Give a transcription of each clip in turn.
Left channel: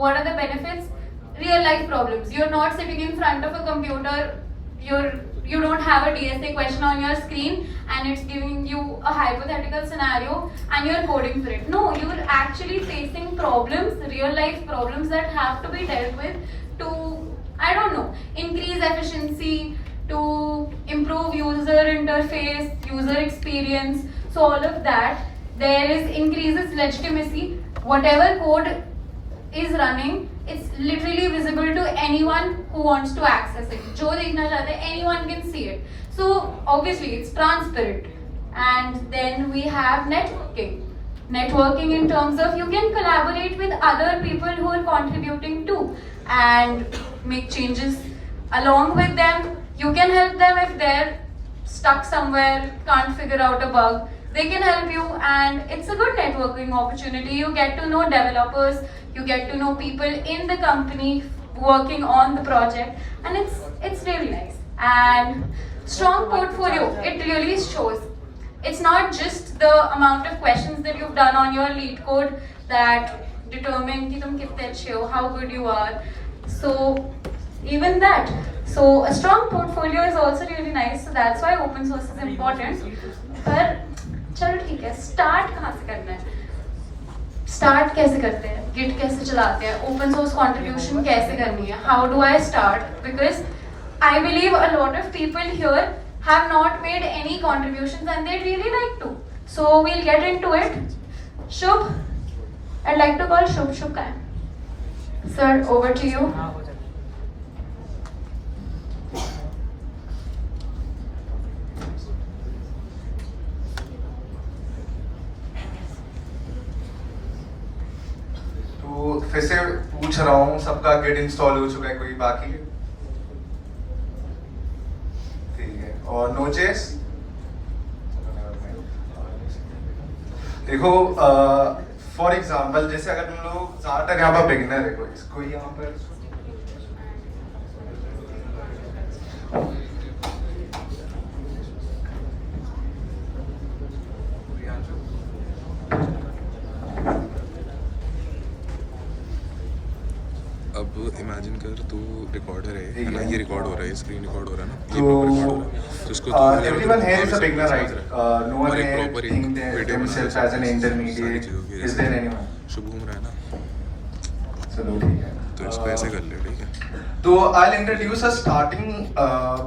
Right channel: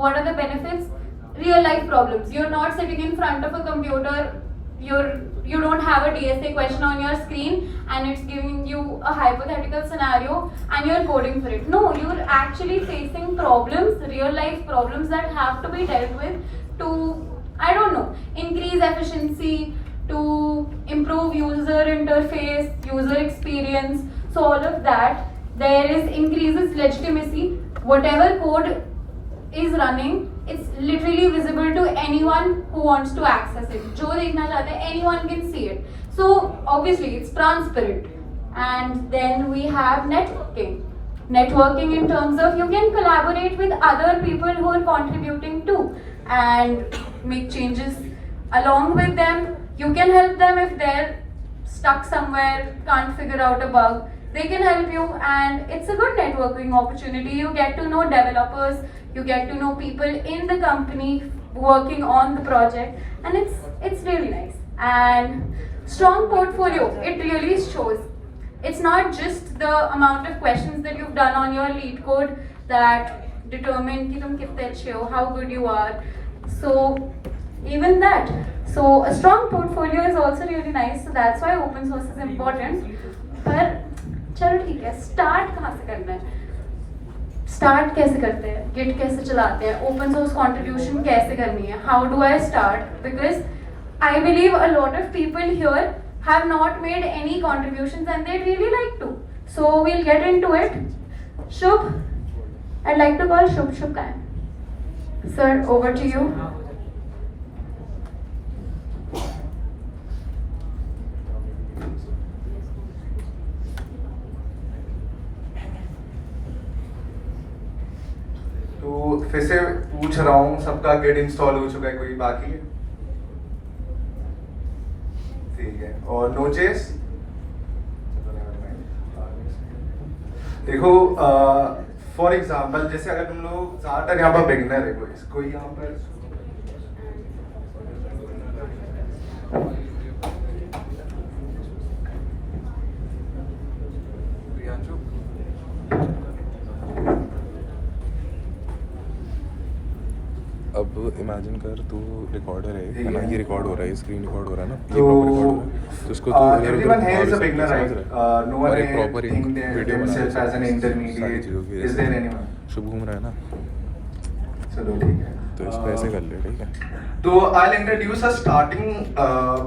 What are the benefits? Real life problems. You're not sitting in front of a computer, you don't have a DSA question on your screen and it's giving you a hypothetical scenario and you're coding for it. No, you're actually facing problems, real life problems that have to be dealt with to, I don't know, increase efficiency, to improve user interface, user experience. So all of that, there is increases legitimacy. Whatever code is running, it's literally visible to anyone who wants to access it. जो देखना चाहते हैं, anyone can see it. So obviously it's transparent. And then we have networking. Networking in terms of you can collaborate with other people who are contributing too and make changes along with them. You can help them if they're stuck somewhere, can't figure out a bug. They can help you and it's a good networking opportunity. You get to know developers, you get to know people in the company working on the project and it's really nice. And strong portfolio, it really shows. It's not just the amount of questions that you've done on your lead code that determine कि तुम कितने अच्छे हो, how good you are. So even that. So a strong portfolio is also really nice. So that's why open source is important. पर चलो ठीक है, start कहाँ से करना है? Start कैसे करते हैं? Git कैसे चलाते हैं? Open source contribution कैसे करनी है? How do I start? Because I believe a lot of people here have not made any contributions and they really like to. So we'll get into it. Shubh, I'd like to call Shubh Khan. Sir, over to you. तो फिर से पूछ रहा हूँ, सबका Git install हो चुका है, कोई बाकी है? ठीक है, और Node.js? देखो, फॉर एग्जाम्पल जैसे अगर तुम लोग ज़्यादातर यहाँ पर बिगिनर है, कोई यहाँ पर अब इमेजिन कर तू रिकॉर्डर है ना, ये रिकॉर्ड हो रहा है, स्क्रीन रिकॉर्ड हो रहा है ना, ये तो प्रॉपर रिकॉर्ड हो रहा है, तो इसको तू everyone here is a beginner, right? No one और एक here प्रॉपर एक think video themselves as an सारी intermediate. चीज़ों की Is there anyone? शुभ घूम रहा है ना, चलो ठीक है, तो इसको ऐसे कर ले, ठीक है? तो I'll introduce a starting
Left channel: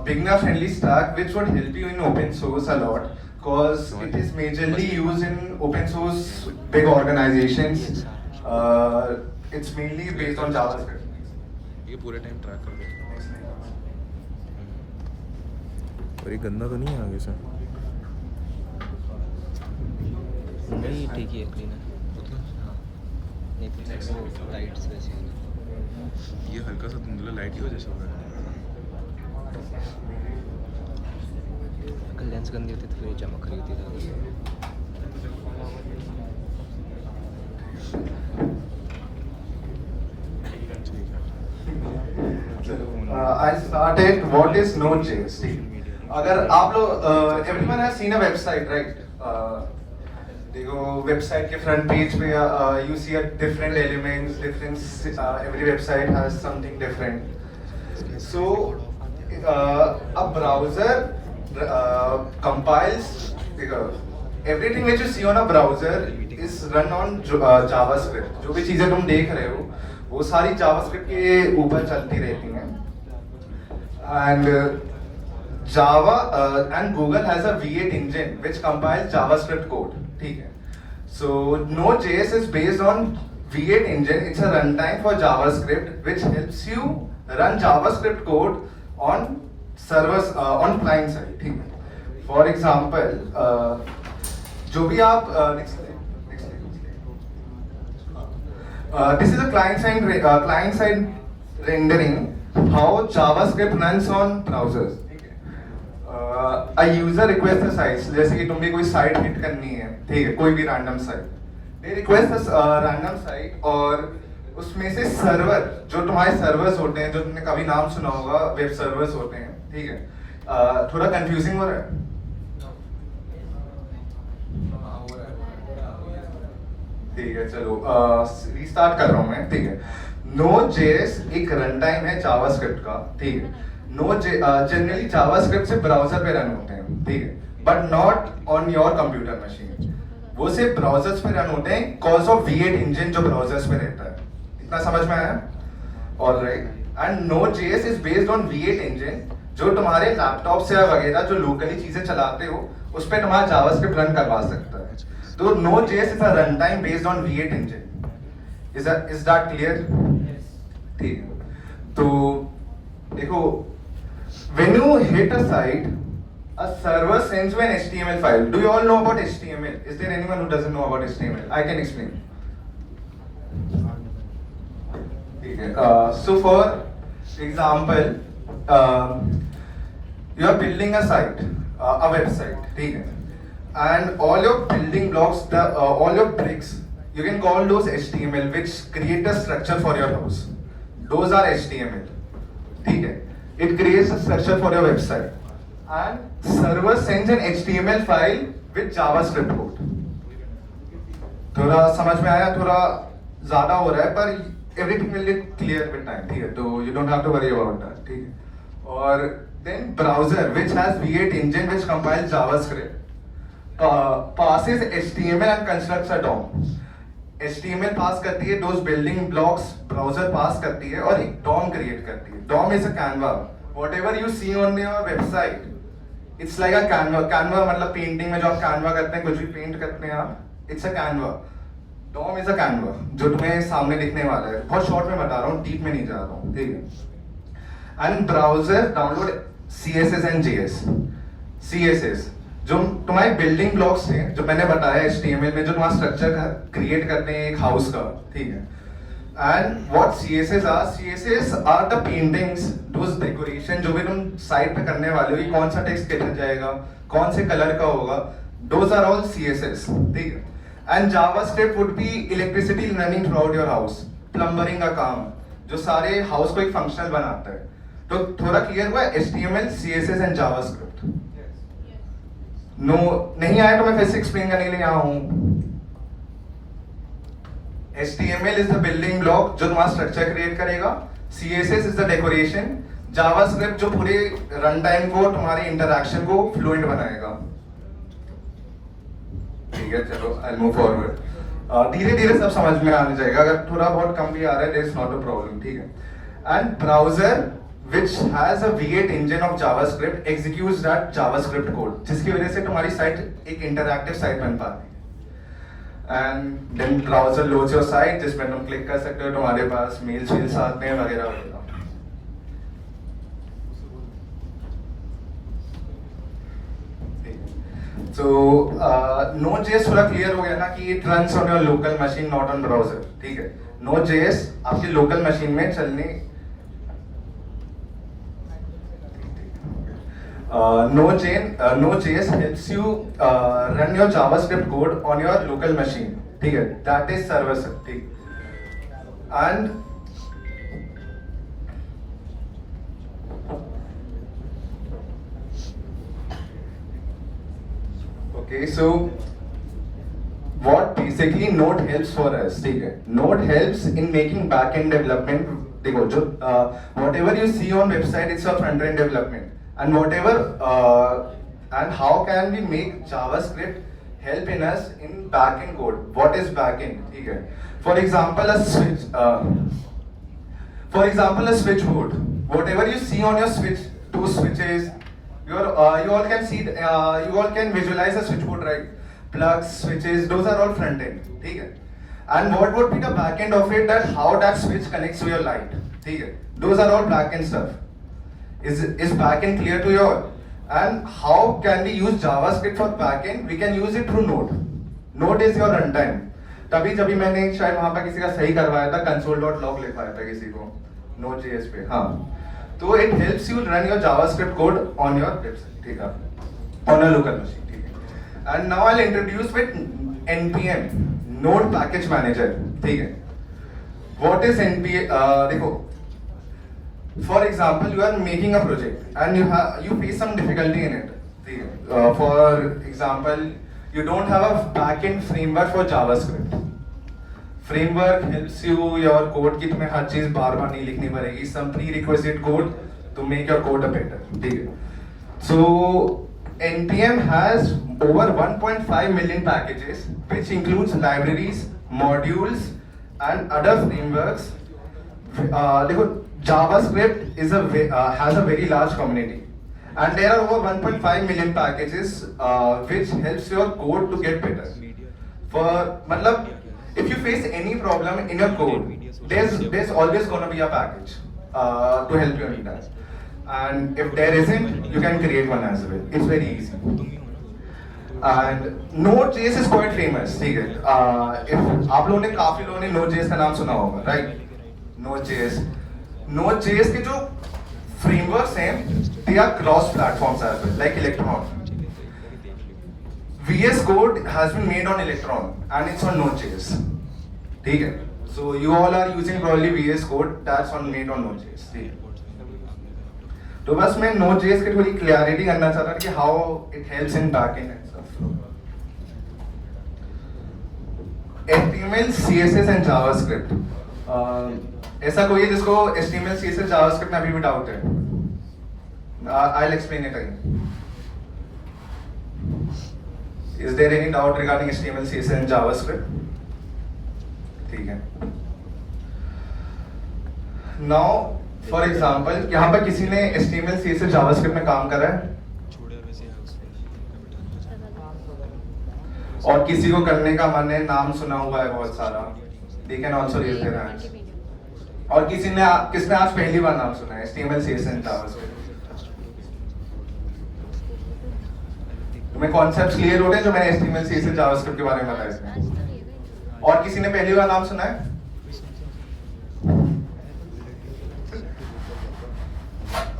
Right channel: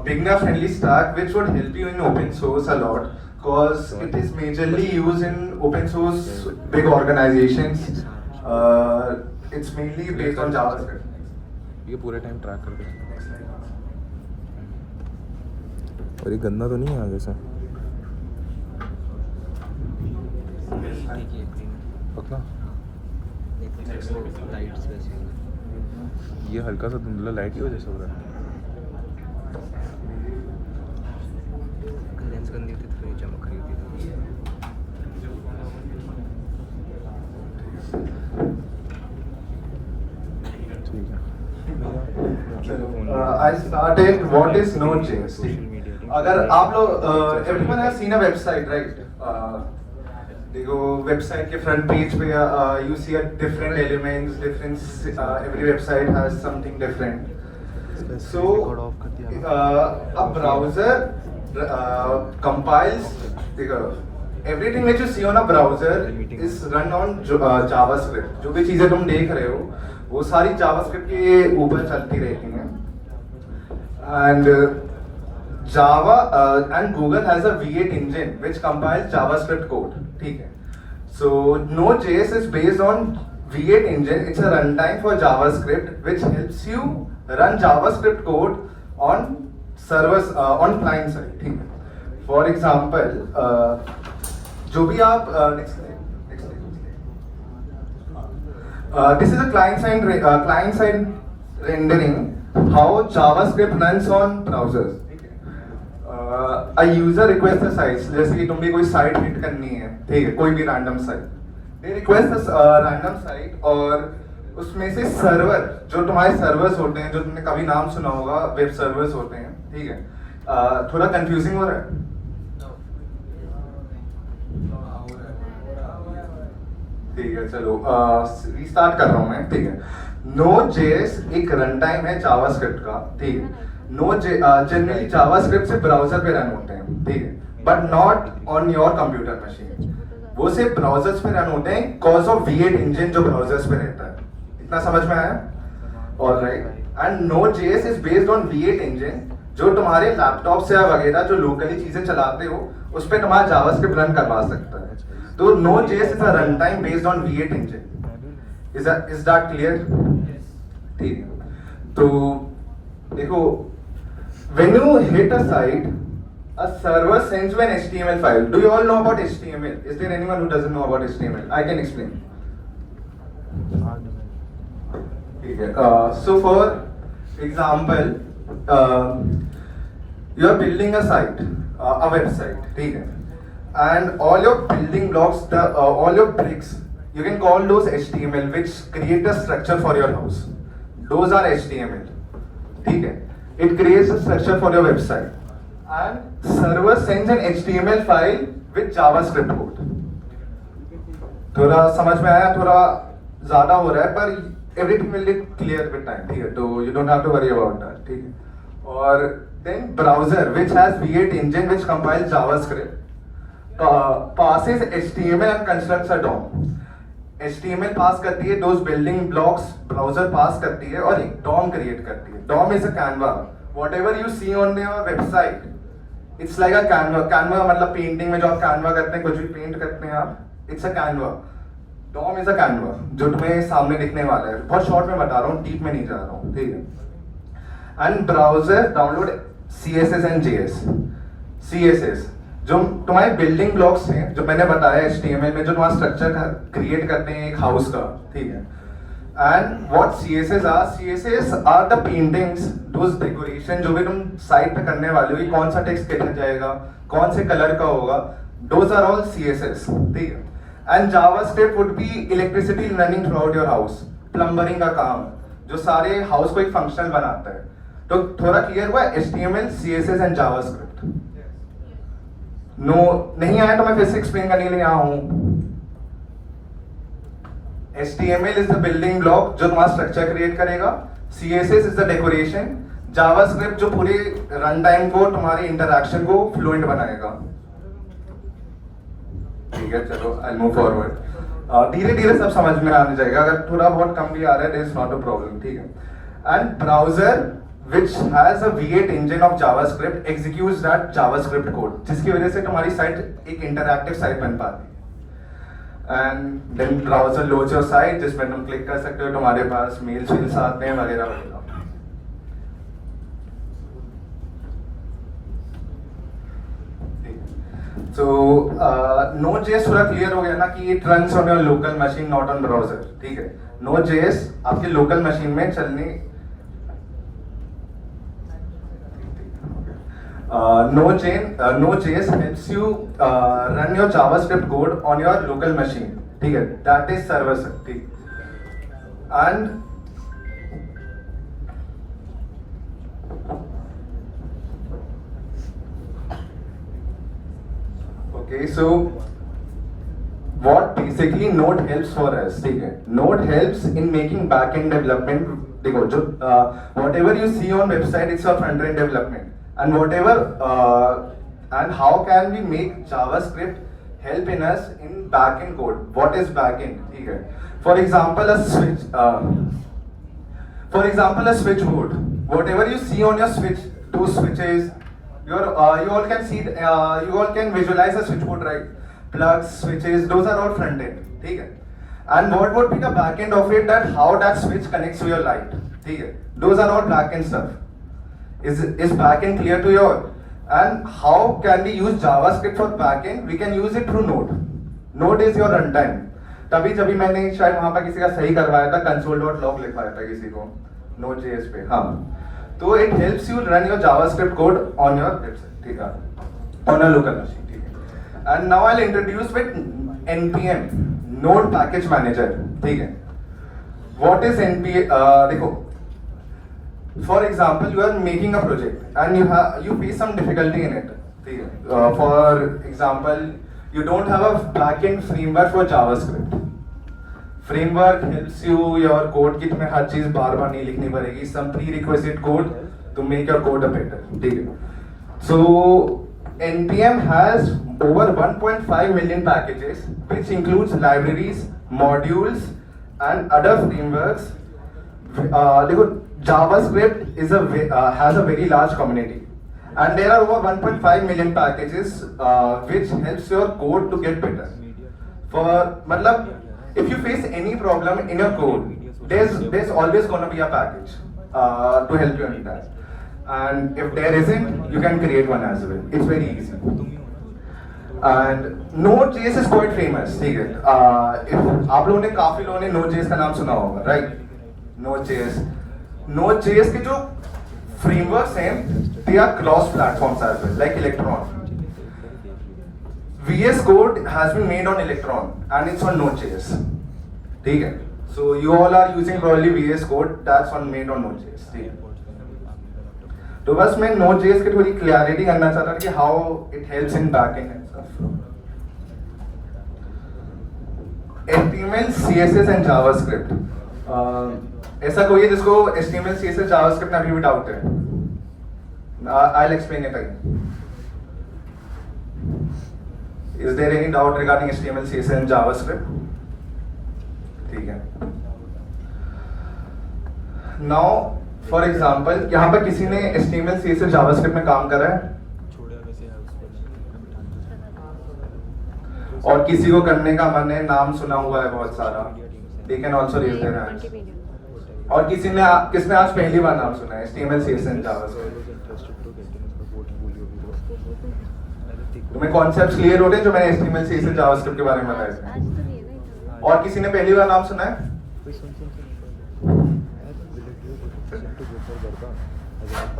beginner friendly stack which would help you in open source a lot because it is majorly used in open source big organizations. It's mainly based on JavaScript. ये पूरे time track कर दे। और ये गंदा तो नहीं है आगे से? ठीक ही है, पतला? वो लाइट्स वैसी हो रही ये हल्का सा धुंधला लाइट की वजह से हो रहा है। है। लेंस गंदी होती तो फिर चमक रही थी। I started what is Node.js. अगर आप लोग everyone has seen a website, right? देखो वेबसाइट के फ्रंट पेज पे you see a different elements, different every website has something different. So a browser compiles everything which you see on a browser is run on JavaScript. जो भी चीजें तुम देख रहे हो वो सारी JavaScript के ऊपर चलती रहती हैं and Java and Google has a V8 engine which compiles JavaScript code. ठीक है, so Node.js is based on V8 engine. It's a runtime for JavaScript which helps you run JavaScript code on servers on client side. ठीक है, for example जो भी आप next slide. This is a client side rendering how JavaScript runs on browsers. A user requests a site, जैसे कि तुम भी कोई साइट हिट करनी है, ठीक है, कोई भी random site, they request a random site और उसमें से सर्वर, जो तुम्हारे सर्वर्स होते हैं, जो तुमने कभी नाम सुना होगा, वेब सर्वर्स होते हैं, ठीक है, थोड़ा कंफ्यूजिंग हो रहा है? ठीक है चलो रीस्टार्ट कर रहा हूँ मैं, ठीक है। Node.js एक रन टाइम है जावास्क्रिप्ट का, ठीक है। जनरली जावास्क्रिप्ट से ब्राउजर पे रन होते हैं, ठीक है, but not on your computer machine. वो सिर्फ ब्राउजर्स पे रन होते हैं कॉज ऑफ V8 इंजन जो ब्राउजर्स पे रहता है। इतना समझ में आया? Alright, and Node.js is based on V8 engine, जो तुम्हारे लैपटॉप से वगैरह जो लोकली चीजें चलाते हो उस पे तुम्हारा जावास्क्रिप्ट रन करवा सकता है। तो Node.js is a run time based on V8 engine. Is that clear? ठीक है, तो देखो, when you hit a site, a server sends you an HTML file. Do you all know about HTML? Is there anyone who doesn't know about HTML? I can explain. ठीक है, so for example, you are building a site, a website, ठीक है, and all your building blocks, all your bricks, you can call those HTML, which create a structure for your house. Those are HTML, ठीक है. It creates a structure for your website, and server sends an HTML file with JavaScript code. थोड़ा समझ में आया? थोड़ा ज्यादा हो रहा है, पर everything will get clear with time, ठीक है, तो you don't have to worry about that, ठीक है. और then browser which has V8 engine which compiles JavaScript passes HTML and constructs a DOM. HTML पास करती है, those building blocks browser पास करती है और एक DOM क्रिएट करती है. DOM is a Canva. Whatever you see on your website, it's like a Canva. Canva मतलब painting में जो आप Canva करते हैं, कुछ भी पेंट करते हैं आप, it's a Canva. DOM is a Canva, जो तुम्हें सामने दिखने वाला है. बहुत शॉर्ट में बता रहा हूँ, डीप में नहीं जा रहा हूँ, ठीक है. And browser download CSS and JS. CSS जो तुम्हारे बिल्डिंग ब्लॉक्स हैं, जो मैंने बताया HTML में, जो तुम्हारा स्ट्रक्चर क्रिएट करते हैं एक हाउस का, ठीक है. And what CSS are? CSS are the paintings, those decoration जो भी तुम साइट पे करने वाले हो, ये कौन सा टेक्स्ट कितना जाएगा, कौन से कलर का होगा, दोस आर ऑल CSS, ठीक है. And JavaScript would be electricity running through out your house, plumbing का काम, जो सारे हाउस को एक फंक्शनल बनाता है. तो थोड़ा क्लियर हुआ? HTML, CSS and JavaScript. No नहीं आया तो मैं फिर से एक्सप्लेन करने के लिए आया हूं. HTML is the building block जो तुम्हारा स्ट्रक्चर क्रिएट करेगा. CSS is the decoration. JavaScript जो पूरे रन टाइम को, तुम्हारे इंटरैक्शन को फ्लुएंट बनाएगा. ठीक है, चलो आई मूव फॉरवर्ड. धीरे धीरे सब समझ में आने जाएगा. अगर थोड़ा बहुत कम भी आ रहा है, there is not a problem, ठीक है. And browser which has a V8 engine of JavaScript executes that JavaScript code, जिसकी वजह से तुम्हारी साइट एक इंटरैक्टिव साइट बन पाती है. And then browser loads your site, जिसमें तुम क्लिक कर सकते हो, तुम्हारे पास मेल्स आते हैं वगैरह वगैरह. So Node.js थोड़ा क्लियर हो गया ना कि it runs on your local machine, not on browser, ठीक है. Node.js आपकी लोकल मशीन में चलने Node.js helps you run your JavaScript code on your local machine, ठीक है. That is server side, ठीक. And okay, so what basically Node helps for us, ठीक है. Node helps in making back-end development. देखो, जो whatever you see on website, it's a front-end development. And whatever and how can we make JavaScript help in us in backend code? What is backend? ठीक है. For example, a switchboard. Whatever you see on your switch, two switches, you all can see, you all can visualize a switchboard, right? Plugs, switches, those are all front end, ठीक है. And what would be the backend of it? That how that switch connects to your light, ठीक है. Those are all backend stuff. Is backend clear to you all? And how can we use JavaScript for backend? We can use it through Node. Node is your runtime. तभी जब मैंने शायद वहां पर किसी का सही करवाया था, console.log लिखवाया था किसी को Node.js पे. हाँ, तो it helps you run your JavaScript code on your website, ठीक है, on a local machine, ठीक है. And now I'll introduce with NPM, Node Package Manager, ठीक है. What is NPM? देखो, for example, you are making a project and you face some difficulty in it. For example, you don't have a backend framework for JavaScript. Framework helps you your code कि तुम्हें हर चीज बार बार नहीं लिखनी पड़ेगी, some prerequisite code to make your code a better, ठीक है। सो npm has over 1.5 million packages which includes libraries, modules and other frameworks. देखो JavaScript has a very large community and there are over 1.5 million packages which helps your code to get better. For मतलब if you face any problem in your code, there's always gonna be a package to help you in that. And if there isn't, you can create one as well. It's very easy. And Node.js is quite famous, ठीक है? If आप लोगों ने काफी लोगों ने Node.js का नाम सुना होगा, right? Node.js के जो frameworks हैं, they are cross-platforms as well, like Electron. VS Code has been made on Electron and it's on Node.js, ठीक है? So you all are using probably VS Code that's made on Node.js, ठीक है? तो बस मैं Node.js की थोड़ी clarity करना चाहता था कि how it helps in backend and stuff. HTML, CSS and JavaScript, ऐसा कोई है जिसको HTML, CSS, जावास्क्रिप्ट में अभी भी डाउट है? I will explain it again. Is there any doubt regarding HTML, CSS and JavaScript? ठीक है। नाउ फॉर एग्जाम्पल यहाँ पर किसी ने HTML, CSS, जावास्क्रिप्ट में काम करा है और किसी को करने का मन है, नाम सुना हुआ है बहुत सारा, they can also raise their hands. और किसने आज पहली बार नाम सुना है HTML, CSS एंड जावास्क्रिप्ट? तुम्हें कॉन्सेप्ट्स क्लियर हो गए जो मैंने HTML, CSS, जावास्क्रिप्ट के बारे में बताया इसमें? और किसी ने पहली बार नाम सुना है?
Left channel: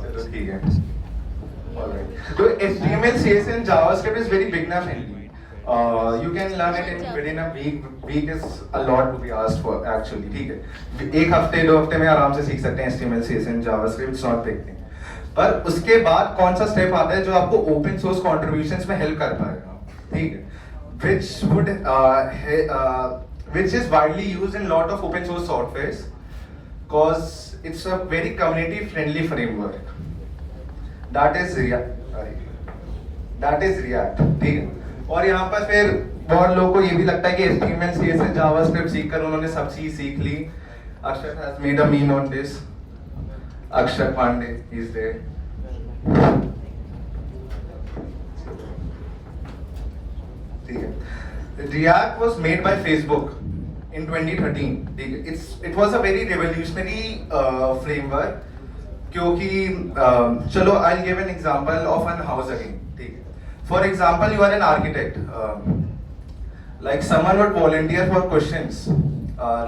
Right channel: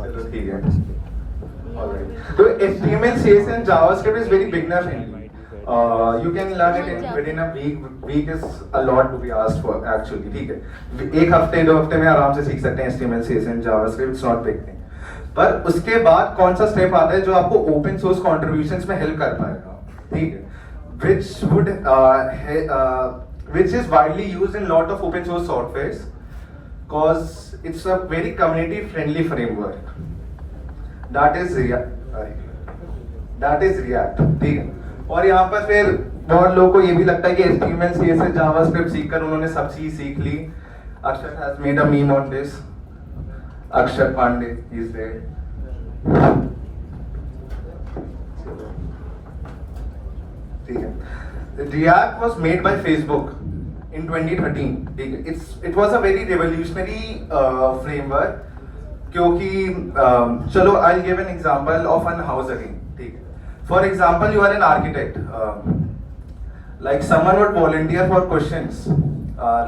चलो ठीक है। Alright. So HTML, CSS and JavaScript is very beginner friendly. You can learn it within a week. Week is a lot to be asked for actually. ठीक है। एक हफ्ते 2 हफ्ते में आराम से सीख सकते हैं HTML, CSS and JavaScript. It's not big thing. पर उसके बाद कौन सा स्टेप आता है जो आपको ओपन सोर्स कॉन्ट्रीब्यूशंस में हेल्प कर पाएगा, ठीक है? which is widely used in lot of open source softwares because it's a very community friendly framework. That is React, ठीक है? और यहाँ पर फिर बहुत लोगों को ये भी लगता है कि HTML, CSS, JavaScript सीखकर उन्होंने सब चीज सीख ली। Akshat has made a meme on this. Akshat Pandey is there. ठीक है? React was made by Facebook in 2013. ठीक है? It was a very revolutionary framework क्योंकि चलो I'll give an example of an house again. ठीक है? For example, you are an architect. Like someone would volunteer for questions,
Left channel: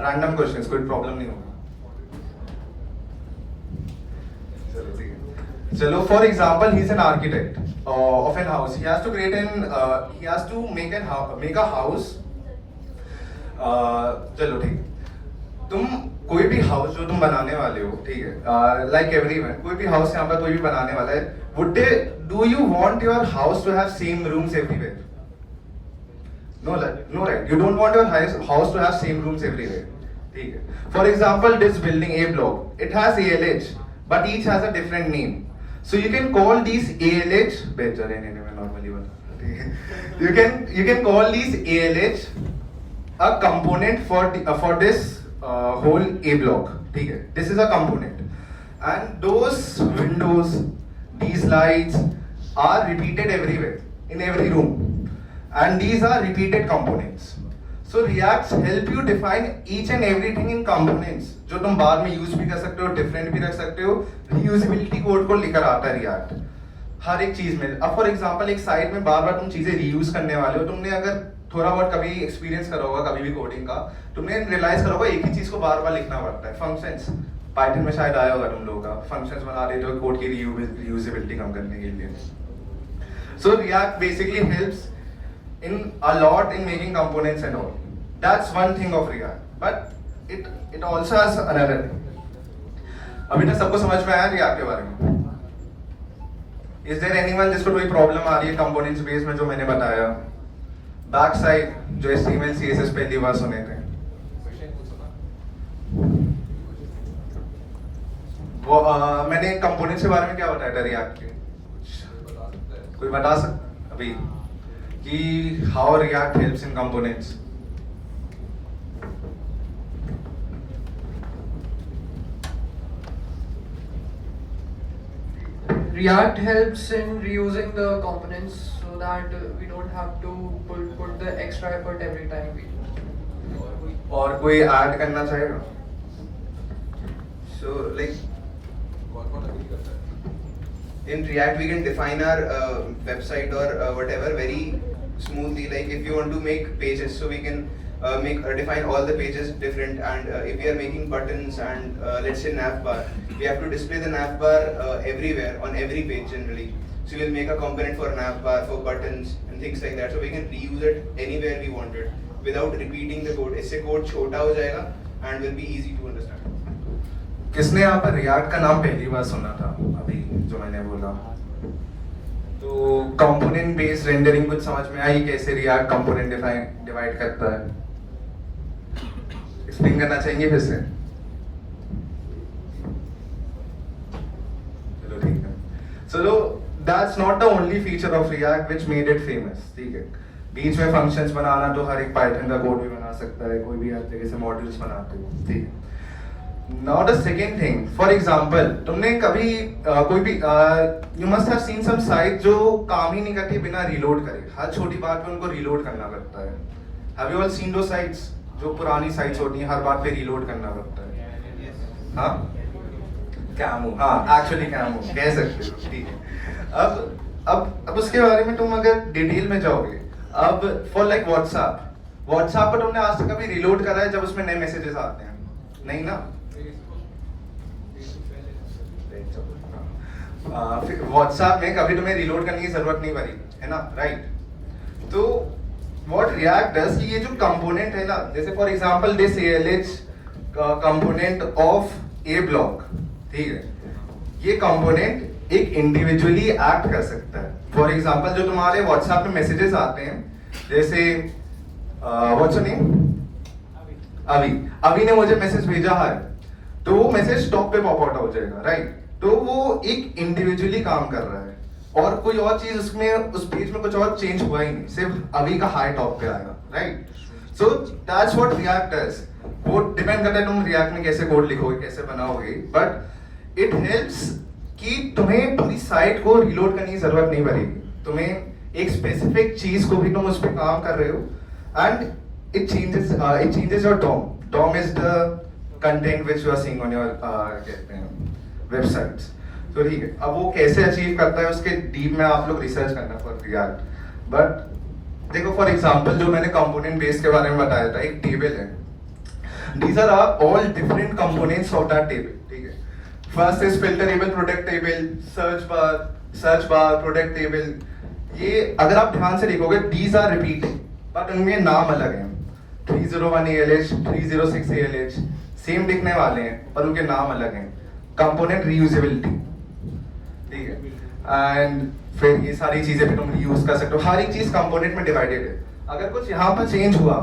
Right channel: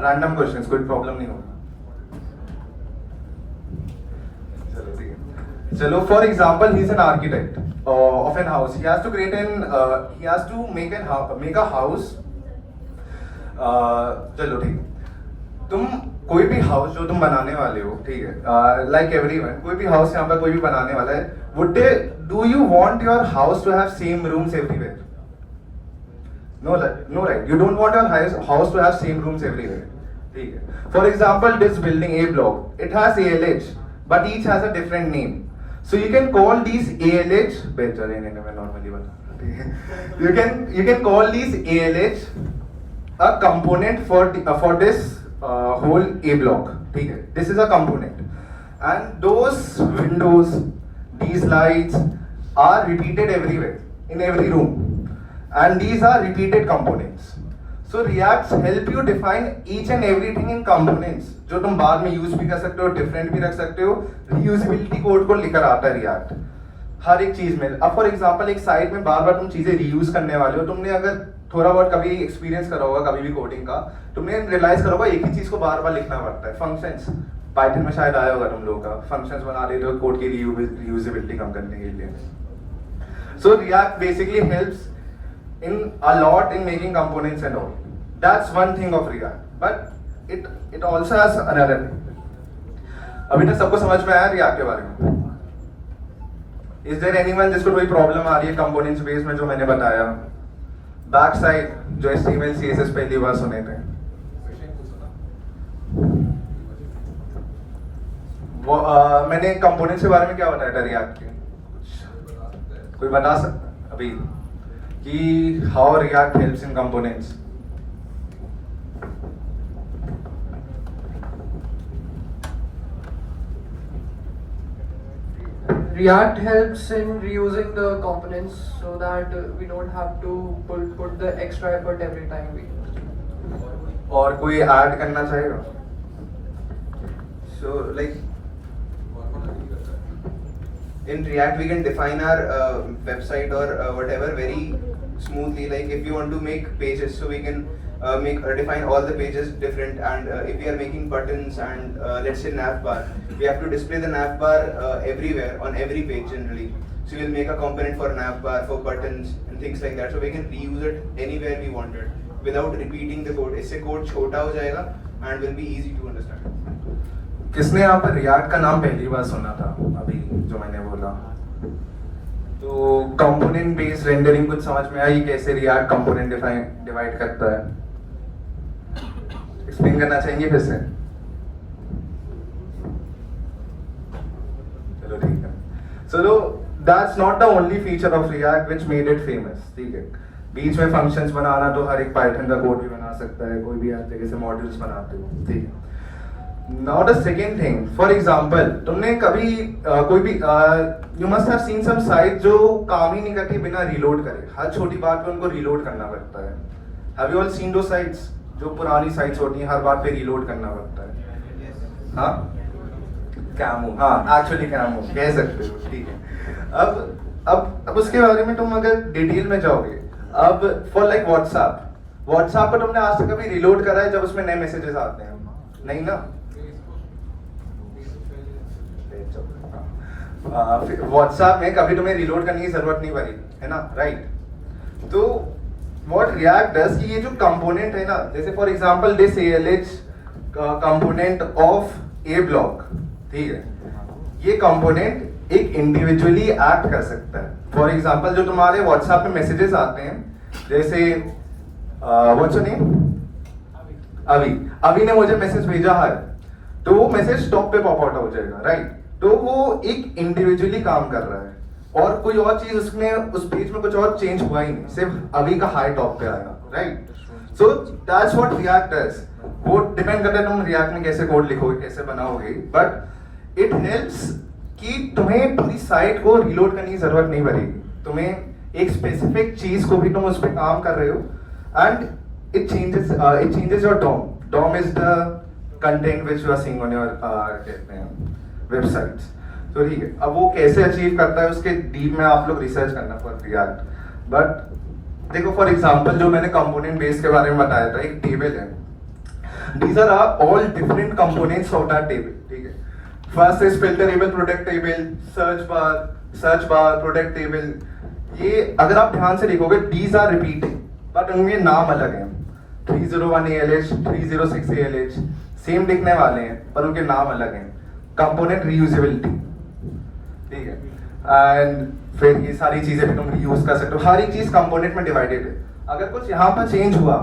random questions, कोई problem नहीं होगा। चलो for example, he's an architect of an house. He has to make a house. चलो ठीक, तुम कोई भी हाउस जो तुम बनाने वाले हो, ठीक है, लाइक एवरीवन, कोई भी हाउस यहाँ पर कोई भी बनाने वाला है, do you want your house to have same rooms everywhere? No, right. You don't want your house to have same rooms everywhere. ठीक है? For example, this building A block, it has ALH, but each has a different name. So you can call these ALH. Better in normally one. You can call these ALH a component for this whole A block. ठीक है? This is a component, and those windows, these lights are repeated everywhere in every room, and these are repeated components. So React help you define each and everything in components जो तुम बाद में use भी कर सकते हो, different भी रख सकते हो। रीयूजेबिलिटी कोड को लेकर आता है React हर एक चीज में। अब फॉर एग्जांपल एक साइट में बार बार तुम चीजें रीयूज करने वाले हो, तुमने अगर थोड़ा बहुत कभी एक्सपीरियंस करा होगा कभी भी कोडिंग का, तुमने रियलाइज करा होगा एक ही चीज को बार बार लिखना पड़ता है। फंक्शंस पाइथन में शायद आया होगा तुम लोग का, फंक्शंस बना रहे हो कोड की रीयूजेबिलिटी कम करने के लिए। सो React basically helps in a lot in making components and all. That's one thing of React, but it also has another thing. अभी तक सबको समझ में आया React के बारे में? Is there anyone जिसको कोई प्रॉब्लम आ रही है कंपोनेंट्स बेस में जो मैंने बताया? बैक साइड जो HTML, CSS पहली बार सुने थे, मैंने कंपोनेंट्स के बारे में क्या बताया था रिएक्ट के? कोई बता सकता अभी कि how react helps in components? React helps in reusing the components so that we don't have to put the extra effort every time we do. और कोई ऐड करना चाहेगा? So like in React we can define our website or whatever very smoothly. Like if you want to make pages, so we can define all the pages different. And if we are making buttons and let's say nav bar, we have to display the nav bar everywhere on every page generally. So we'll make a component for nav bar, for buttons and things like that. So we can reuse it anywhere we want it without repeating the code. इससे code छोटा हो जाएगा and will be easy to understand. किसने यहाँ पर react का नाम पहली बार सुना था अभी जो मैंने बोला? तो कंपोनेंट बेस्ड रेंडरिंग कुछ समझ में आई कैसे रिएक्ट कंपोनेंट डिवाइड करता है? एक्सप्लेन करना चाहिए फिर से? चलो ठीक है. चलो that's not the only feature of React which made it famous. ठीक है, बीच में फंक्शंस बनाना तो हर एक पाइथन का कोड भी बना सकता है, कोई भी हर तरीके से मॉड्यूल्स बनाते हो. ठीक है. Now the second thing, for example, तुमने कभी कोई भी you must have seen some site जो काम ही नहीं करती बिना रीलोड करे. हर छोटी बात पे उनको रीलोड करना पड़ता है. Have you all seen those sites? जो पुरानी साइट्स होती हैं हर बात पे रीलोड करना पड़ता है. हाँ, कैमो, हाँ एक्चुअली कैमो कह सकते हो. ठीक है. अब उसके बारे में तुम अगर डिटेल में जाओगे, अब फॉर लाइक व्हाट्सएप पर तुमने आज तक कभी रीलोड करा है जब उसमें नए मैसेजेस आते हैं? नहीं ना. व्हाट्सएप में कभी तुम्हें रीलोड करने की जरूरत नहीं पड़ी है ना, राइट? तो व्हाट रिएक्ट डज कि ये जो कंपोनेंट है ना, जैसे for example this ALH component of A block, ठीक है, ये कंपोनेंट एक इंडिविजुअली एक्ट कर सकता है. फॉर एग्जांपल जो तुम्हारे व्हाट्सएप में मैसेजेस आते हैं, जैसे व्हाट्स योर नेम? अभी ने मुझे मैसेज भेजा है, तो वो मैसेज टॉप पे पॉप आउट हो जाएगा, राइट? तो वो एक इंडिविजुअली काम कर रहा है और कोई और चीज उसमें उस पेज में कुछ और चेंज हुआ ही नहीं, सिर्फ अभी का हाई टॉप पे आएगा, right? So that's what react does. वो डिपेंड करता है तुम रिएक्ट में कैसे कोड लिखोगे, कैसे बनाओगे, बट इट हेल्प्स कि तुम्हें पूरी साइट को रीलोड करने की जरूरत नहीं पड़ेगी. तुम्हें एक स्पेसिफिक चीज को भी तुम उस पर काम कर रहे हो and it changes your DOM. DOM is the content which you are seeing on your कहते हैं वेबसाइट्स. तो ठीक है, अब वो कैसे अचीव करता है उसके डीप में आप लोग रिसर्च करना फॉर रिएक्ट. बट देखो फॉर एग्जांपल जो मैंने कंपोनेंट बेस के बारे में बताया था, एक टेबल है. These are all different components of that table. ठीक है. First is filterable product table, search bar, product table. ये अगर आप ध्यान से देखोगे, these are repeating, but उनके नाम अलग हैं. 301 ALH, 306 ALH, सेम दिखने वाले हैं, पर उनके नाम अलग हैं. कंपोनेंट रीयूजेबिलिटी, ठीक है. एंड फिर ये सारी चीजें भी तुम रीयूज कर सकते हो. हर एक चीज कंपोनेंट में डिवाइडेड है. अगर कुछ यहाँ पर चेंज हुआ,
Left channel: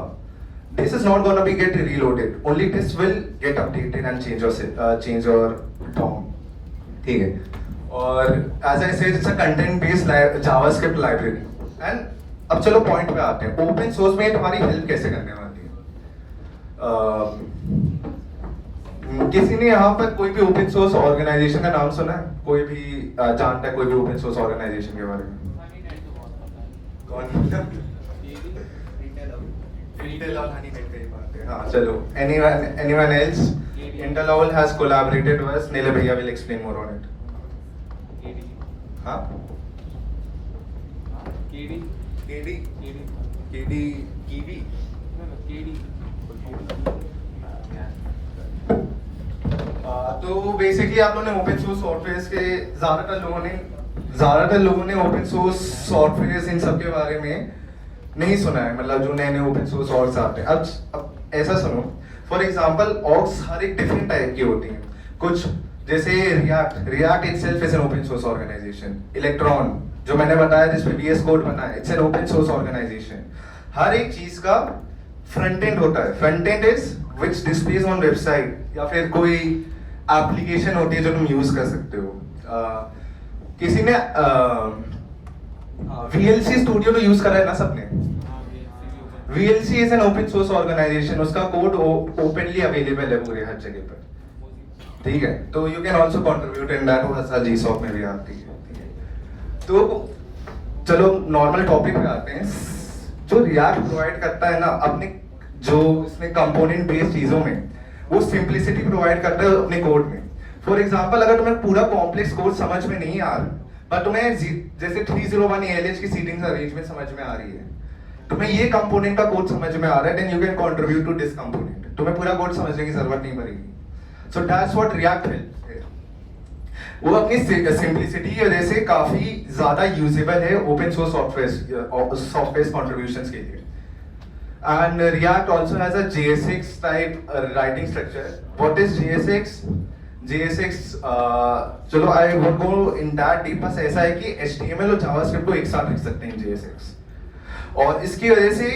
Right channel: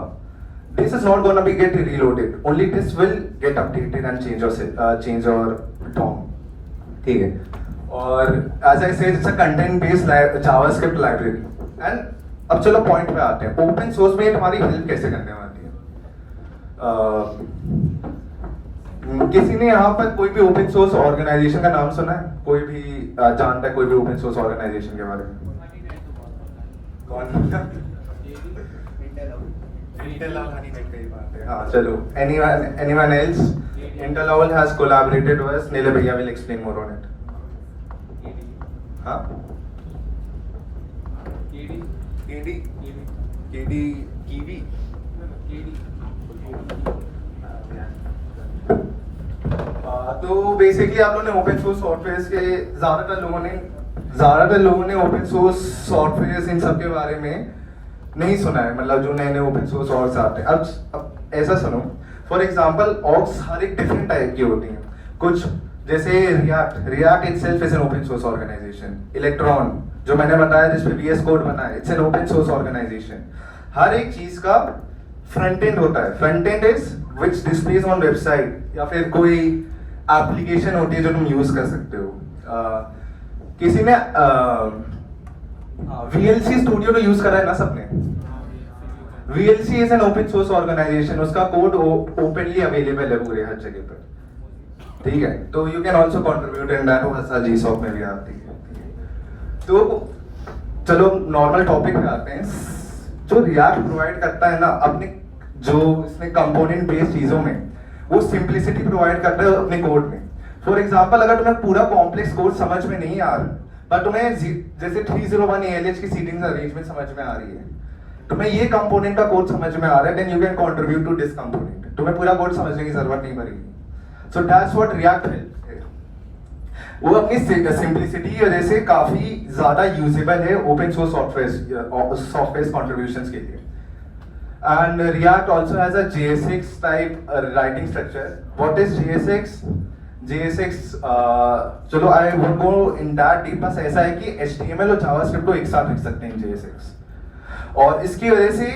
this is not going to be get reloaded, only this will get updated and change your DOM. ठीक है. और as I said, it's a content based JavaScript library. And अब चलो पॉइंट पे आते हैं. ओपन सोर्स में तुम्हारी हेल्प कैसे करने वाली है? किसी ने यहाँ पर कोई भी ओपन सोर्स ऑर्गेनाइजेशन का नाम सुना है? कोई भी जानता है कोई भी ओपन सोर्स ऑर्गेनाइजेशन के बारे में? कौन? हाँ, चलो. Anyone else? Interlol has collaborated with us. Nile bhaiya will explain more on it. हाँ? KD. तो बेसिकली आप लोगों ने ओपन सोर्स सॉफ्टवेयर्स के ज्यादातर लोगों ने ओपन सोर्स सॉफ्टवेयर्स इन सब के बारे में नहीं सुना है. मतलब जो नए ओपन सोर्स ऑर्ग्स आते हैं, अब ऐसा सुनो. फॉर एग्जांपल ऑर्ग्स हर एक डिफरेंट टाइप की होती हैं. कुछ जैसे react itself is an open source organisation. Electron जो मैंने बताया जिसपे VS कोड बना है, it's an open source organisation. हर एक चीज का फ्रंट एंड होता है. Front end is which displays on website, या फिर कोई एप्लीकेशन होती है जो तुम यूज कर सकते हो। किसी ने VLC स्टूडियो तो यूज करा है ना सबने? VLC is an open source organization, उसका कोड ओपनली अवेलेबल है पूरे हर जगह पर, ठीक है? तो you can also contribute in that, वो हर GSOC में भी आती है। तो चलो नॉर्मल टॉपिक पे आते हैं। जो रिएक्ट प्रोवाइड करता है ना अपने जो इसमें कंपोनेंट बेस्ड चीजों में, वो सिंपलिसिटी प्रोवाइड करता है अपने कोड में। फॉर एग्जांपल, अगर तुम्हें पूरा कॉम्प्लेक्स कोड समझ में नहीं आ रहा, पर तुम्हें जैसे 301 ALH की सीटिंग्स अरेंजमेंट समझ में आ रही है, तुम्हें ये कंपोनेंट का कोड समझ में आ रहा है, then you can contribute to this component. तुम्हें पूरा कोड समझने की जरूरत नहीं पड़ेगी। सो दैट्स व्हाट रिएक्ट है। वो अपनी सिंपलिसिटी की वजह से काफी ज्यादा यूजेबल है ओपन सोर्स सॉफ्टवेयर कंट्रीब्यूशंस के लिए। And react also has a JSX type writing structure. What is JSX? JSX चलो I won't go in that deep, बस ऐसा है कि HTML और जावास्क्रिप्ट को एक साथ लिख सकते हैं JSX, और इसकी वजह से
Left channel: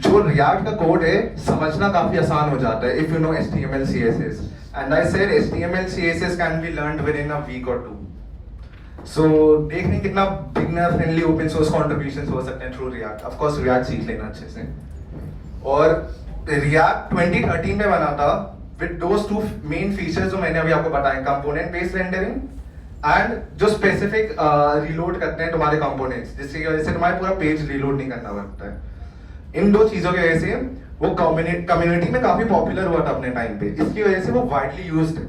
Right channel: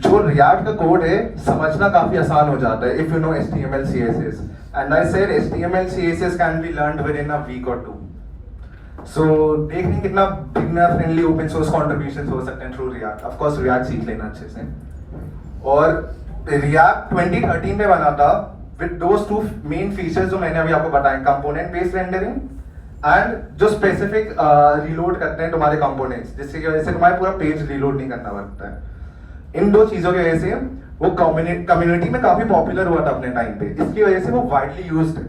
जो रिएक्ट का कोड है समझना काफी आसान हो जाता है if you know HTML CSS। And I said HTML CSS can be learned within a week or two. So देख रहे हैं कितना beginner friendly open source contributions हो सकते हैं through react. Of course react सीख लेना अच्छे से। और रिएक्ट 2013 में बना था with those two main features जो मैंने अभी आपको बताए, कंपोनेंट बेस्ड रेंडरिंग एंड जो स्पेसिफिक रीलोड करते हैं तुम्हारे कंपोनेंट्स, जिसकी वजह से तुम्हारे पूरा पेज रीलोड नहीं करना पड़ता है। इन दो चीजों की वजह से वो कम्युनिटी में काफी पॉपुलर हुआ था अपने टाइम पे। इसकी वजह से वो वाइडली यूज्ड है।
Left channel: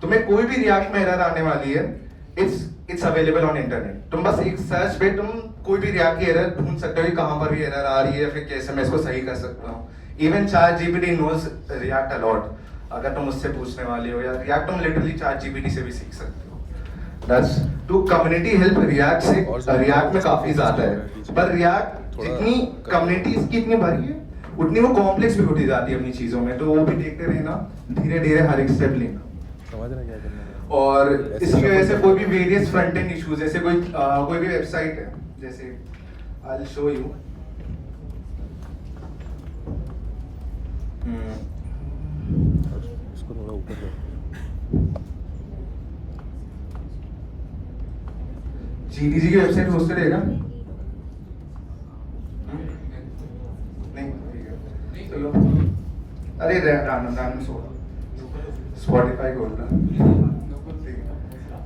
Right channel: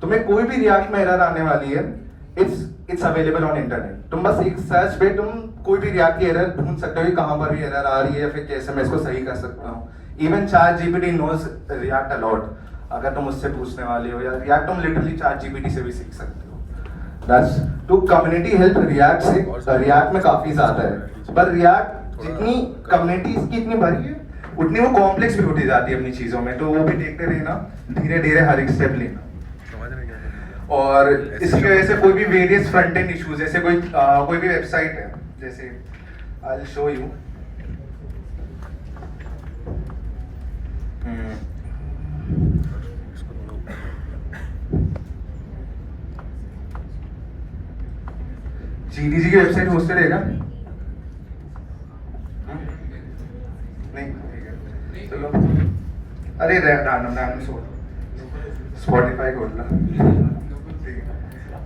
तुम्हें कोई भी रिएक्ट में एरर आने वाली है, इट्स अवेलेबल ऑन इंटरनेट। तुम बस एक सर्च पे तुम कोई भी रिएक्ट की एरर ढूंढ सकते हो कि कहां पर भी एरर आ रही है, फिर कैसे मैं इसको सही कर सकता हूँ। Even ChatGPT knows React a lot. अगर तुम उससे पूछने वाले हो, या रिएक्ट तुम लिटरली ChatGPT से भी सीख सकते हो। दैट्स तो कम्युनिटी हेल्प रिएक्ट से रिएक्ट में काफी ज्यादा है। पर रिएक्ट जितनी कम्युनिटी इसकी इतनी भरी है, उतनी वो कॉम्प्लेक्स भी होती जाती है अपनी चीजों में। तो वो भी देखते रहना, धीरे धीरे हर एक स्टेप लेना। और इसकी वजह से कोई भी वेरियस फ्रंट एंड इश्यूज, जैसे कोई भी वेबसाइट है, जैसे I will show you. GDG की वेबसाइट होस्टेड है क्या? नहीं, ठीक है, चलो। अरे रैंडम स्पॉटिफाई खोल ला, ठीक है,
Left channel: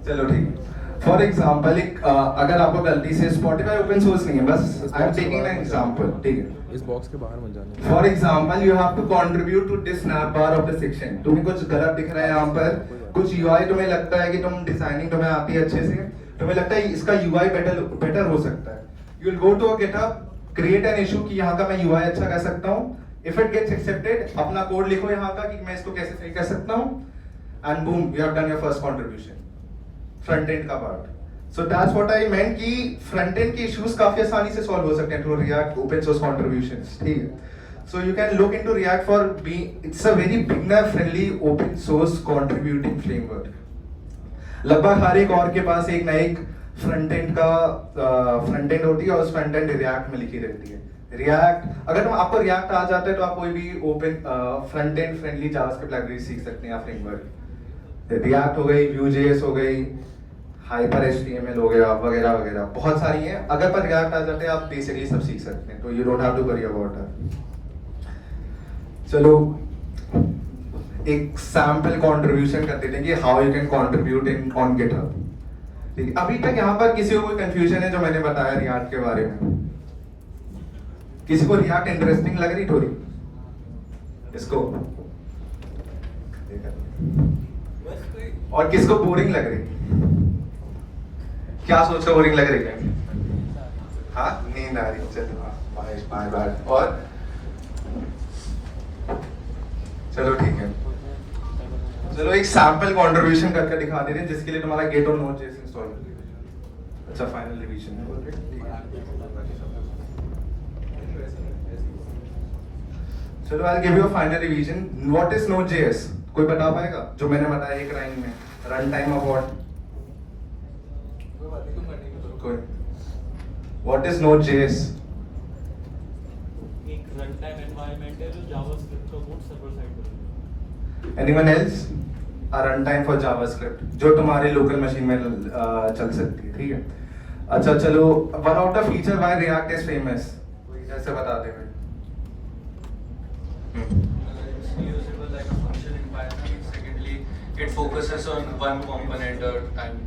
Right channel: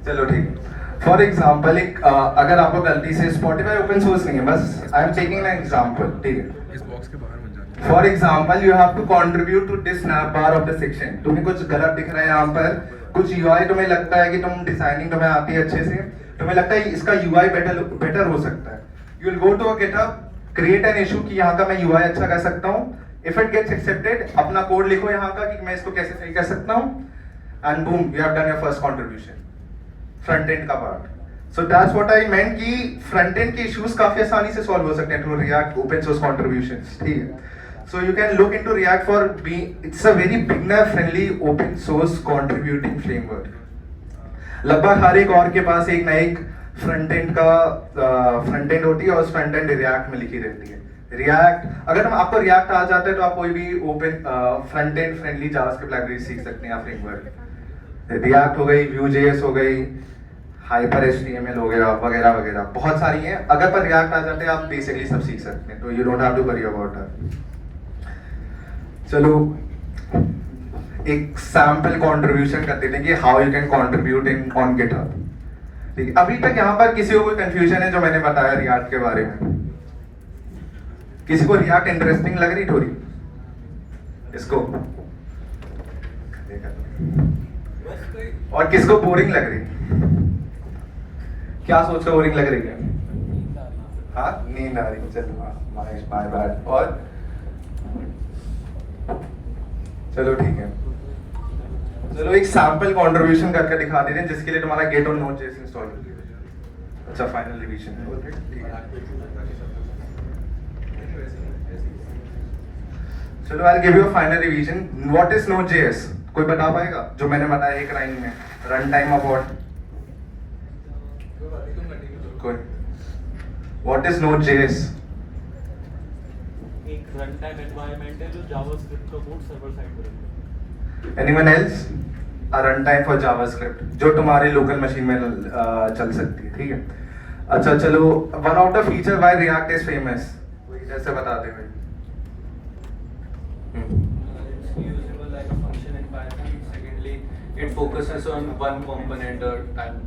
चलो ठीक है। फॉर एग्जाम्पल अगर आपको गलती से स्पॉटिफाई ओपन सोर्स नहीं है, बस I am taking an example, ठीक है? इस बॉक्स के बाहर मत जाना। For example you have to contribute to this snap bar of the section. तुम्हें कुछ गलत दिख रहा है यहाँ पर, कुछ UI तुम्हें लगता है कि तुम डिजाइनिंग तुम्हें आती है अच्छे से, तुम्हें लगता है इसका UI बेटर हो सकता है, you will go to a GitHub, create an issue कि यहाँ का मैं UI अच्छा कर सकता हूँ। इफ इट गेट्स एक्सेप्टेड, अपना कोड लिखो यहाँ का कि मैं इसको कैसे सही कर सकता हूँ, and boom, you have done your first contribution, front end का पार्ट। So that's what I meant कि फ्रंट एंड के इश्यूज काफी आसानी से सॉल्व हो सकते हैं through react open source contributions, ठीक है? So you can look into React for being, it's a very beginner friendly open source contributing framework. लगभग हर एक और के पास एक ना एक फ्रंट एंड होती है, और उस फ्रंट एंड रिएक्ट में लिखी रहती है। रिएक्ट, अगर आपको रिएक्ट आ जाता है तो आप कोई भी open front end friendly JavaScript library सीख सकते हैं, फ्रेमवर्क। रिएक्ट हो गई, Vue.js हो गई, हाइपर HTML हो गया, वगैरह वगैरह बहुत सारी हैं। अगर पर रिएक्ट आ जाते हैं आप बेसिकली सब सीख सकते हैं, तो you don't have to worry about that. चलो एक सैंपल कंट्रीब्यूशन कर देते हैं कि how you can contribute in on GitHub, ठीक है? अभी तक यहाँ पर किसी को कोई कंफ्यूजन है जो मैंने बताया रिएक्ट के बारे में? किसी को रिएक्ट इंटरेस्टिंग लग रही थोड़ी? इसको और किसको बोरिंग लग रही? क्या सोच कर बोरिंग लग रही है? हाँ, नींद आ रही, चलो माय बैड। और चलो ठीक है, चलो एक सैंपल कंट्रीब्यूशन करके दिखा देते हैं जिसके लिए तुम्हारा गेट और नोड.js इंस्टॉल कर दिया। अच्छा, फाइनल रिवीजन, ओके, ठीक है। चलो I will give you a final revision. What is Node.js? कोई बता पाएगा? जो मैंने बताया एक लाइन में, रन टाइम अबाउट कोई? What is Node.js? एक रन टाइम एनवायरनमेंट है जो जावास्क्रिप्ट का कोड सर्वर साइड पर है। Anyone else? a runtime for JavaScript जो तुम्हारे लोकल मशीन में चल सकती है, ठीक है। अच्छा चलो, one of the feature why react is famous, ऐसे बताते हैं। Usable like a function in Python. Secondly, it focuses on one component at a time.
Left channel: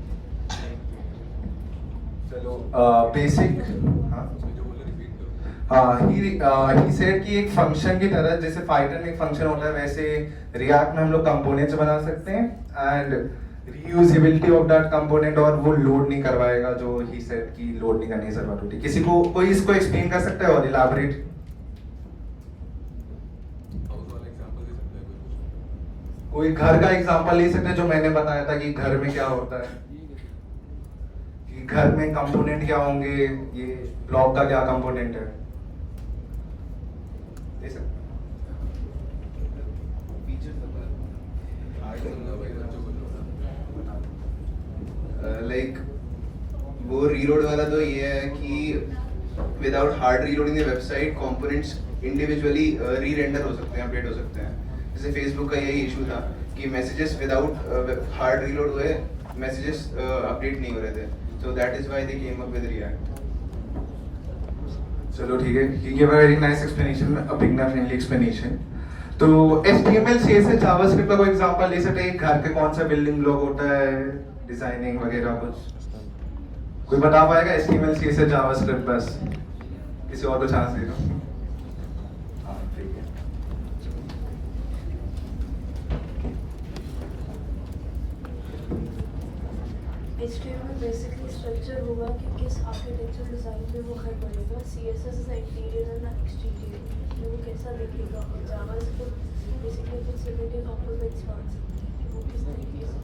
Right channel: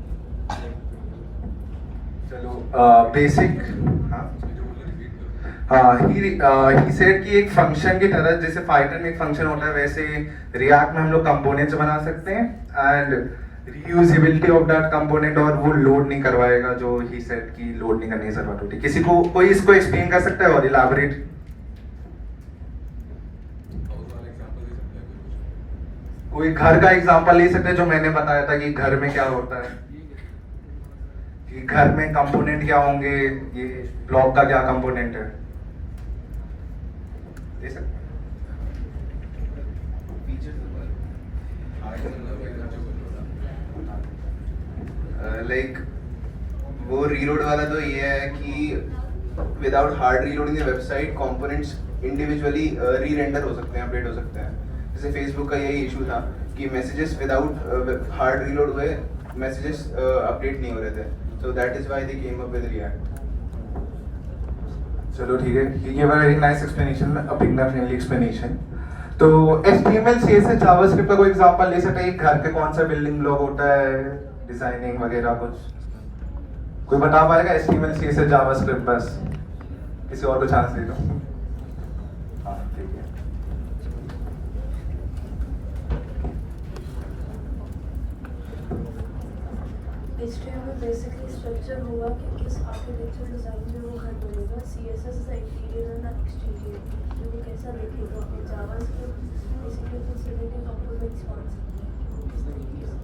चलो बेसिक, he said कि एक फंक्शन की तरह, जैसे पाइथन में एक फंक्शन होता है वैसे रिएक्ट में हम लोग कंपोनेंट्स बना सकते हैं and reusability of that component, और वो लोड नहीं करवाएगा, जो ही सेड कि लोड नहीं करने की जरूरत होती। किसी को कोई इसको एक्सप्लेन कर सकता है और इलैबोरेट? कोई घर का एग्जांपल ले सकते हैं जो मैंने बताया था कि घर में क्या होता है, कि घर में कंपोनेंट क्या होंगे, ये ब्लॉक का क्या कंपोनेंट है, ले सकते हैं? लाइक वो रीलोड वाला तो ये है कि without hard reloading the website components individually re-render हो सकते हैं, अपडेट हो सकते हैं। जैसे फेसबुक का यही इशू था कि मैसेजेस विदाउट हार्ड रीलोड हुए, मैसेजेस अपडेट नहीं हो रहे थे, सो that is why they came up with react. चलो ठीक है, ये give a very nice explanation, a beginner friendly explanation. तो HTML CSS जावास्क्रिप्ट का कोई एग्जांपल ले सकते हैं? घर के कौन सा बिल्डिंग ब्लॉक होता है, डिजाइनिंग वगैरह कुछ कोई बता पाएगा? HTML CSS जावास्क्रिप्ट, बस किसी और को चांस दे दो। हाँ ठीक है। HTML बेसिकली स्ट्रक्चर होगा कि किस आर्किटेक्चर डिजाइन पे वो घर बनेगा, CSS is interior and exterior कि वो कैसा दिखेगा, और जावास्क्रिप्ट बेसिकली फैसिलिटी कंपोनेंट्स मान सकते हैं कि वो किस तरीके से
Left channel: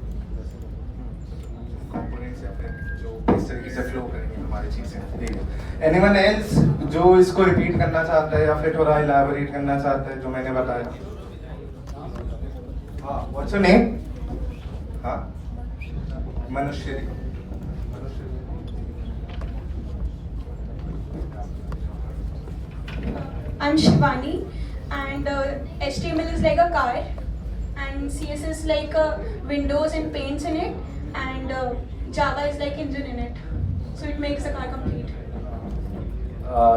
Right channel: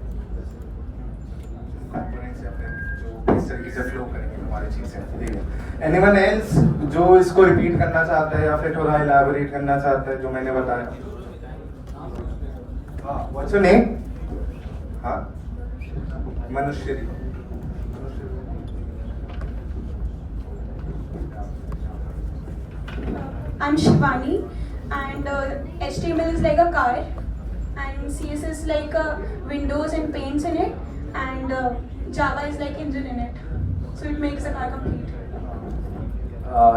कंपोनेंट्स या फिर जो इस तरीके से फ्लो करेंगे हमारी चीजें, ठीक है। एनीवन एल्स जो इसको रिपीट करना चाहता है या फिर थोड़ा इलैबोरेट करना चाहता है जो मैंने बताया? हाँ, व्हाट्स योर नेम? हाँ, मनुष्य। I'm Shivani, and HTML is like a car, and CSS like windows and paints in it, and Java is like engine in it, so it makes the car complete.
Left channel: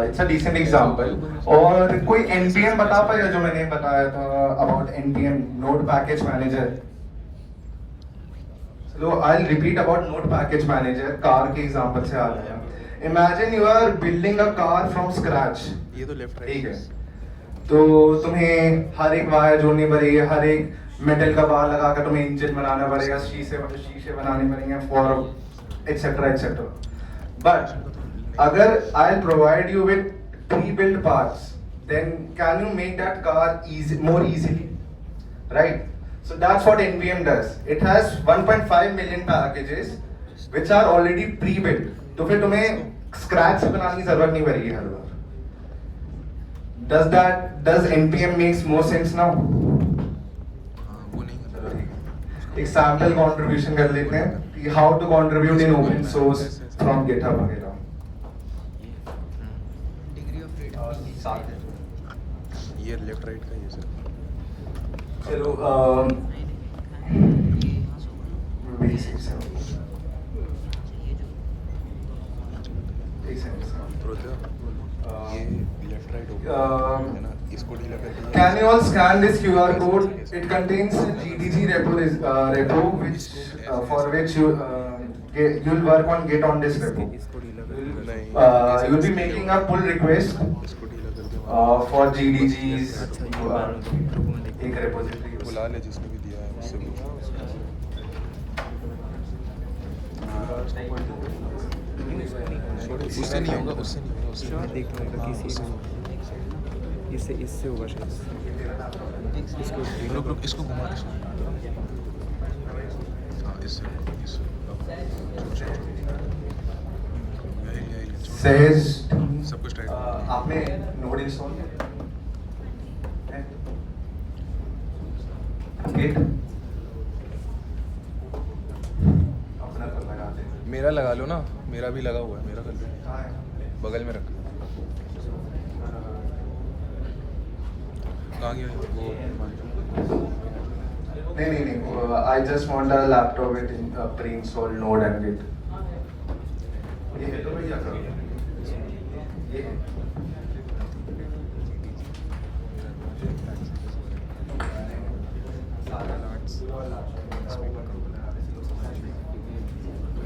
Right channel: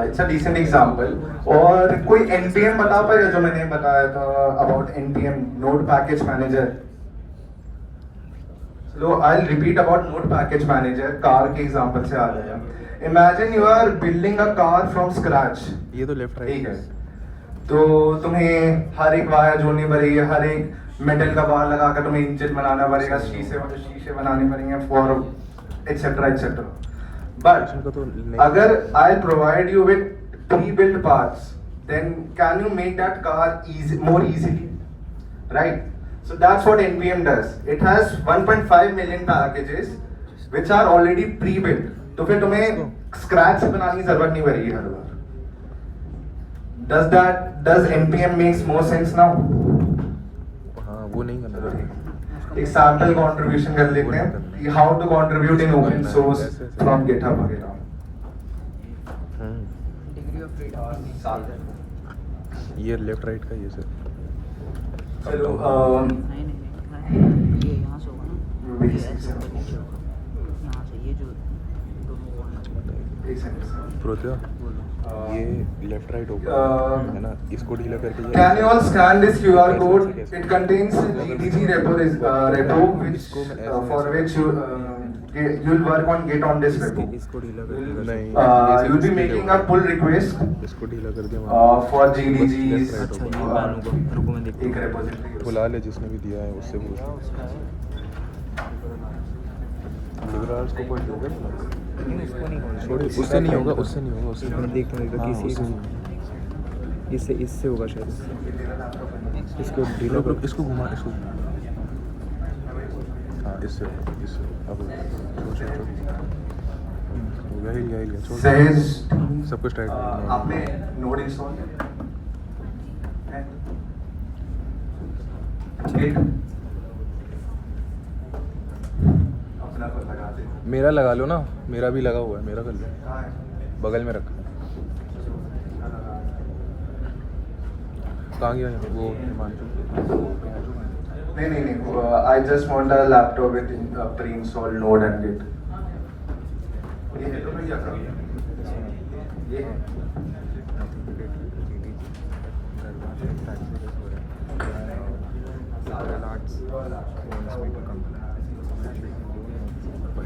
It's a decent example. और कोई NPM बता पाएगा जो मैंने बताया था about NPM, node package manager? So I'll repeat about node package manager, car के example से आ गया। Imagine you are building a car from scratch, ये तो लेफ्ट ठीक है। तो तुम्हें हर एक वायर जोड़नी पड़ेगी, हर एक मेटल का बार लगाकर तुम्हें इंजन बनाना पड़ेगा, शीशे बनाने पड़ेंगे फॉर एटसेट्रा एटसेट्रा। बट अगर I provide you with pre-built parts, then can you make that car more easily, right? So that's what NPM does. It has 1.5 million packages which are already pre-built. तो फिर तुम्हें scratch से बनाने की जरूरत नहीं पड़ेगी हर बार। Does NPM makes more sense now? हाँ वो नहीं करना। एक सैम्पल कंट्रीब्यूशन कर लेते हैं कि how to contribute in open source from GitHub वगैरह। डिग्री ऑफ फ्रीडम ये लेफ्ट राइट का ये सर। चलो यहाँ से होगा ना, basics यहाँ से ये जो दोनों हुआ ना, प्रोत्या ये लेफ्ट राइट होगा है ना, इसको ढीला करके Can you all scan this QR code? It contains a GDG repo which for which you'll work on Git on this repo. इसको ढीला नहीं You'll be making a pull request इसको ढीला कर दिया for GDG's करके एक repository। बुला ले जिसने भी दिया है उससे पूछ। उससे नहीं होगा, उससे नहीं होगा, उससे देख लेगा किसी इससे इससे होगा शायद। इसको रुक रुक इसको घुमा, इसको हाँ इससे अब यही Says सब कुछ टाइट आपने नोड इंस्टॉल किया? Git अपना को लगाते हैं। मेरा लगा लो ना, मेरा भी लगा हुआ है, मेरा कर लो, कहाँ है? बगल में रख। कहाँ गया वो? नहीं, I just want a laptop with pre-installed Node and Git. ये है तो भैया का, ये है।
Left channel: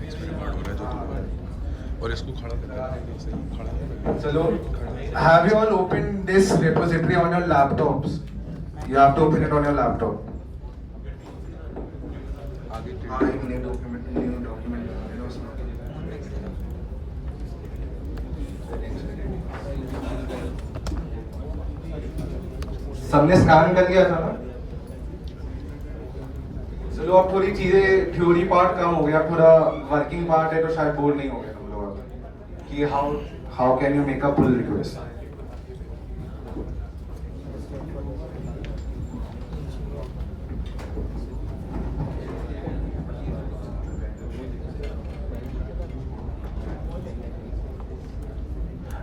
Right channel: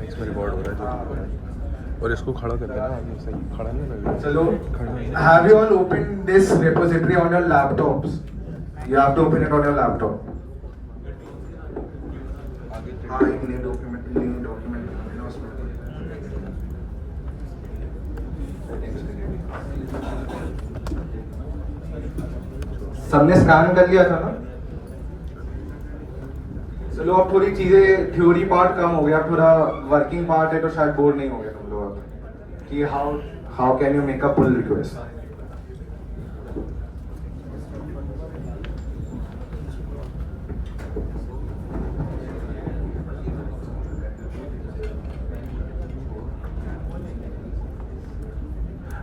इसमें रिकॉर्ड हो रहा है जो तू बोल रहा है। और इसको खड़ा कर देना, ऐसे खड़ा नहीं कर चलो, have you all opened this repository on your laptops? You have to open it on your laptop. हाँ, एक new document है ना उसमें। सबने स्कैन कर लिया था ना? चलो अब थोड़ी चीजें, थ्योरी पार्ट कम हो गया, थोड़ा वर्किंग पार्ट है तो शायद बोर नहीं हो गया तुम लोग कि how can you make a pull request.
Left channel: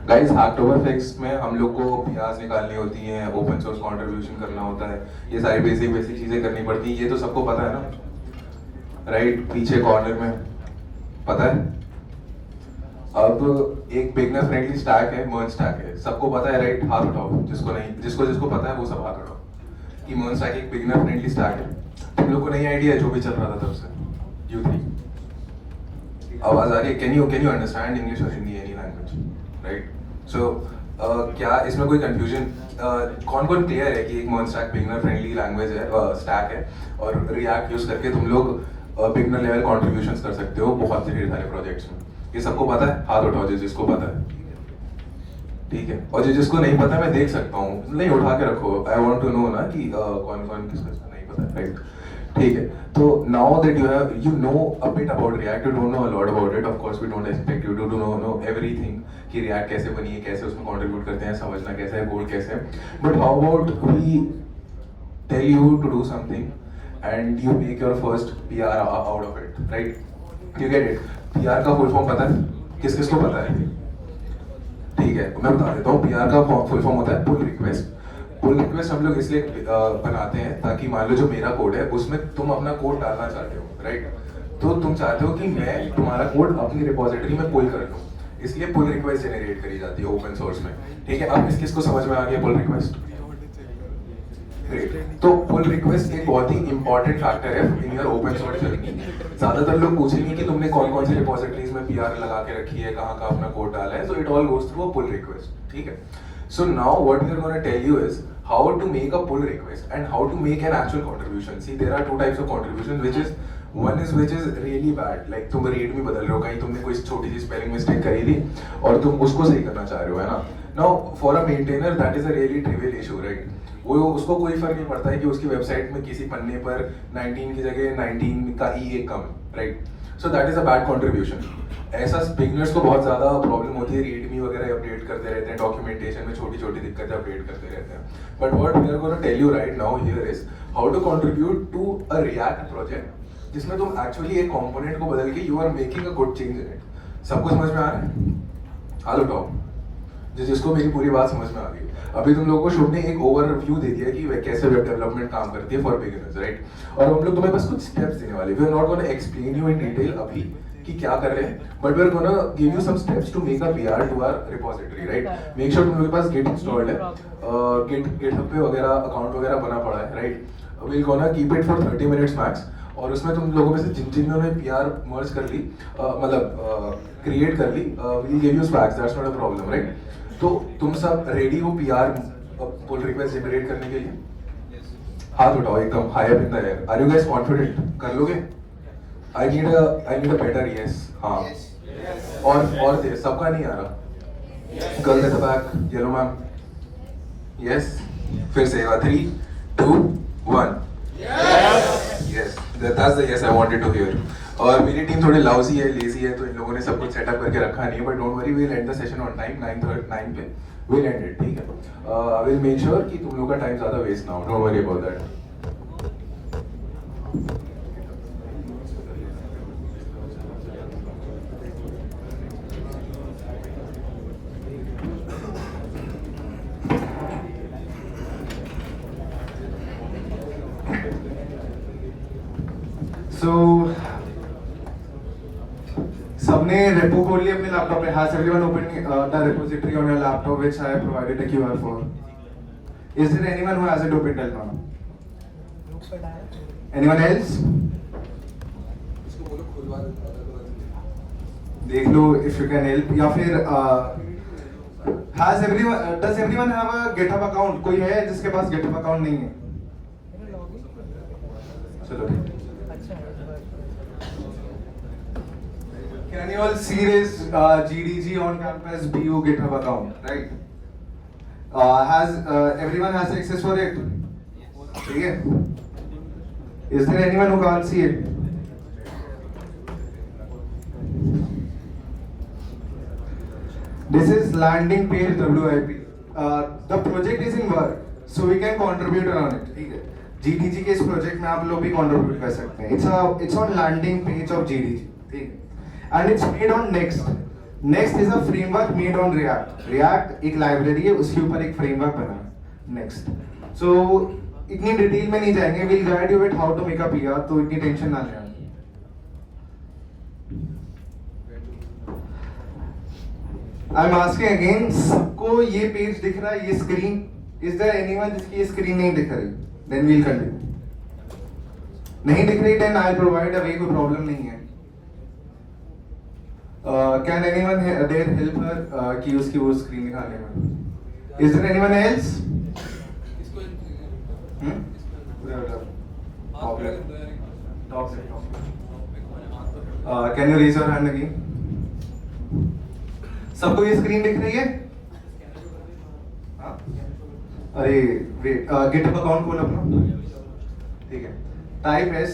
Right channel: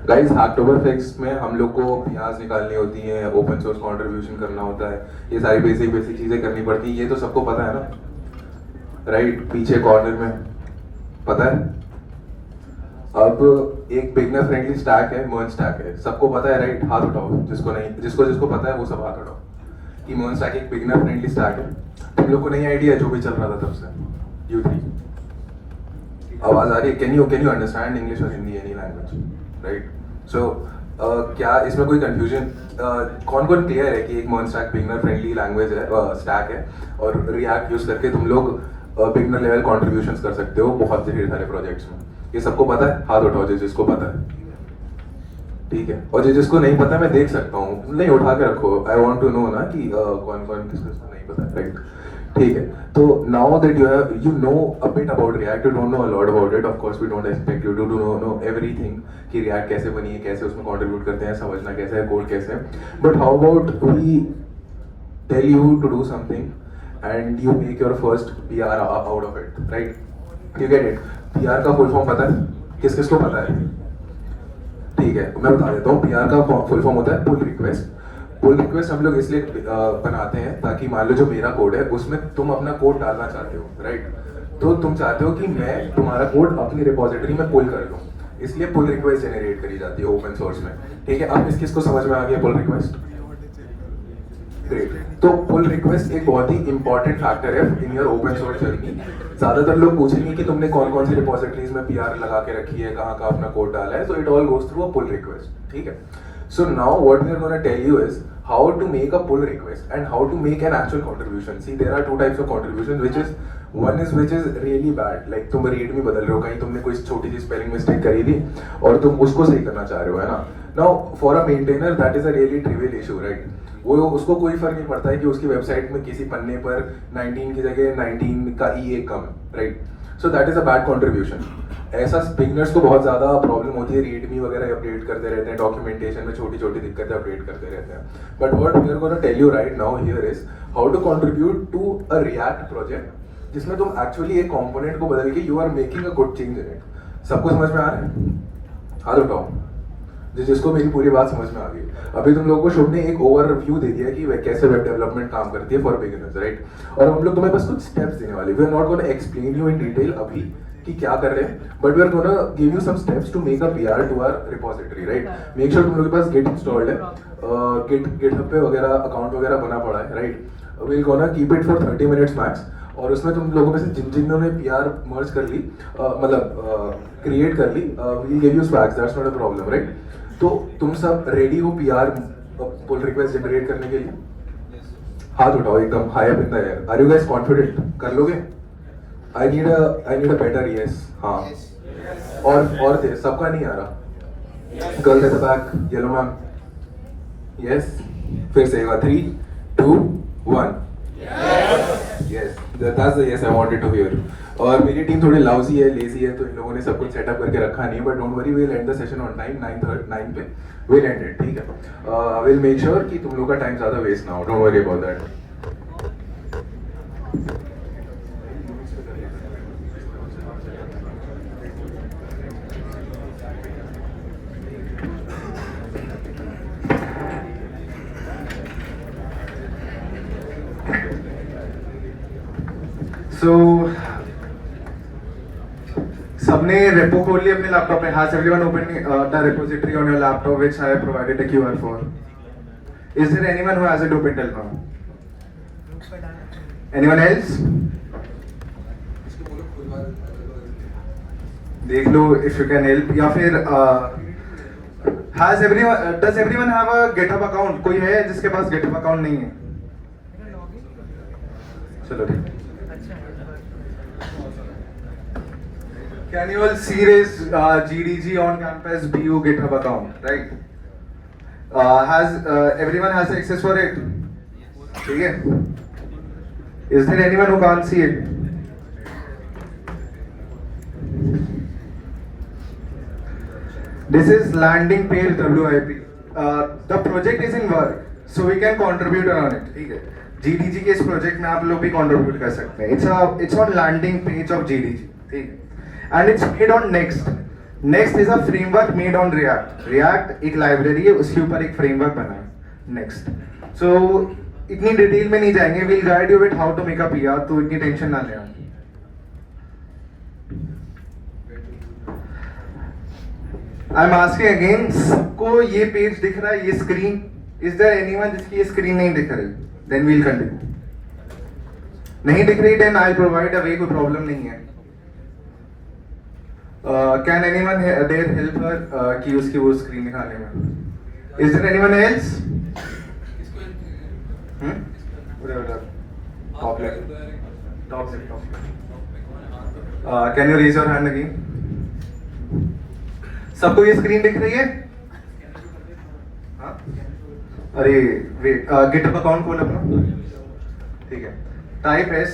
Guys, Hacktoberfest में हम लोग को पीआरस निकालनी होती हैं, ओपन सोर्स कंट्रीब्यूशन करना होता है, ये सारी बेसिक चीजें करनी पड़ती हैं। ये तो सबको पता है ना, राइट? पीछे कॉर्नर में पता है। अब एक बिगनर फ्रेंडली स्टैक है, मर्ज स्टैक है, सबको पता है, राइट? हाथ उठाओ जिसको नहीं, जिसको पता है वो सब हाथ उठाओ कि मर्ज स्टैक एक बिगनर फ्रेंडली स्टैक है। तुम लोग को नहीं आइडिया है जो भी चल रहा था तब से। U3 आवाज आ रही है? कैन यू अंडरस्टैंड इंग्लिश और हिंदी, एनी लैंग्वेज, राइट? सो क्या इसमें कोई कंफ्यूजन, कौन क्लियर है कि एक मर्ज स्टैक बिगनर फ्रेंडली लैंग्वेज है, स्टैक है, और रिएक्ट यूज करके तुम लोग बिगनर लेवल कंट्रीब्यूशंस कर सकते हो बहुत से ढेर सारे प्रोजेक्ट्स में? ये सबको पता है? हाथ उठाओ जिसको पता है, ठीक है? और जिसको नहीं पता मैं देख सकता हूँ, नहीं उठा के रखो, आई वांट टू नो ना कि कौन किसको नहीं पता, राइट? ठीक है, तो now that you know a bit about React, you don't know a lot about it. Of course, we don't expect you to know everything कि React कैसे बनी है, कैसे उसमें contribute करते हैं, समझना कैसे है, कोड कैसे है. But how about we tell you to do something and you make your first PR out of it, right? You get it? PR का full form पता है? किस-किस को पता है? ठीक है, मैं बता देता हूँ. PR का full form होता है pull request. पुल रिक्वेस्ट हम लोग इसलिए बनाते हैं ताकि मान लो जो मेरा कोड है उसमें तुम अपना कोड डालना चाहते हो, राइट? तो तुम चाहते हो कि मैं तुम्हारा कोड अपनी रिपोजिटरी में पुल कर दूं, इसलिए पुल रिक्वेस्ट जनरेट करी जाती है ओपन सोर्स में, ठीक है? अब किसको समझ में आ गया पुल रिक्वेस्ट? ग्रेट. तो पुल रिक्वेस्ट एक बहुत ही इंपॉर्टेंट फैक्टर है in your open source journey. ज्यादातर लोग पूछेंगे कि तुमने कौन से रिपोजिटरीज में पीआर लगा के रखी है, कहाँ अपना कोड डाला है, so it all goes through a pull request, ठीक है? So now what we are going to tell you is how to make a pull request and how to make an actual contribution. See, there are two types of contribution, which is really bad. Like तुम rate में बदल रहे हो, कहीं तुमने कोई छोटी सी spelling mistake करी थी और तुम उसको सही करना चाह रहे हो, है ना? Now for a maintainer that is a really trivial issue, right? वो उसको कोई फर्क नहीं पड़ता है कि उसकी वेबसाइट में किसी पन्ने पर 19 की जगह 19 का ई एक कम, right? So that is a bad contribution. ऐसा बिगनर्स को बहुत ज्यादा प्रॉब्लम होती है, रीडमी वगैरह अपडेट करते रहते हैं, डॉक्यूमेंटेशन में छोटी छोटी दिक्कतें अपडेट करते रहते हैं. But what we are going to tell you right now here is how to contribute to a React project जिसमें तुम एक्चुअली एक कंपोनेंट को बदल के you are making a good change in it. सबको समझ में आ रहा है? हाथ उठाओ जिसको मेरी पूरी बात समझ में आ गई. अभी तुम लोगों को शुभ ने एक ओवरव्यू दे दिया कि कैसे वेब डेवलपमेंट काम करती है फॉर बिगिनर्स, राइट? और हम लोग तुम्हें बस कुछ स्टेप्स देने वाले. We are not going to explain you in detail अभी कि क्या कर रहे हैं, but we are going to give you some steps to make a PR to our repository, right? Make sure तुम लोगों के पास गिट इंस्टॉल्ड है, गिटहब पे वगैरह अकाउंट वगैरह बना पड़ा है, right? We will gonna keep it for 30 minutes max. और उसमें तुम लोगों में से जिन्होंने पीआर मर्ज कर ली, मतलब क्रिएट कर ली, we will give you swags, that's not a problem, right? तो तुम सब रेडी हो पीआर पुल रिक्वेस्ट जनरेट करने के लिए? हाथ उठाओ एकदम high up in the air. Are you guys confident? कर लोगे? I need a better yes. हाँ. और थे सबका नहीं आ रहा. Girl at the back, yellow ma'am. Yes. फिर से 3, 2, 1. Yes. That's the yes I wanted to hear. और मेरी टीम थोड़ी लाउजी है, लेजी है, तो इन लोगों ने सब कुछ सेटअप करके रखा नहीं है. But don't worry, we'll end the session on time. 9 पे we'll end it, ठीक है? We'll make sure कि तुम लोग का टाइम ज्यादा वेस्ट ना हो. Don't worry about that. So सबने repo खोल लिया अपने लैपटॉप में. Has everyone opened the repository on your laptop which I have provided a QR for? Is there anyone who hasn't opened till now? Anyone else? देख लो if you can help. या फिर does everyone have a GitHub account? कोई है जिसके पास GitHub account नहीं है? चलो ठीक. Can you all see this GDG on campus BU GitHub account, right? Has everyone has access for it? ठीक है? Is there anyone who can't see it? This is landing page WIP. The project is in work, so we can contribute on it. ठीक है? GDG के इस project में आप लोग भी contribute कर सकते हैं. It's on landing page of GDG. ठीक है? And it's made on Next. Next is a framework made on React. React एक library है, उसके ऊपर एक framework बना है. Next. So इतनी डिटेल में नहीं जाएंगे. We'll guide you with how to make a PR. तो इतनी टेंशन ना लें. I'm asking again. सबको ये पेज दिख रहा है, ये स्क्रीन? Is there anyone जिसकी ये स्क्रीन नहीं दिख रही? Then we'll continue. नहीं दिख रही? Then I'll provide a way. कोई प्रॉब्लम नहीं है. Can anyone there help her कि उसकी वो स्क्रीन दिखाने में? Is there anyone else? Top. Can you raise your hand again? सबको ये स्क्रीन दिख रही है? हाँ? अरे वेट, GitHub अकाउंट खोल अपना. ठीक है. टाइप एस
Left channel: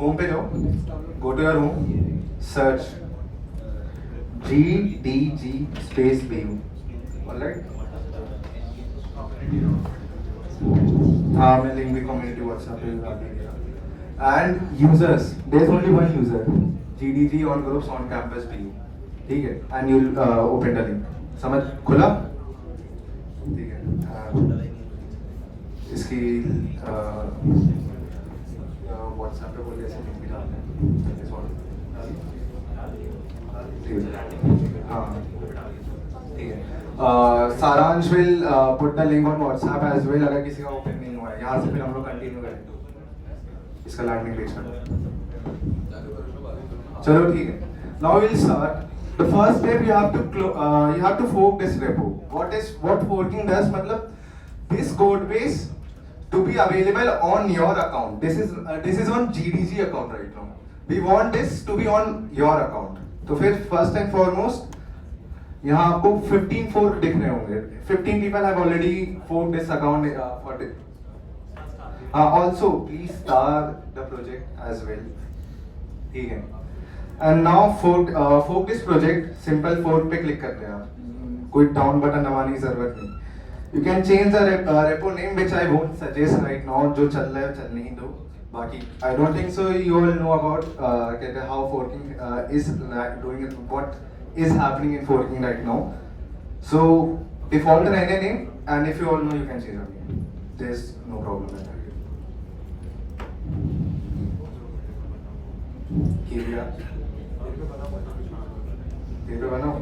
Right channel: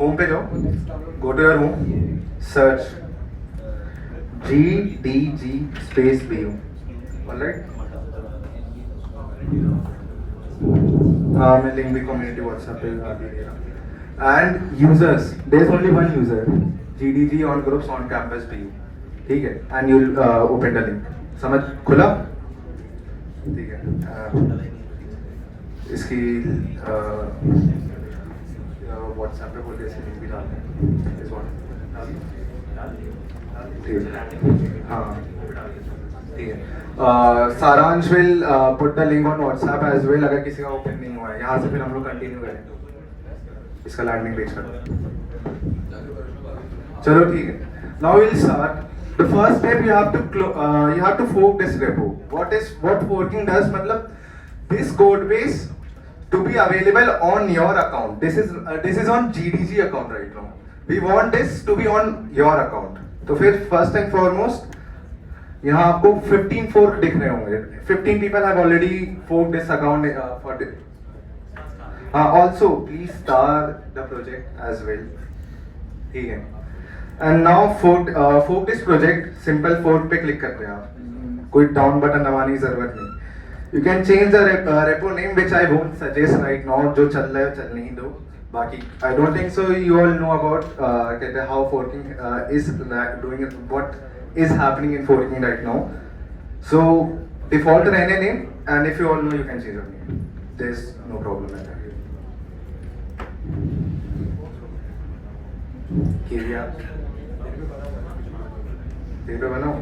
होम पे जाओ. Go to your home. Search GDG space BU. Alright? मैं लिंक भी कम्युनिटी व्हाट्सएप पे डाल दिया. And users, there is only one user. GDG on groups on campus BU. ठीक है? And you'll open the link. समझ खुला? ठीक है. इसकी व्हाट्सएप पे बोलिए से लिंक भी डालते हैं. हाँ ठीक है. सारांश will put the link on WhatsApp as well. अगर किसी का ओपन नहीं हुआ है, यहाँ से फिर हम लोग कंटिन्यू करेंगे इसका लैंडिंग पेज पर. चलो ठीक है. Now we'll start. The first step you have to fork this repo. What forking does? मतलब this code base to be available on your account. This is on GDG account right now. We want this to be on your account. तो फिर first and foremost यहाँ आपको 15 fork दिख रहे होंगे. 15 people have already forked this account for this. Also please star the project as well. ठीक है. And now fork this project. Simple fork पे click करते हैं आप. कोई down button दबाने की जरूरत नहीं. You can change the repo name, which I won't suggest right now. जो चल रहा है चलने ही दो. बाकी I don't think so. You all know about how forking is doing it. What is happening in forking right now. So default रहने दें, and if you all know, you can change your name. There's no problem with that. किया तेरे पे बनाओ.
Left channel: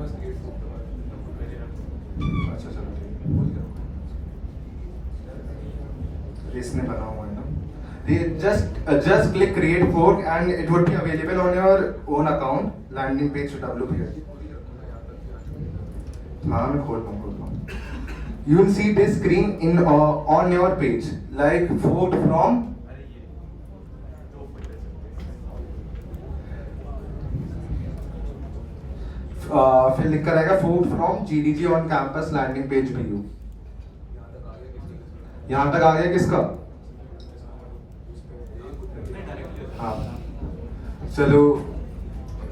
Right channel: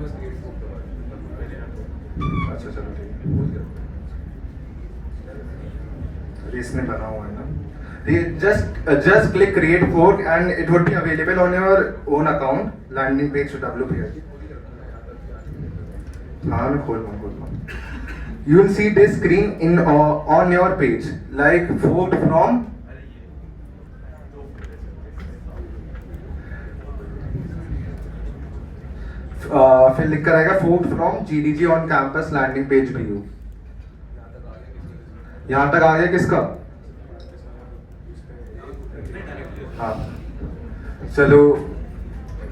अच्छा चलो ठीक है. इसने बना हुआ है ना. Just click create fork and it would be available on your own account. Landing page to WP here. हाँ मैं खोल रहा हूँ. You will see this screen in on your page like fork from. फिर लिख कर आएगा fork from GDG on campus landing page BU. यहाँ तक आ गया किसका? हाँ चलो.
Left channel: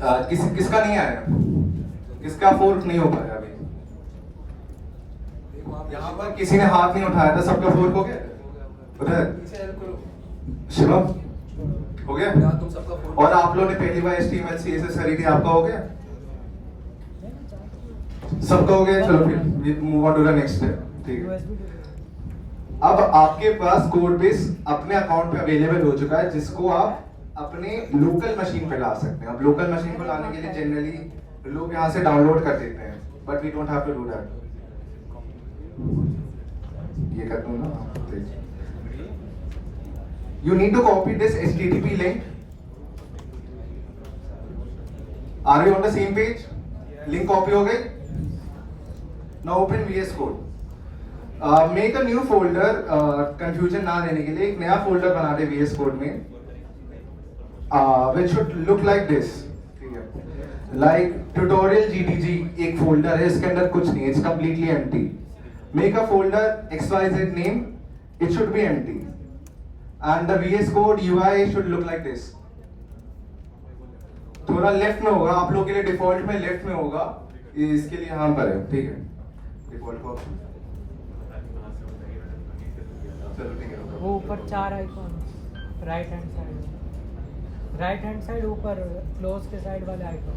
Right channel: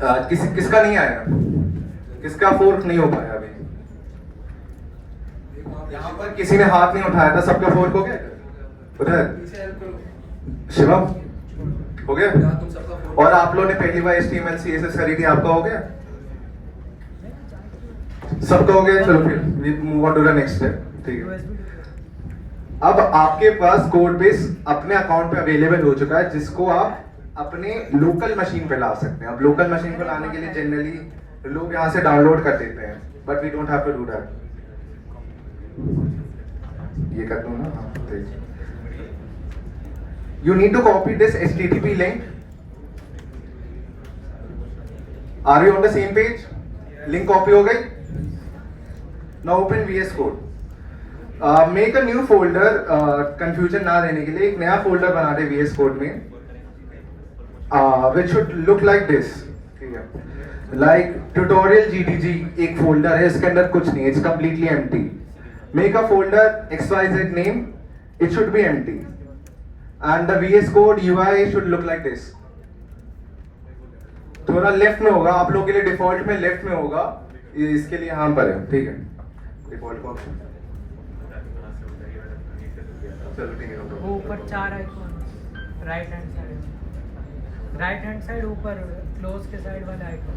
किसका नहीं आया? किसका फोर्क नहीं हो पाया अभी? यहाँ पर किसी ने हाथ नहीं उठाया था. सबका फोर्क हो गया? उधर शिवम हो गया? और आप लोगों ने पहली बार HTML CSS करी थी, आपका हो गया? सबका हो गया. चलो फिर we move on to the next step. ठीक है. अब आपके पास कोड बेस अपने अकाउंट पे अवेलेबल हो चुका है, जिसको आप अपने लोकल मशीन पे ला सकते हैं। अब लोकल मशीन पर लाने के लिए जनरली लोग यहाँ से डाउनलोड कर देते हैं, but we don't have to do that. ये कर दूँ ना, you need to copy this HTTP link. Are you on the same page? Link कॉपी हो गई? Now open VS code. Make a new folder, confusion ना देने के लिए एक नया फोल्डर बना दे VS कोड में, which should look like this, like tutorial GDG एक फोल्डर है, इसके अंदर कुछ नहीं, it's completely empty. Make a folder XYZ name, it should be empty, and the VS Code UI should look like this. थोड़ा left में होगा, आप लोगों के लिए डिफॉल्ट में लेफ्ट में होगा, इसके लिए यहाँ पर है, ठीक है, डिफॉल्ट का ऑप्शन। चलो ठीक है, वो ऊपर 4 आइकन, राइट हैंड साइड ऊपर क्लोज के साइड वाला आइकन।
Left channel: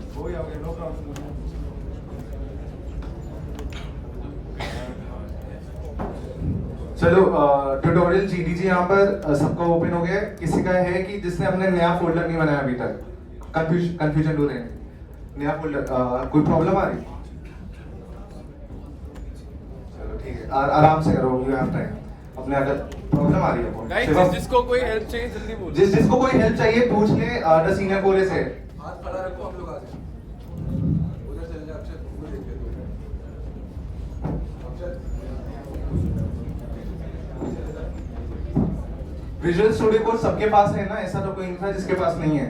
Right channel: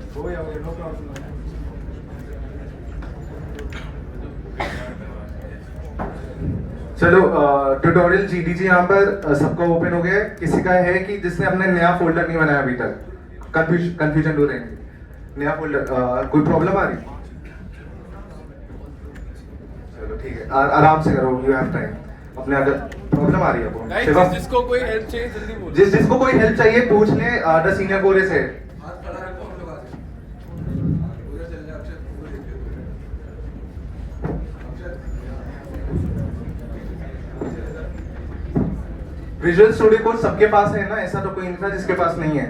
उसको लेआउट नो प्रॉब्लम। चलो ट्यूटोरियल GDG यहाँ पर सबका ओपन हो गया है। किसी का है कि जिसने हमने नया फोल्डर नहीं बनाया अभी तक? कंफ्यूजन दूर रहेंगे। नया फोल्डर कोई प्रॉब्लम आ रही? चलो ठीक है, आराम से करो, यू हैव टाइम। अपने अगर प्रॉब्लम आ रही है जिसको कोई हेल्प चाहिए जल्दी बोलो। जिसको कोई हेल्प चाहिए पूछ ले, द सीनियर कोरेस है। हाथ खड़ा रखो, हम लोग आ जाए उधर चल जा। अक्षर वो देख ले विजुअल स्टूडियो कोड सबके पास है ना? ऐसा तो कोई नहीं था जिसके पास नहीं है।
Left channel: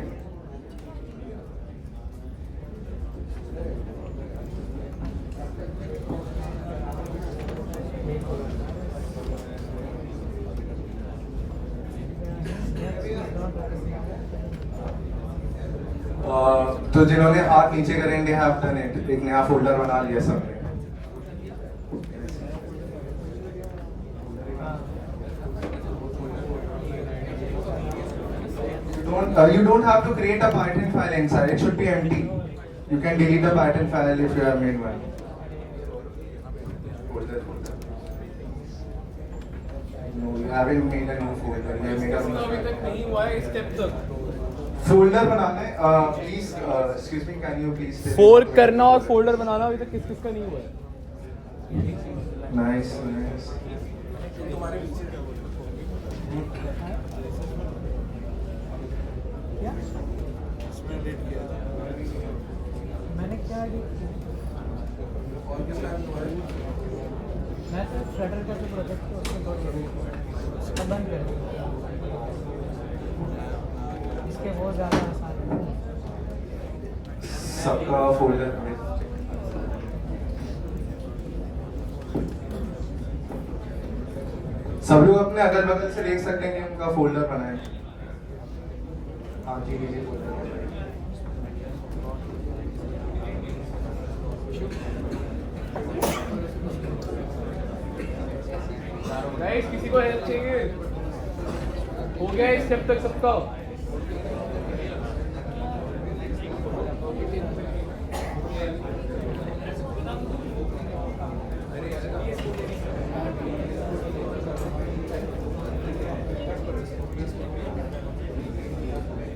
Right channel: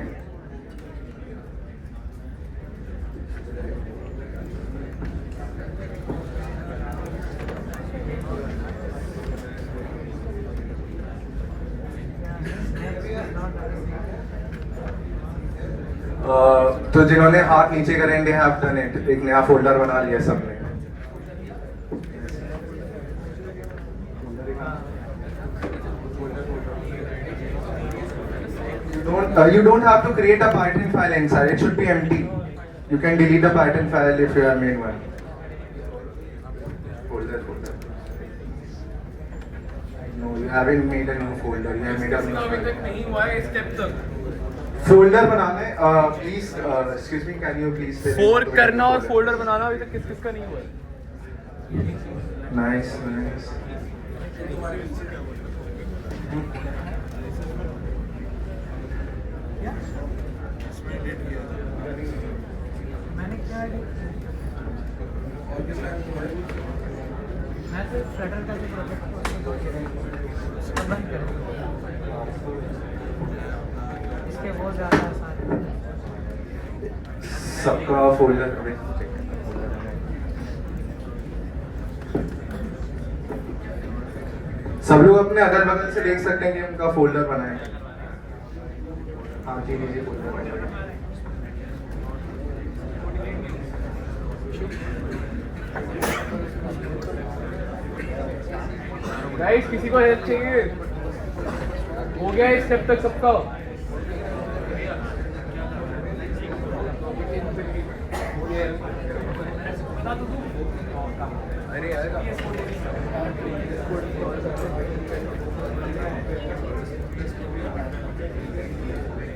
तो जिन्होंने हाथ नीचे करेंगे हैव डन इट, एक नया फोल्डर बना लिया सबने। You don't have to create a Python file inside. It should be empty. You can delete the Python file if you have made one. Folder. No, you haven't made a new folder. You have made a new अभी तक folder. नहीं हुआ है step तक। Folder बनाना है। Please, excuse me, can you please? Fork करना और folder बनाना अभी तक किसका नहीं हुआ है? Nice. मैंने क्या मैं तो फ्लटर का प्रोजेक्ट उसको बंद कर इसके बहुत ज़्यादा आसान है। सबका फोल्डर है। सब लोग अपने अगल बगल से देख सकते हैं कि उनका फोल्डर बना है। हाँ जी फोल्डर बना है। गाइस किसी को हेल्प चाहिए? हो गया इस स्टेप तक सबका? अरे यार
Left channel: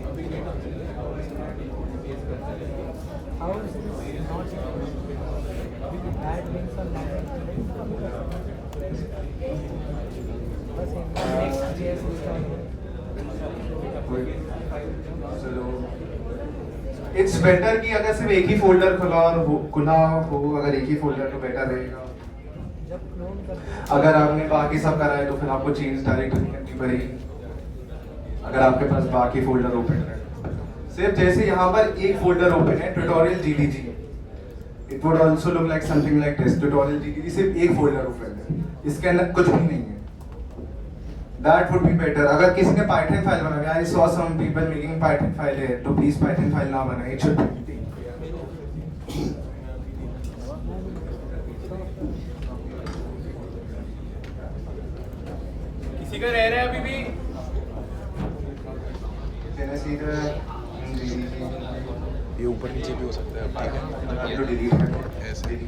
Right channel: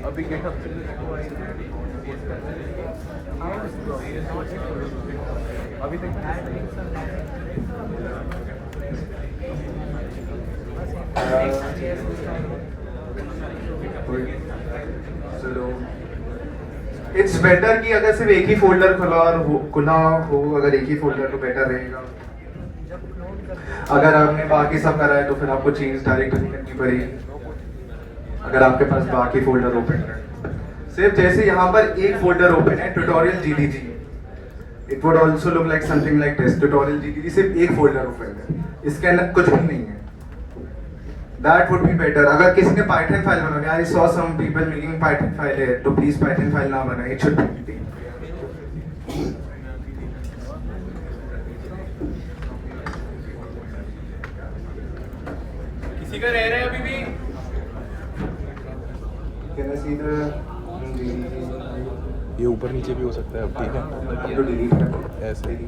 अभी क्या अभी तक इट्स बेटर कि अगर सिर्फ एक ही फोल्डर खुला हो अगर एक ही फोल्डर तो बेटर रहेगा। अगर आपने बाकी सब करा है तो फिर आपको चेंज डायरेक्टली करनी पड़ेगी अगर आपके पास बाकी फोल्डर ओपन है। सिर्फ जैसे यहाँ पर एक फोल्डर ओपन है tutorial GDG, it would also look like something like this. Tutorial GDG सिर्फ एक फोल्डर ओपन है, इसके अंदर कुछ भी नहीं है। That would be better. अगर किसी ने Python फाइल बनानी, I saw some people making Python file है, तो please Python फाइल ना बनाए, it should be empty. किसी का रह रहा है अभी भी? Can I see the ये ऊपर नीचे भी हो सकता है अब ठीक है अब तो डिलीट है ऐसे ही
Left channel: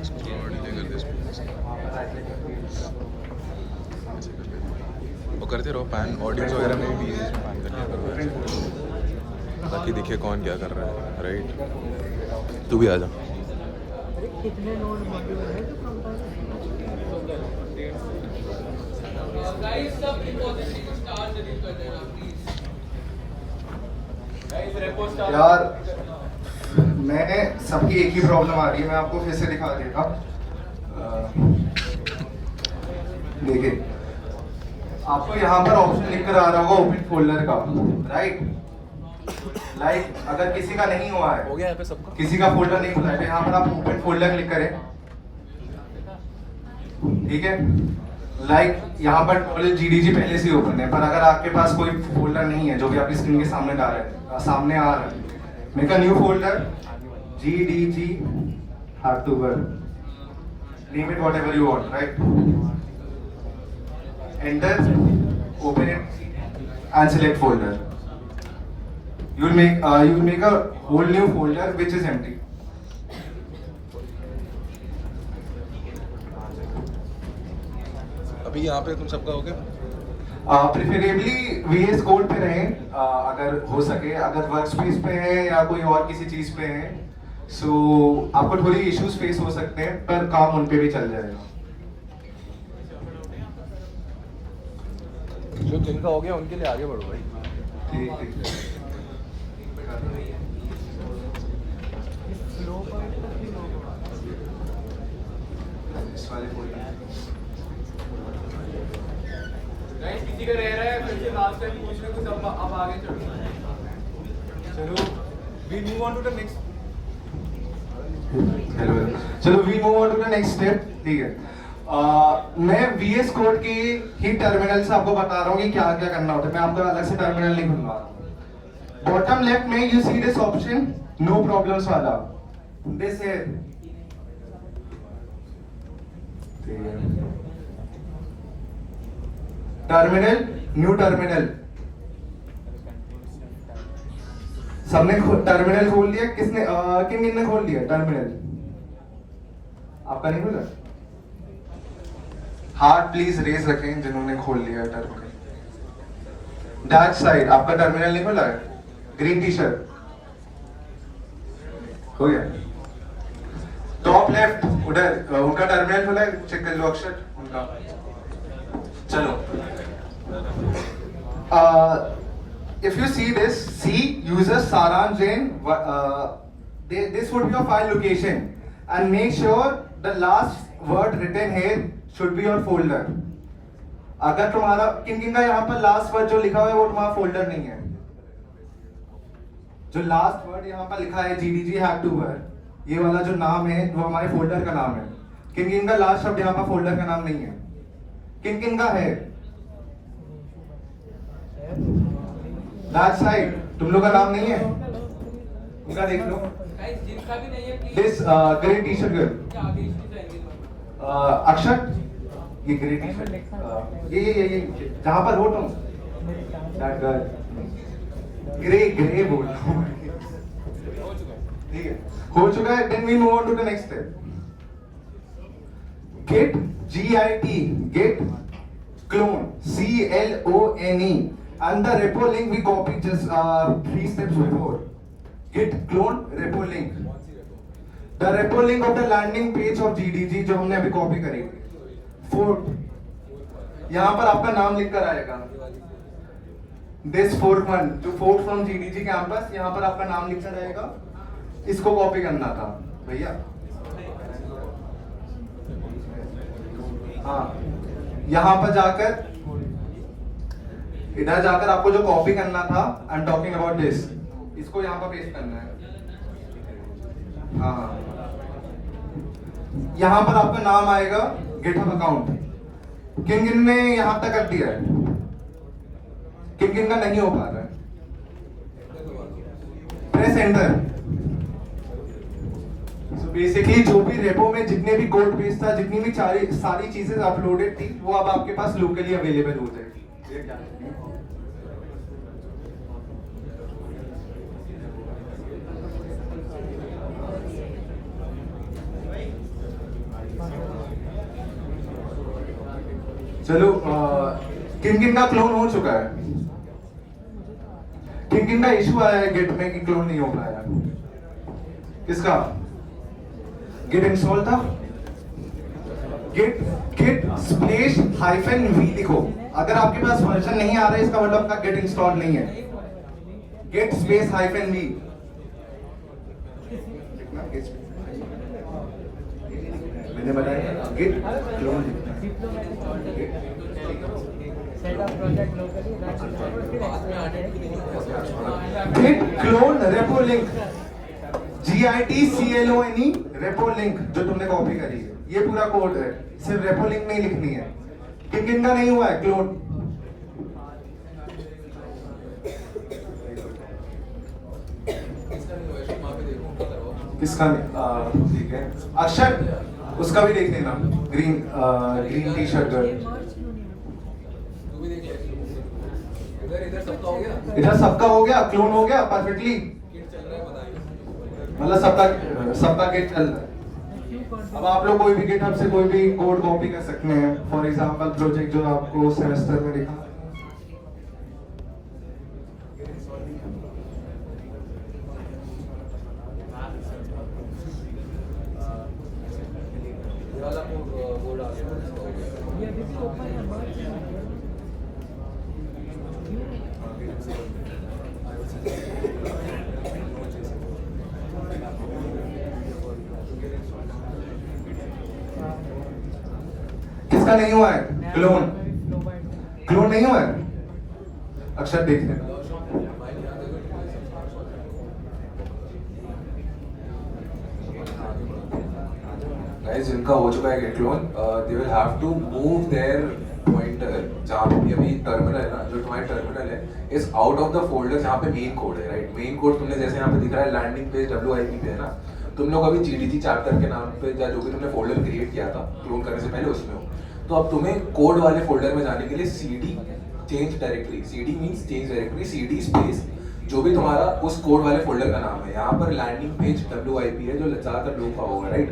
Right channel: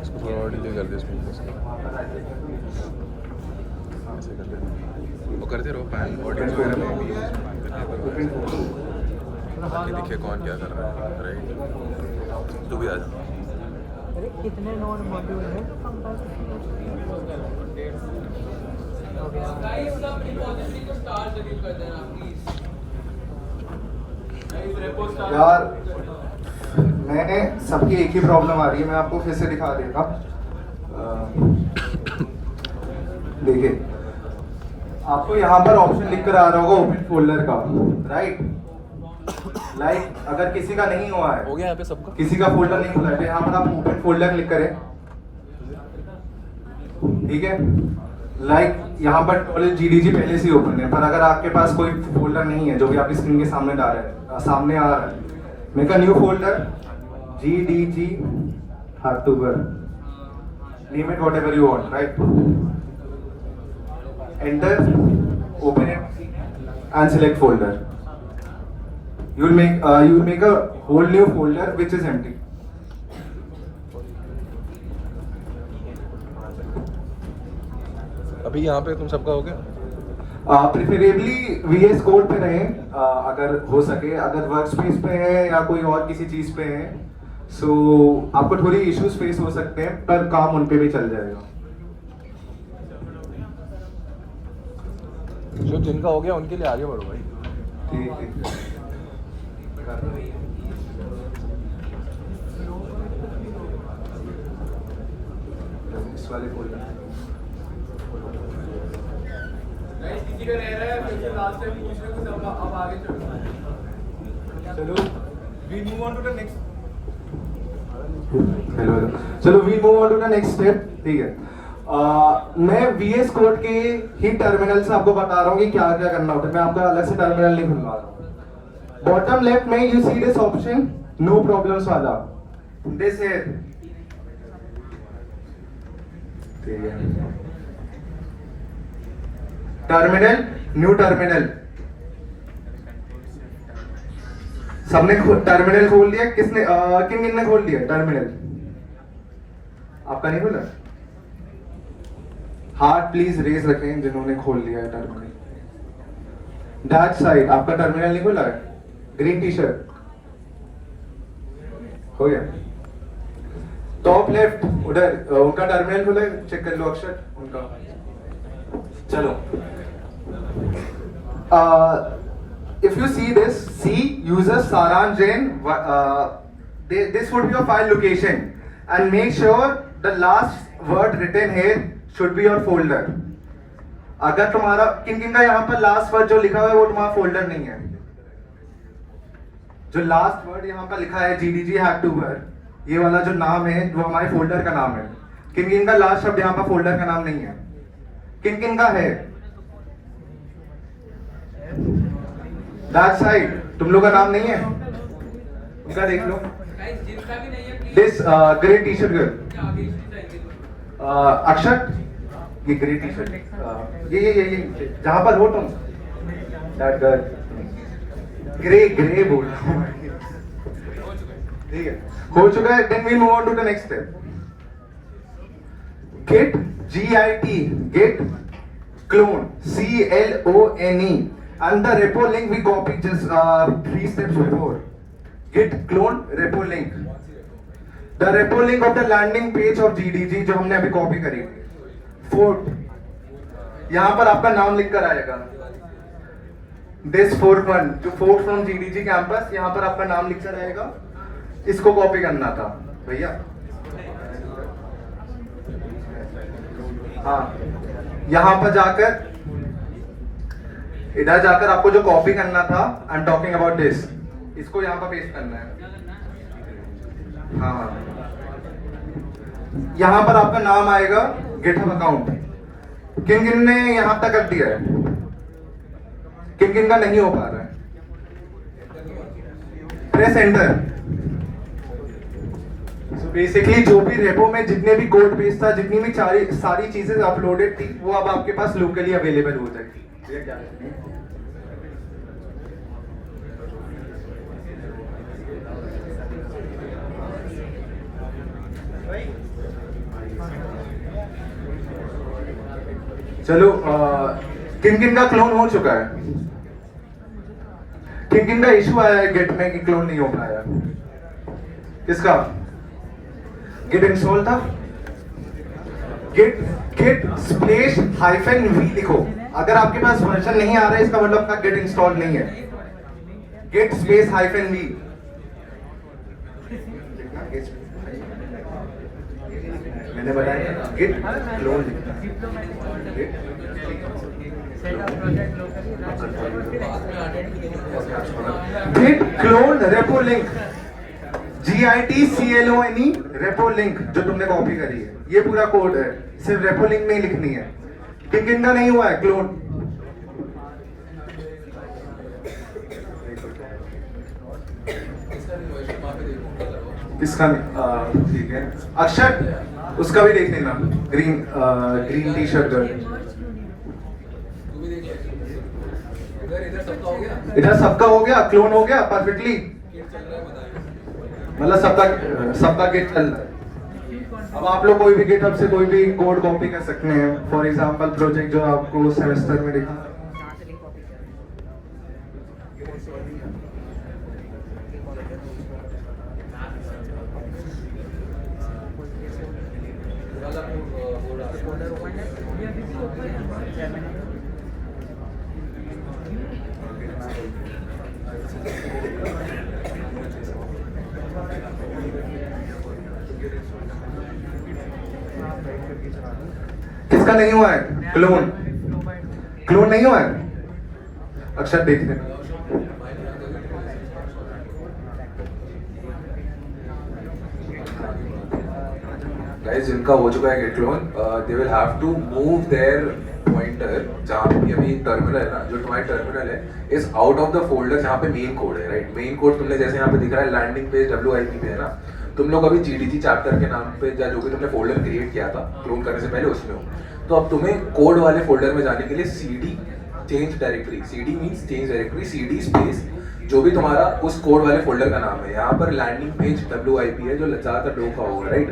इसको थोड़ा और डिले कर दे इसमें ऐसे कर लेना और करते रहो पैन ऑडियंस वगैरह में ये देखिए कौन क्या कर रहा है राइट तू भी आ जा कितने नोट मॉड्यूल है गाइस सब रिपोजिटरी को स्टार डिलीट कर देना प्लीज गाइस रेपो स्टार यार मैं सबकी एक ही प्रॉब्लम आ रही है मैं आपको फिर से दिखा देगा देखिए आपको यहाँ पर ऑप्शन लिख कर आ रहा होगा ओपन फोल्डर का राइट लाइक अगर किसी का नहीं हुआ है हो गया यहाँ पे सबका किसी का फोल्डर नहीं खुला है तो यहाँ पर आप ओपन फोल्डर क्लिक करें ठीक है लाइक यहाँ पर GDG पहले से ही ओपन है पर अगर आपके पास कोई फोल्डर नहीं है जो कि आपकी स्क्रीन के सामने आ रहा है make a new folder GDG October name it whatever you want right enter open it and select folder you will make a whole new folder which is empty अभी यहाँ पे तुम सबका हो गया प्रेफरेबली VS कोड पे रहें अगर हो सके अगर वर्क स्पेस पे है या कोई और किसी चीज पे है सो आपको थोड़ी इश्यूज फेस हो सकते हैं पर काम उन पे भी चल जाएगा जो जिनका हो गया उनके लिए आगे बढ़ो भाई ठीक है इस वाले folder में। गाइस किसी का रह रहा है फिर से लास्ट टाइम पूछ रहे तो सब अब आगे चलो चलो we move on to the next hello चलो we move on to the next step ठीक है मैं VS कोड के ही टर्मिनल से आपको बता रहा हूँ कि क्या क्या करना होता है मैं आपका अलग से टर्मिनल नहीं खुलवा रहा हूँ बॉटम लेफ्ट में you see this option no problems वाला दिस है टर्मिनल न्यू टर्मिनल सबने टर्मिनल खोल लिया किसने किन ने खोल लिया टर्मिनल आपका नहीं खोला हार्ट प्लीज रेज रखें जिन्होंने खोल लिया टर्मिनल दैट साइड आपका टर्मिनल नहीं खोला है ग्रीन टी शर्ट हो गया टॉप लेफ्ट उधर उनका टर्मिनल खुला है चेक कर लो अक्षर उनका चलो if you see this C user Saran Jain this would be your file location and make sure the last word written here should be your folder अगर तुम्हारा किन का यहाँ पर लास्ट वर्ड जो लिखा हुआ है वो तुम्हारा फोल्डर नहीं है जो लास्ट वर्ड यहाँ पर लिखा है GDG Hacktober ये वाला जो नाम है वो हमारे फोल्डर का नाम है किन का लास्ट शब्द यहाँ पर फोल्डर का नाम नहीं है किन का है दैट साइड तुम लोग का नाम नहीं है इनका देख लो गाइस जिनका भी नहीं है please this grey T shirt girl आगे जाएंगे अक्षत ये ग्रे टी शर्ट ये जहां पर हो तुम दैट गर्ल ग्रे बोल ठीक है हो चुका है then we move on to the next step git git clone CLONE and the repo link we copied just 3 steps before git clone repo link the repo link of the landing page of GDG जो हमने अभी copy करी fourth यहाँ पर आपका नाम लिखकर आएगा this fourth one जो fourth from GDG campus यहाँ पर आपका नाम लिखकर आएगा इसको कॉपी करना था भैया हाँ यहाँ पर जाकर इधर जाकर आपको जो कॉपी करना था I am talking about this इसको यहाँ पर पेस्ट करना है हाँ यहाँ पर आपका नाम आएगा गिटहब अकाउंट किन ने यहाँ तक कर दिया है किन का नहीं हो पा रहा है प्रेस एंटर सो बेसिकली जो भी रेपो में जितने भी कोड बेस था जितनी भी सारी चीजें अपलोडेड थी वो अब आपके पास लोकली अवेलेबल हो जाएगी चलो किन किन का क्लोन हो चुका है? किन किन का इशू आया है गेट में कि क्लोन नहीं हो पाया? किसका? गेट इंस्टॉल था? गेट स्पेस हाइफन वी लिखो। अगर आपके पास वर्जन नहीं आ रहा है इसका मतलब आपका गेट इंस्टॉल नहीं है। गेट स्पेस हाइफन वी मैंने बताया git clone git clone repo link GITCLONE repo link जो तुमने कॉपी करी है, ये पूरा कोड है, सिर्फ रेपो लिंक नहीं लिखनी है। किन किन का नहीं हुआ है क्लोन? इसका ठीक है। अक्षर उसका भी देख लेना, ग्रीन टी शर्ट। इधर सबका हो गया, क्लोन हो गया परफेक्टली, मतलब सबका गेट चल रहा है। अब आप लोग कोई भी गिटहब से कोई भी कोड कॉपी कर सकते हैं। फॉर एग्जांपल प्रोजेक्ट जो आपको सेमेस्टर में लिखा किसका नहीं हुआ है क्लोन? क्लोन नहीं हुआ है? अक्षर देख लेना। गाइस जिनका हो चुका है git clone, they will have to move their pointer जहाँ पे अभी टर्मिनल है ना, जो तुम्हारा टर्मिनल है is out of the folder जहाँ पे मेन कोड है, राइट? मेन कोड तुमने जैसे यहाँ पे दिख रहा है लैंडिंग पेज WIP पे है ना, तुम लोग अभी GDG चैप्टर के नाम पे या जो भी तुमने फोल्डर क्रिएट किया था क्लोन करने से पहले उसमें हो, तो अब तुम्हें कोड वाले फोल्डर में जाने के लिए CD change directory, CD means change directory, CD space जो भी तुम्हारा उस कोड वाले फोल्डर का नाम है, यहाँ पर लैंडिंग पेज WIP है जो ज्यादातर लोगों का होगा, राइट?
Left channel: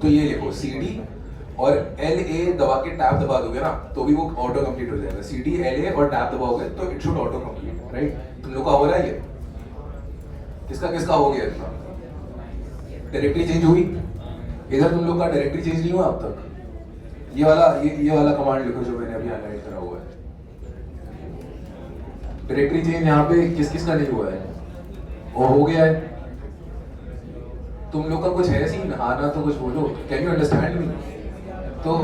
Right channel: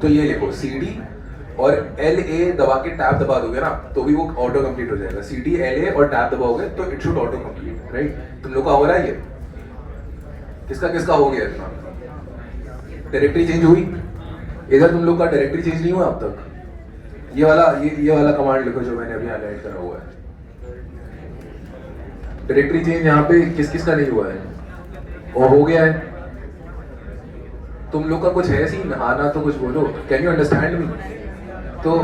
तो ये लिखो CD और LA दबा के टैब दबा दोगे ना तो भी वो ऑटो कंप्लीट हो जाएगा। CD LA और टैब दबाओगे तो it should auto complete, right? तुम लोग का हो रहा है ये? किसका किसका हो गया इतना? डायरेक्टरी चेंज हुई? इधर तुम लोग का डायरेक्टरी चेंज नहीं हुआ अब तक? ये वाला कमांड लिखो जो मैंने अभी हाईलाइट करा हुआ है। डायरेक्टरी चेंज यहाँ पे किस किस का नहीं हुआ है और हो गया है? तुम लोग का कुछ है सीन? हाँ ना तो कुछ बोलो, कैन यू अंडरस्टैंड मी? तो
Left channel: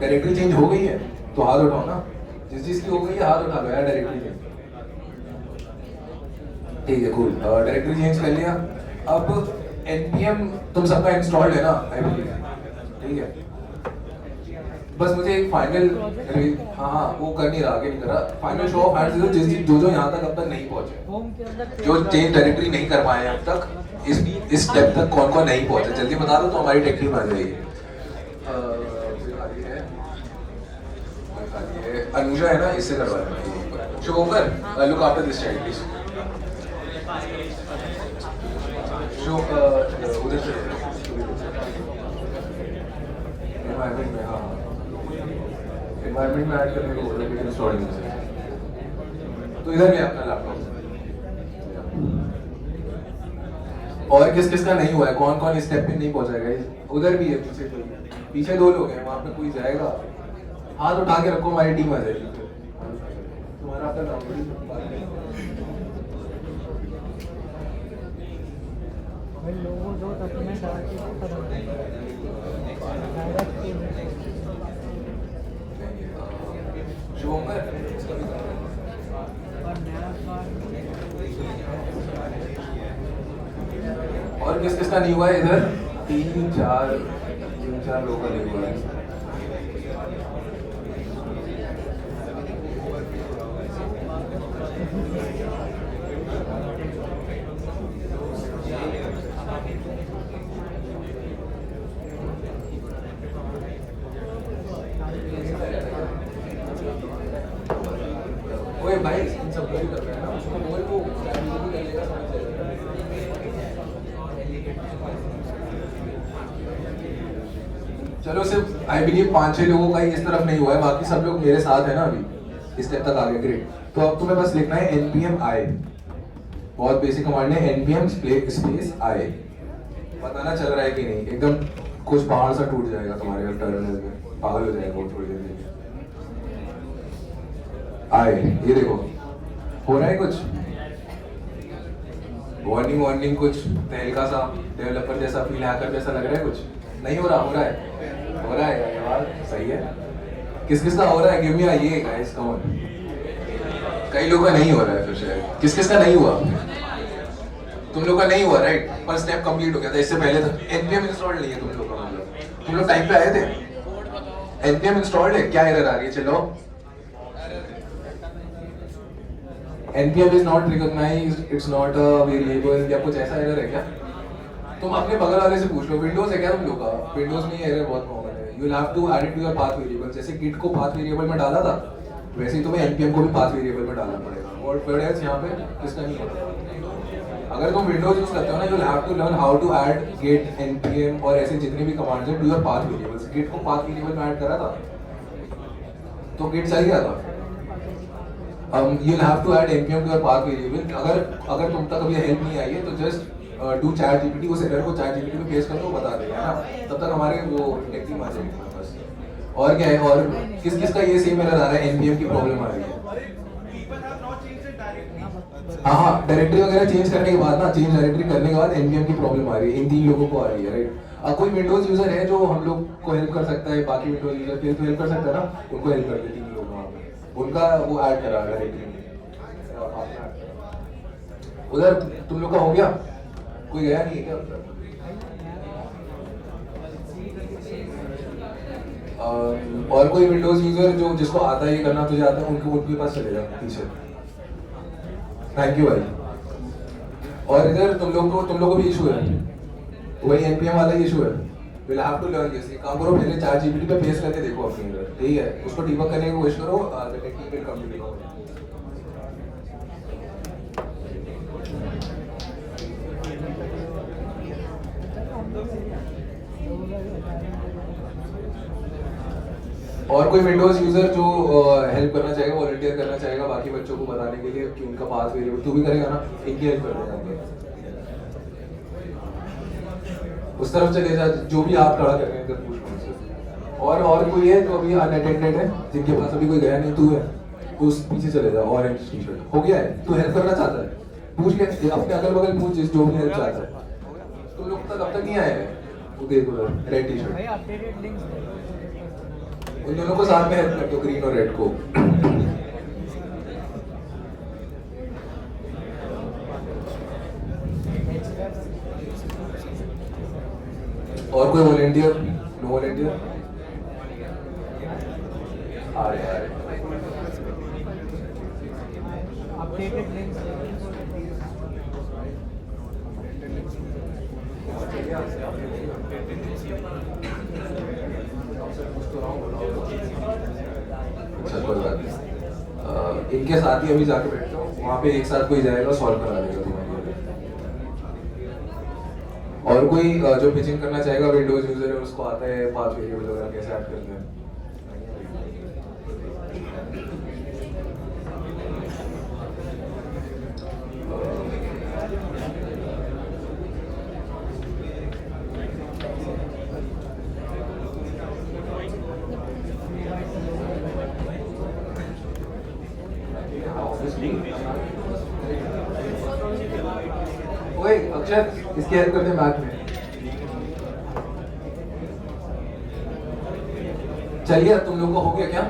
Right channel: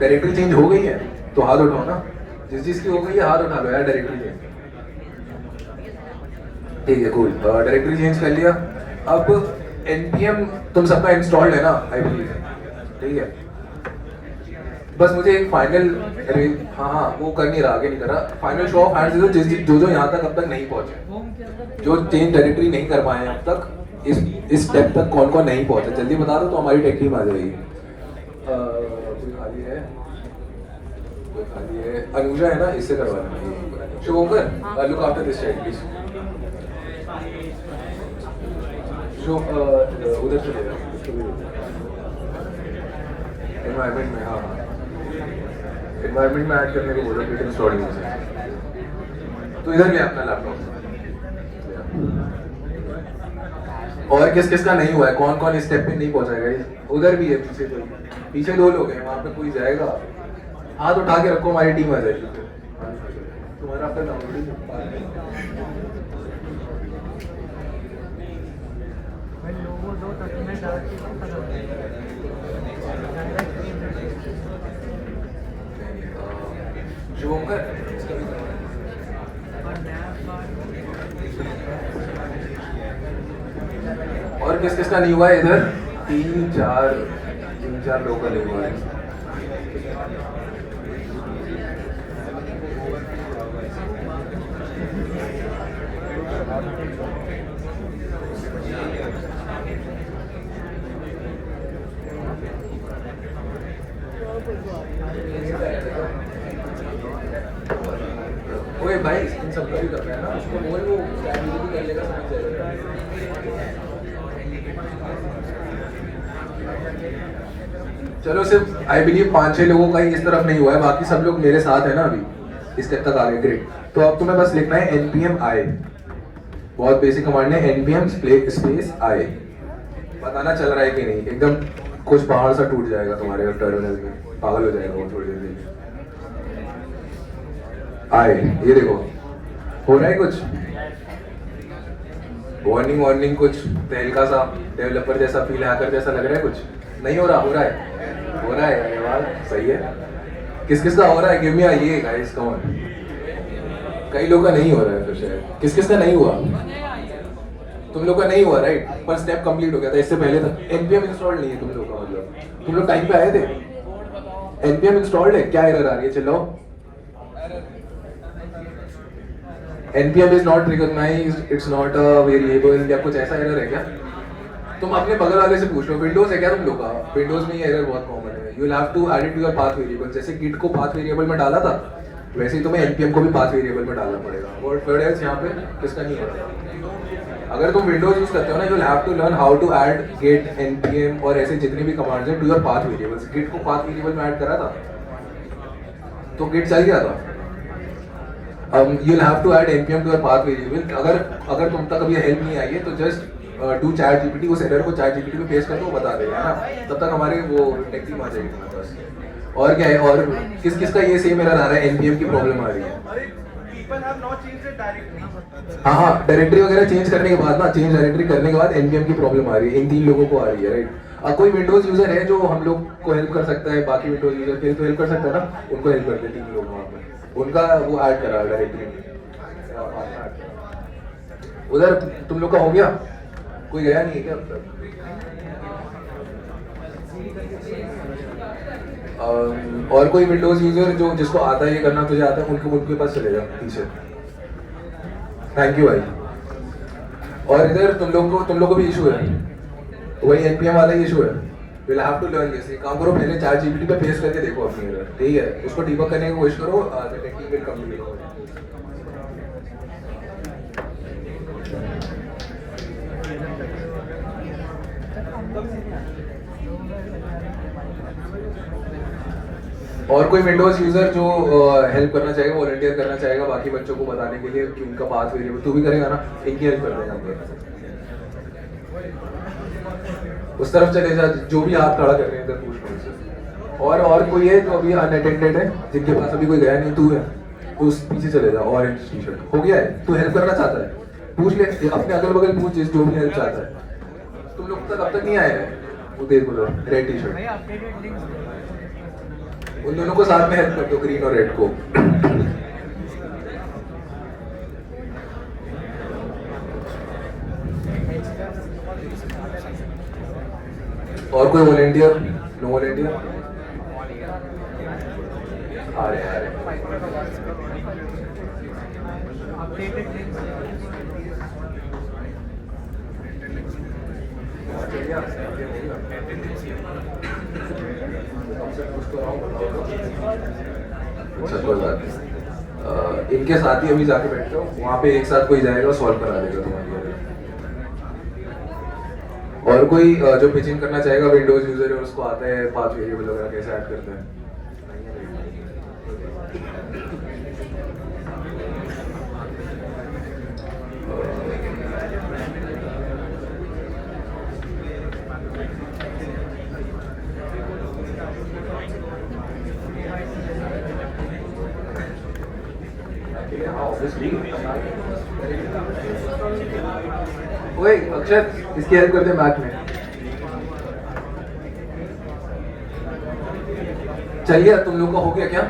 डायरेक्टरी चेंज हो गई है तो हाथ उठाओ ना, जिस चीज की हो गई है हाथ उठा लो यार। डायरेक्टरी चेंज ठीक है, कूल, डायरेक्टरी चेंज कर लिया। अब npm तुम सबका इंस्टॉल्ड है ना आई बिलीव, ठीक है? बस मुझे एक फाइनल, हाँ वो कर नहीं रहा, आगे नहीं कर रहा, फाइनल शो ऑफ हैंड्स दो जो यहाँ तक अब तक नहीं पहुंचे, जो चेंज डायरेक्टरी नहीं कर पाए अब तक, इस स्टेप तक कौन कौन नहीं पहुंचे, जल्दी बता दो तो हमारी टेक टीम आ जाएगी। अनुजा है ना, इससे करवा लेना। Shocker look after this child please. Show उधर से एनवायरनमेंट में, हाँ एनवायरनमेंट में ऐड करने को बोलो, लेकिन इंस्टॉलिंग से तो इधर ले अपना लैपटॉप। और किस किस का नहीं हुआ है, कौन कौन इस स्टेप पे नहीं पहुंचाएगा? उधर भी है पीछे दो लोग हैं, वहां पे कोई जाएगा हाथ उठा के रखो, हमारी टीम आ जाएगी। तुम्हारा आपका और किस किस का नहीं हुआ है इधर? तीन चार लोग का नहीं हुआ है। ओए भाई इन सब भी कर रहा है ना, उसको बोल वो भी कर लेगा, समझ जाएगा। चलो सिर्फ आई बिलीव 5-6 लोगों का ही इस तरफ नहीं हुआ है, बाकी सब लोग मेरे साथ है ना अभी इस स्टेप तक आ गए। ग्रेट। तो अब तुम्हें बस लिखना है npm i, बहुत बेसिक कमांड है, npm स्पेस i। बताना चल रहा है कि नहीं, एकदम कुछ पहाड़ सा टूट जाएगा तुम्हारे टर्मिनल में, पागल हो जाएगा वो थोड़ी देर में। i, ये देखो हो रहा है कुछ वार्निंग कुछ तहलका सा, डेवलपर जैसा फील, हैकर जैसा लग रहा है, कुछ नहीं हो रहा? हो रहा है धन्यवाद, सही है। किस किस का हो रहा है? गिव मी अ ये गाइस, कम ऑन। कई लोगों का नहीं हो रहा है, फिर शायद किस किस का नहीं हुआ? तुम लोग का नहीं हुआ राइट, पर स्टेप कंप्लीट हो गया था इससे पहले तक। npm इंस्टॉल नहीं है तुम लोग का, मतलब तुम लोग टाइम पे आए थे? npm इंस्टॉल्ड है? क्या एरर आ रही है? चलो, npm is not recognized, it's not a variable, या कुछ ऐसा एरर है क्या? तुम अपने बगल वाले से पूछ लो, विंडोज है क्या तुम लोग का? विंडोज में ये एरर बहुत कॉमन है। You will have to add it to your path variable. जैसे गिट को पाथ वेरिएबल में डाला था, वैसे ही तुम्हें npm को भी पाथ वेरिएबल में डालना पड़ेगा। और थर्ड एल्स यहाँ पे किसका नहीं होता। अगर तुम विंडोज यूज करते हो ना, you will have to learn how to add git, npm और ऐसे जितने भी कमांड्स हैं to your path variables. Git को पाथ वेरिएबल में ऐड करा था तो गिट चल गया था। You will have to add npm to your path variable। अगर तुम तक अभी हेल्प नहीं आई है तो जस्ट डू चैट जीपीटी, उस एरर को चैट जीपीटी में पेश कर दो, वो बता देगा, है ना? तब तक हमारे वो टेक टीम आ जाएगी तुम्हारे पास। और क्या है, और किस किस का ये सेम एरर आ रहा है, npm की प्रॉब्लम आ रही है? हाँ, डायरेक्टरी वगैरह चेंज करने के बाद ना, चेंज डायरेक्टरी करने के बाद npm की प्रॉब्लम आ रही है। इन 3 लोगों को आ रही है राइट। अब कोई विंडोज यूजर है जो हम लोग को हेल्प कर सकता है, बाकी विंडोज यूजर फिर तो हेल्प कर सकता है ना, उनको हेल्प कर दे 3 लोग वहाँ पे, उनका वो ऐड करा डायरेक्टरी में। उधर तुम लोग का हो गया? कोई गया नहीं है क्या? और कोई विंडोज यूजर जो जिसको आता है ये करना, तुझे आता है, उनके पास चलेगा पीछे। थैंक यू भाई। और इधर तुम लोग को भी इशू है, वही npm वाला ही इशू है। You will have to learn this। एक काम करो, पहले चैट जीपीटी पे पेस्ट करके देखो अपनी एरर, ठीक है? उसको डिबग करने की कोशिश करो, the tech team will come to you। और कोई विंडोज यूजर जो हेल्प करना चाहेगा, वॉलंटियर करना चाहेगा बाकी बच्चों को बताने के लिए कि उनका पाथ वेरिएबल, तू भी करेगा ना? इनकी हेल्प कर देगा हम। उस तरफ चले जा, जो भी हाथ खड़ा कर रहे हैं इधर पूछ लो उनसे। और कोई है जो अभी अनअटेंडेड है, जिनके पास अभी कोई गया नहीं? तू है, उस पीछे चले जाओ, ऑरेंज टी शर्ट। हो गया है? तू हेल्प करना चाहता है? पूछ ले अपने अगल बगल, पूछ जो भी हेल्प चाहता है। तुम लोग तक अब तक नहीं आए हैं? वो देखो तो रेड टी शर्ट, उन दोनों को साथ में हेल्प कर दो, ग्रीन और रेड को। और कोई वॉलंटियर? No volunteer? आ रहे इनके साथ ही अभी जाके बैठ जाओ, वहाँ पे एक साथ कोई जाएगा, सॉल्व करा देगा तुम्हारे। और कोई जो पिचिंग करना चाहेगा, विंडोज यूजर है, उसको आता है पाथ वेरिएबल वगैरह कैसे ऐड करते हैं? ओए अक्षर, इसकी हेल्प करते हैं मैथ में। चलिए, तुम लोगों का हो गया क्या?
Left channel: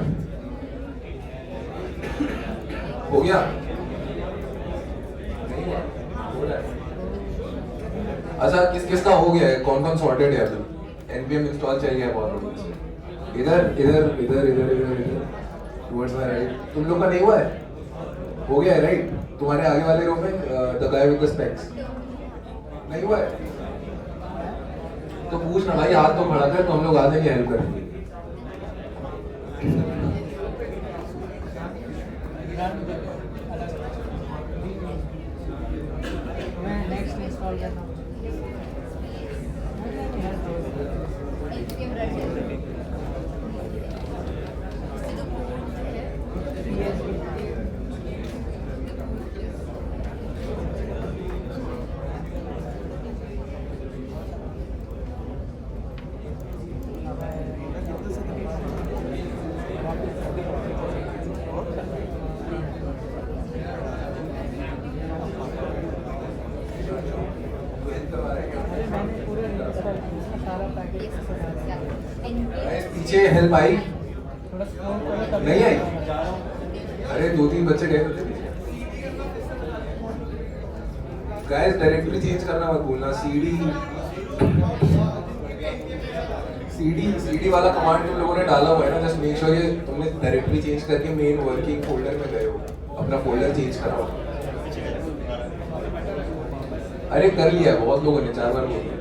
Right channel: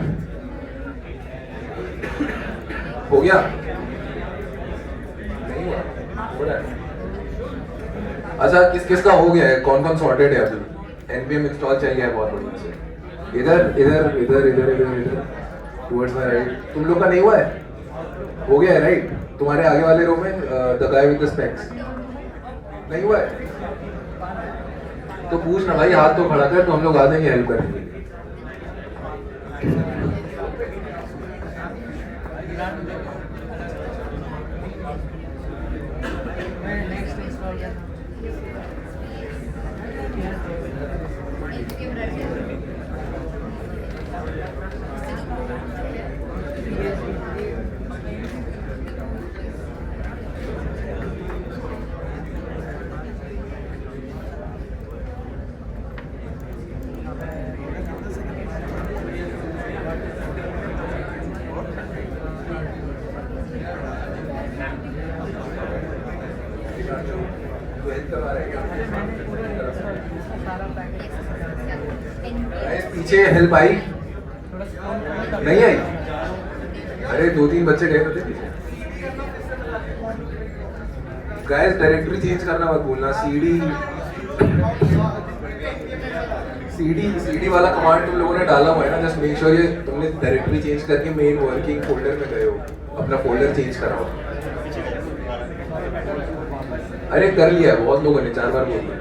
हो गया? नहीं हुआ? हो रहा है। अच्छा, किस किस का हो गया है? कौन कौन सॉर्टेड है अभी? npm इंस्टॉल चल गया है बहुत बढ़िया से। इधर इधर इधर इधर इधर इधर टुवर्ड्स द राइट। तुम लोग का नहीं हुआ है? हो गया है राइट? तुम्हारे आगे वाले रो में the guy with the specs नहीं हुआ है? तो पूछ ना भाई, हाथ तो खड़ा कर, तो हम लोग आ जाएंगे हेल्प करेंगे। नेक्स्ट पीछे हेल्प आई नहीं आई? अरे 2-3 बच्चे गए तो थे पीछे। गाइस डायरेक्टरी चेंज करना मत भूलना। सीडी वाला कमांड तुम लोगों ने डाला हुआ है ना, जस्ट मेक श्योर ये तुमने डायरेक्टरी चेंज करके मेन वर्किंग फोल्डर में गए हो, अपना फोल्डर चेंज कराओ। अरे कर लिया है, बहुत लोगों ने 4 बार बोल दिया।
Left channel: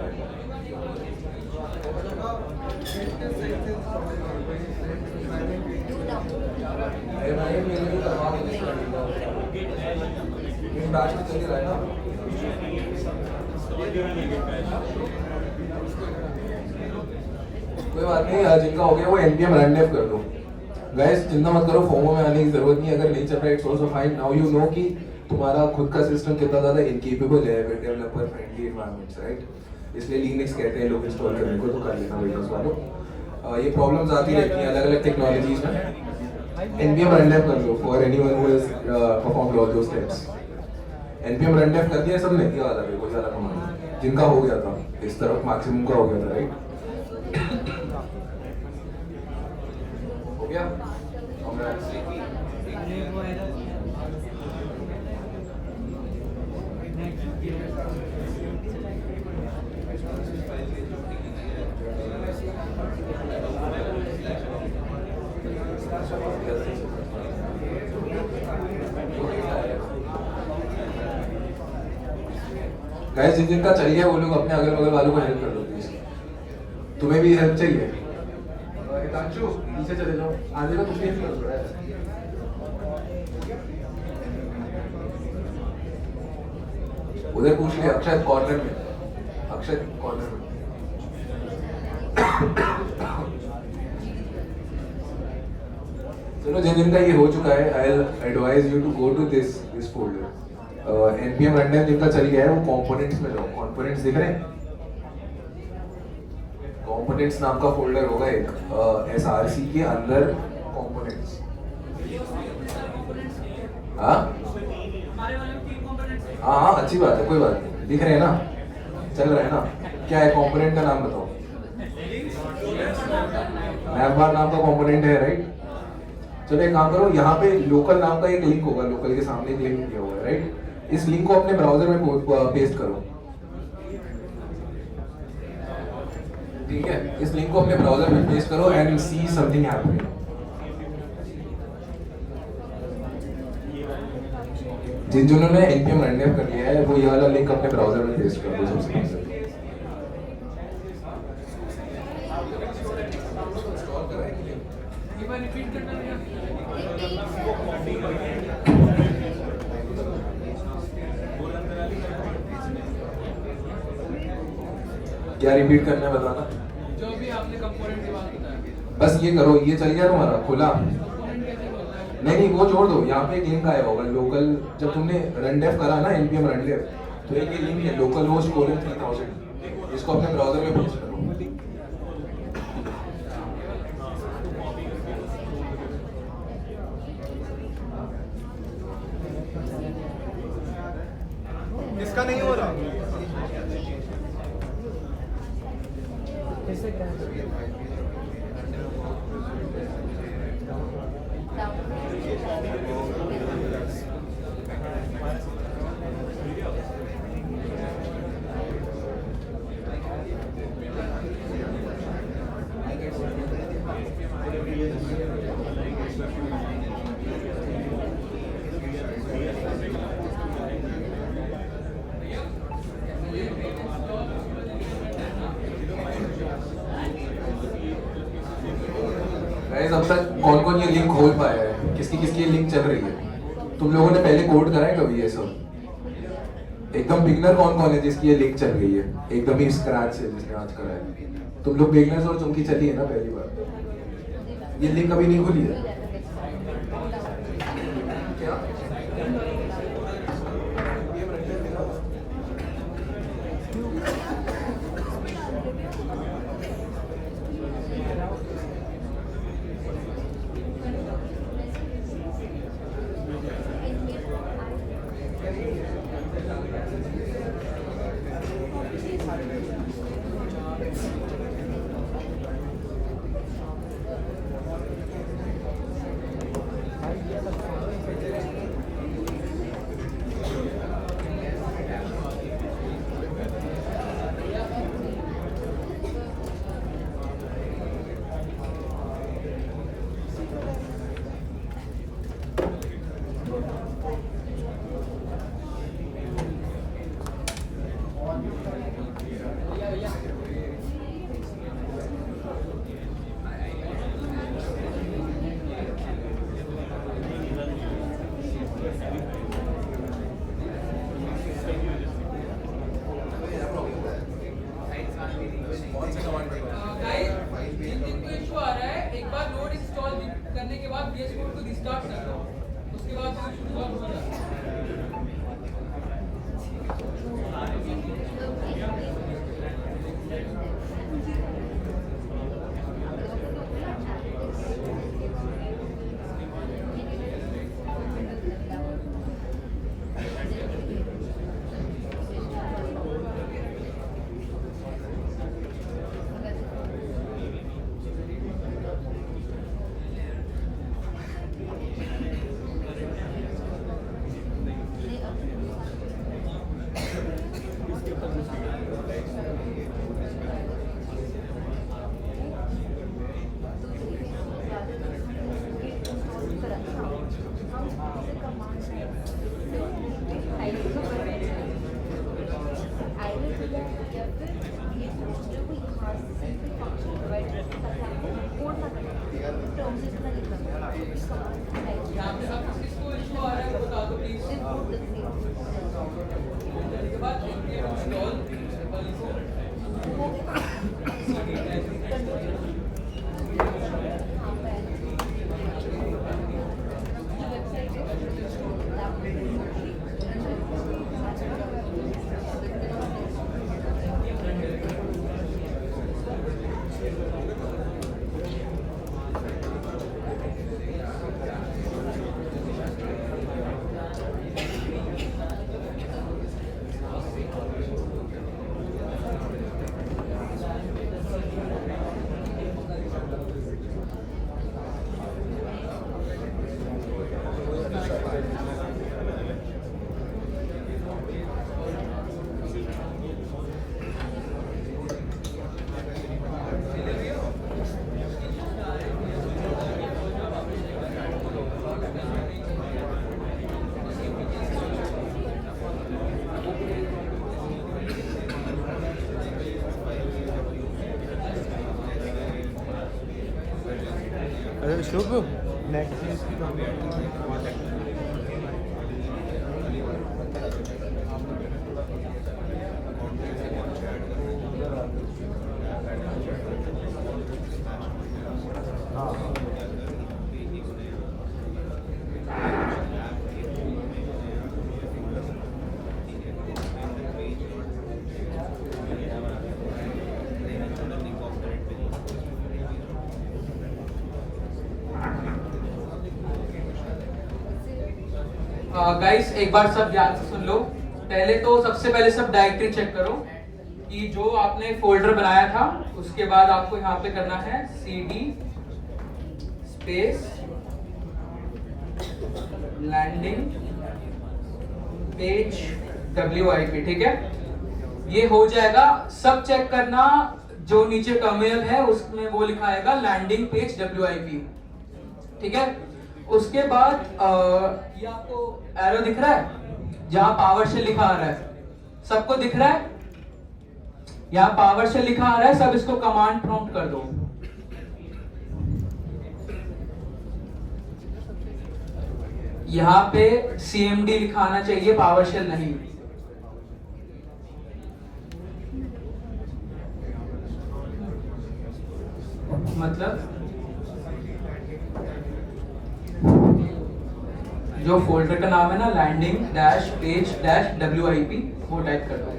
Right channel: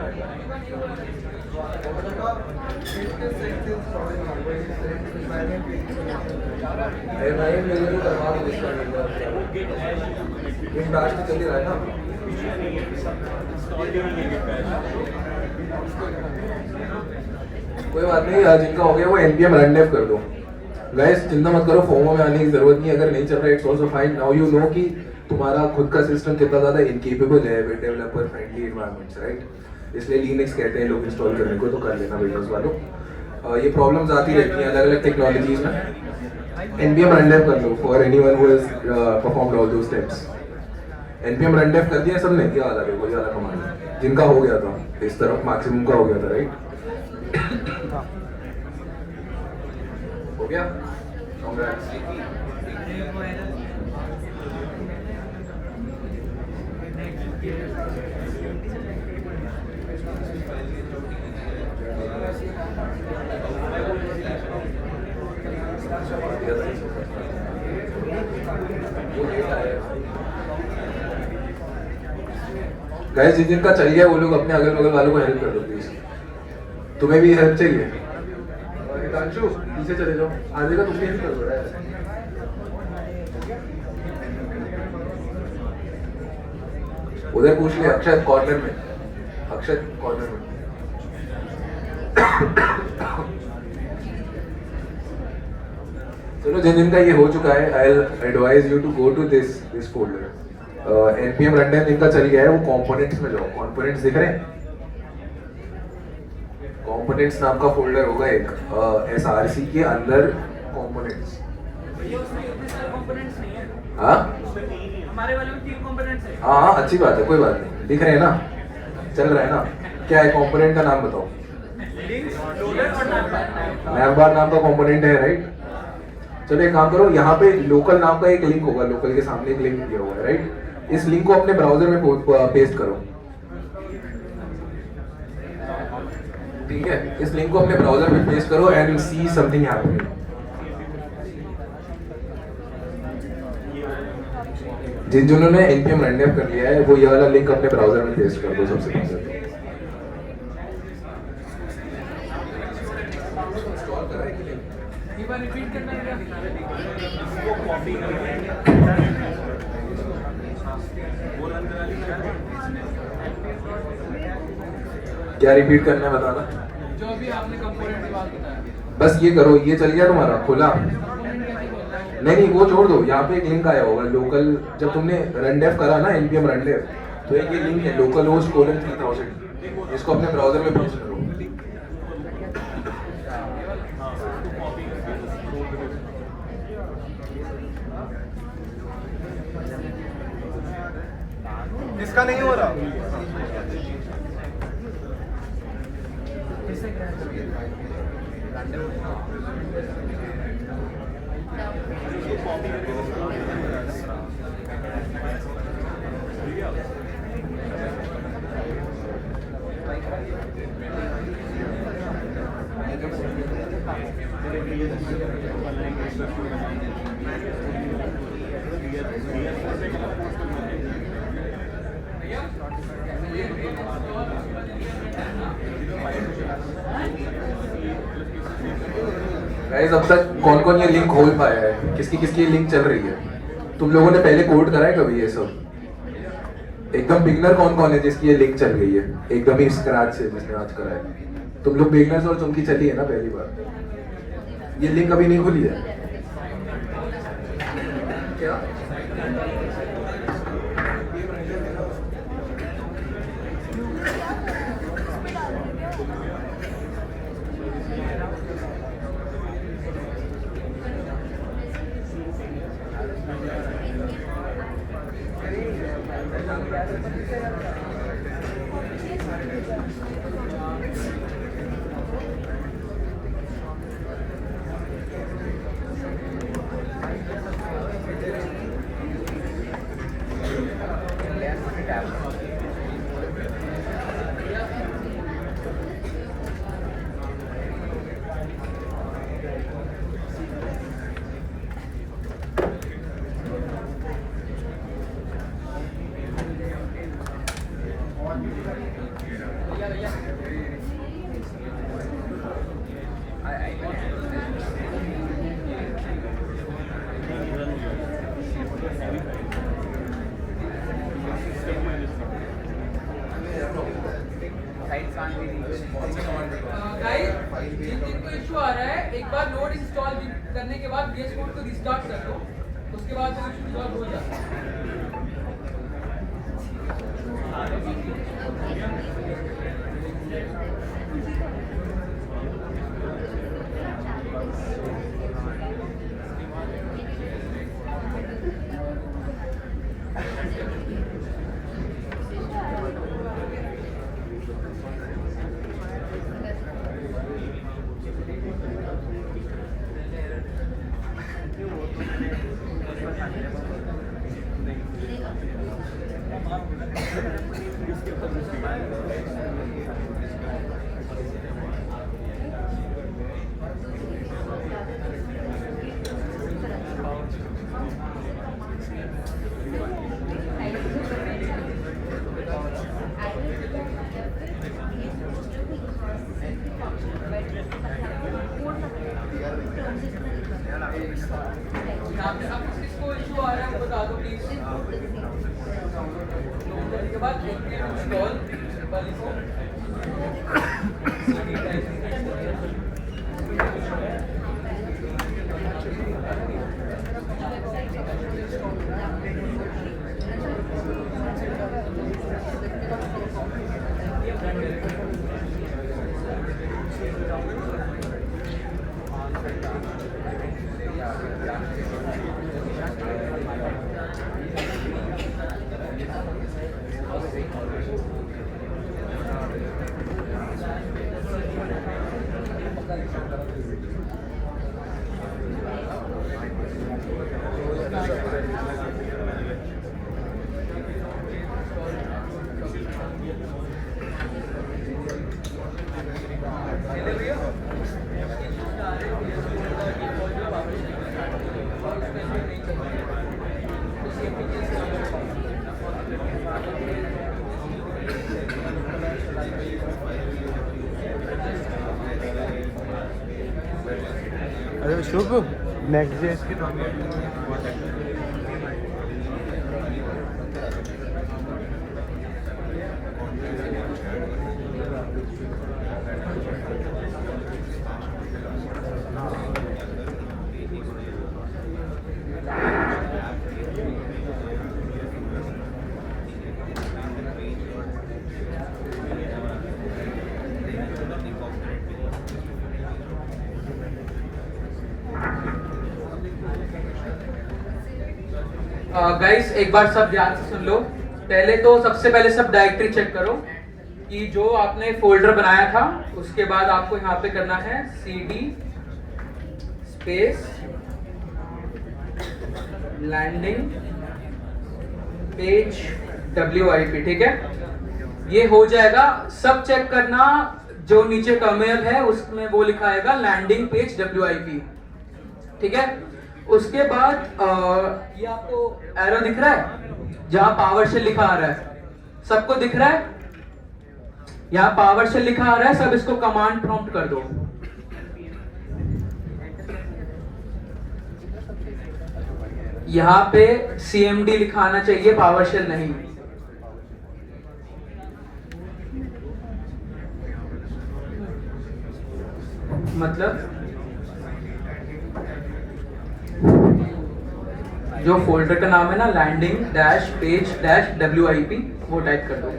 अरे भाई मेरे को करना भी नहीं पड़ेगा, इन बैच में चल रहा है ना। कोई बात नहीं, जिनका हो गया वो npm rundev कर दो। गाइस चिंता मत करो, फोमो में आने की जरूरत नहीं। अगर नहीं चल रहा है it's also fine. Now you know कि तुम्हारा खुद का सिस्टम कितना ज्यादा इनकेपेबल है with developer friendly environments, right? इसलिए लिनक्स कहते हैं लोग इंस्टॉल करने को, तो कर लेना विंडोज वालों। ये प्रॉब्लम्स आती रहती हैं अलग-अलग टेक्नोलॉजीज में। npm rundev कर लो for anyone who has performed all those steps. npm rundev कर दिया सबने? क्या वाला है कोई वाला कमांड जिनका हो गया था, इस तरफ मैक्सिमम का हो गया था, राइट? हो गया? कांग्रेट्स। गाइस जिनका चल गया वो लोग अपने अगल बगल वालों को हेल्प कर दो प्लीज। तुम्हें भी हेल्प चाहिए? हितांशु पीछे चले जाओ, आगे का तुमने हेल्प कर दो यार। उधर पूछ ले, अक्षय कॉर्नर में, अक्षय कॉर्नर में। चलो जिनका ये हो चुका है, I will advise you to go to this folder. npm rundev जिनका चल गया है वो कंपोनेंट्स में जाओ। कंपोनेंट्स दिख रहे हैं? कंपोनेंट्स नाम का फोल्डर होगा एक, src के अंदर कंपोनेंट्स। हाँ हमारे वाले में 3 कंपोनेंट्स हैं। हाँ अच्छी बात है, कोई बात नहीं, दिख रहे हैं ना, चल रहा है ना। क्या है कंपोनेंट का नाम बताओ? navbar नाम का कंपोनेंट है, राइट? चलो एक काम करो, यहाँ पे लोकल नाम का एक लिंक होगा, लोकल के सामने एक लिंक दिया हुआ है, राइट? इस लिंक को अपने ब्राउजर में पेस्ट करो, ठीक है? इस लिंक को अपने ब्राउजर में पेस्ट करो एंड सी समथिंग हैपनिंग। जिन्होंने npm rundev कर लिया है वो ये वाला लिंक अपने ब्राउजर में पेस्ट कर दो सबसे पहले। क्या रिपीट करना है बताना? जो भी आपने कंपोनेंट की बात बताई, बस ये करो, ये चल गया तुम्हारा खुला? नहीं वो छोड़ दो, यहाँ पे एक लिंक आया होगा लोकल, जब तुमने rundev करा ना npm rundev, तो एक ये लिंक है localhost:3000, इसको अपने ब्राउजर में पेस्ट करो। इसका नहीं हो रहा। गाइस अब तक कौन कौन ये लिंक खोल पाया है? किसकी किसकी लिंक चल रही है? तुम लोगों ने पहले कोड करा है कभी ये सब? एकदम बिगनर कौन कौन है जिसकी ये लिंक चल गई है एकदम ही स्क्रैच से, जिसने आज करा है? तुम लोग बिगनर्स और तुमकी चली है ना पहली बार, ये लिंक अभी नहीं खुली है क्या? जिनको इशू आ रहा है एक बार लोड इंस्टॉल करने के बाद VS Code को रिस्टार्ट कर लो, उसके बाद वो इशू सॉल्व हो जाता है। यहाँ पे अब किसको इशू आ रहा है वो बता दो प्लीज। के बाद इंस्टॉल अरे शुभ नेक्स्ट जेस की गाइस एक बार सब ध्यान से सुन लो। पहले तो सबसे पहले सब डायरेक्टरी चेक करो कि जो आपने फोल्डर बनाया था, उसके बाद आपको यहाँ पे करना है cd space landing page WIP, ठीक है। ये हो जाएगा, सब चेक करना। जो नीचे टर्मिनल है उसमें वो लिखा आएगा लैंडिंग पेज WIP, ठीक है। उसके बाद ये आपको एरो दिख रहा है जहां पावरशेल लिखा आ रहा है, सबको दिख रहा है? यहाँ पावरशेल लिखा आ रहा है, सब इसको कमांड प्रॉम्प्ट कर दो। यहाँ पे CMD लिखाना चाहिए, पावरशेल नहीं। मतलब जो फोल्डर का नाम है ना, landing dash page dash WIP, वो टाइप कर दो।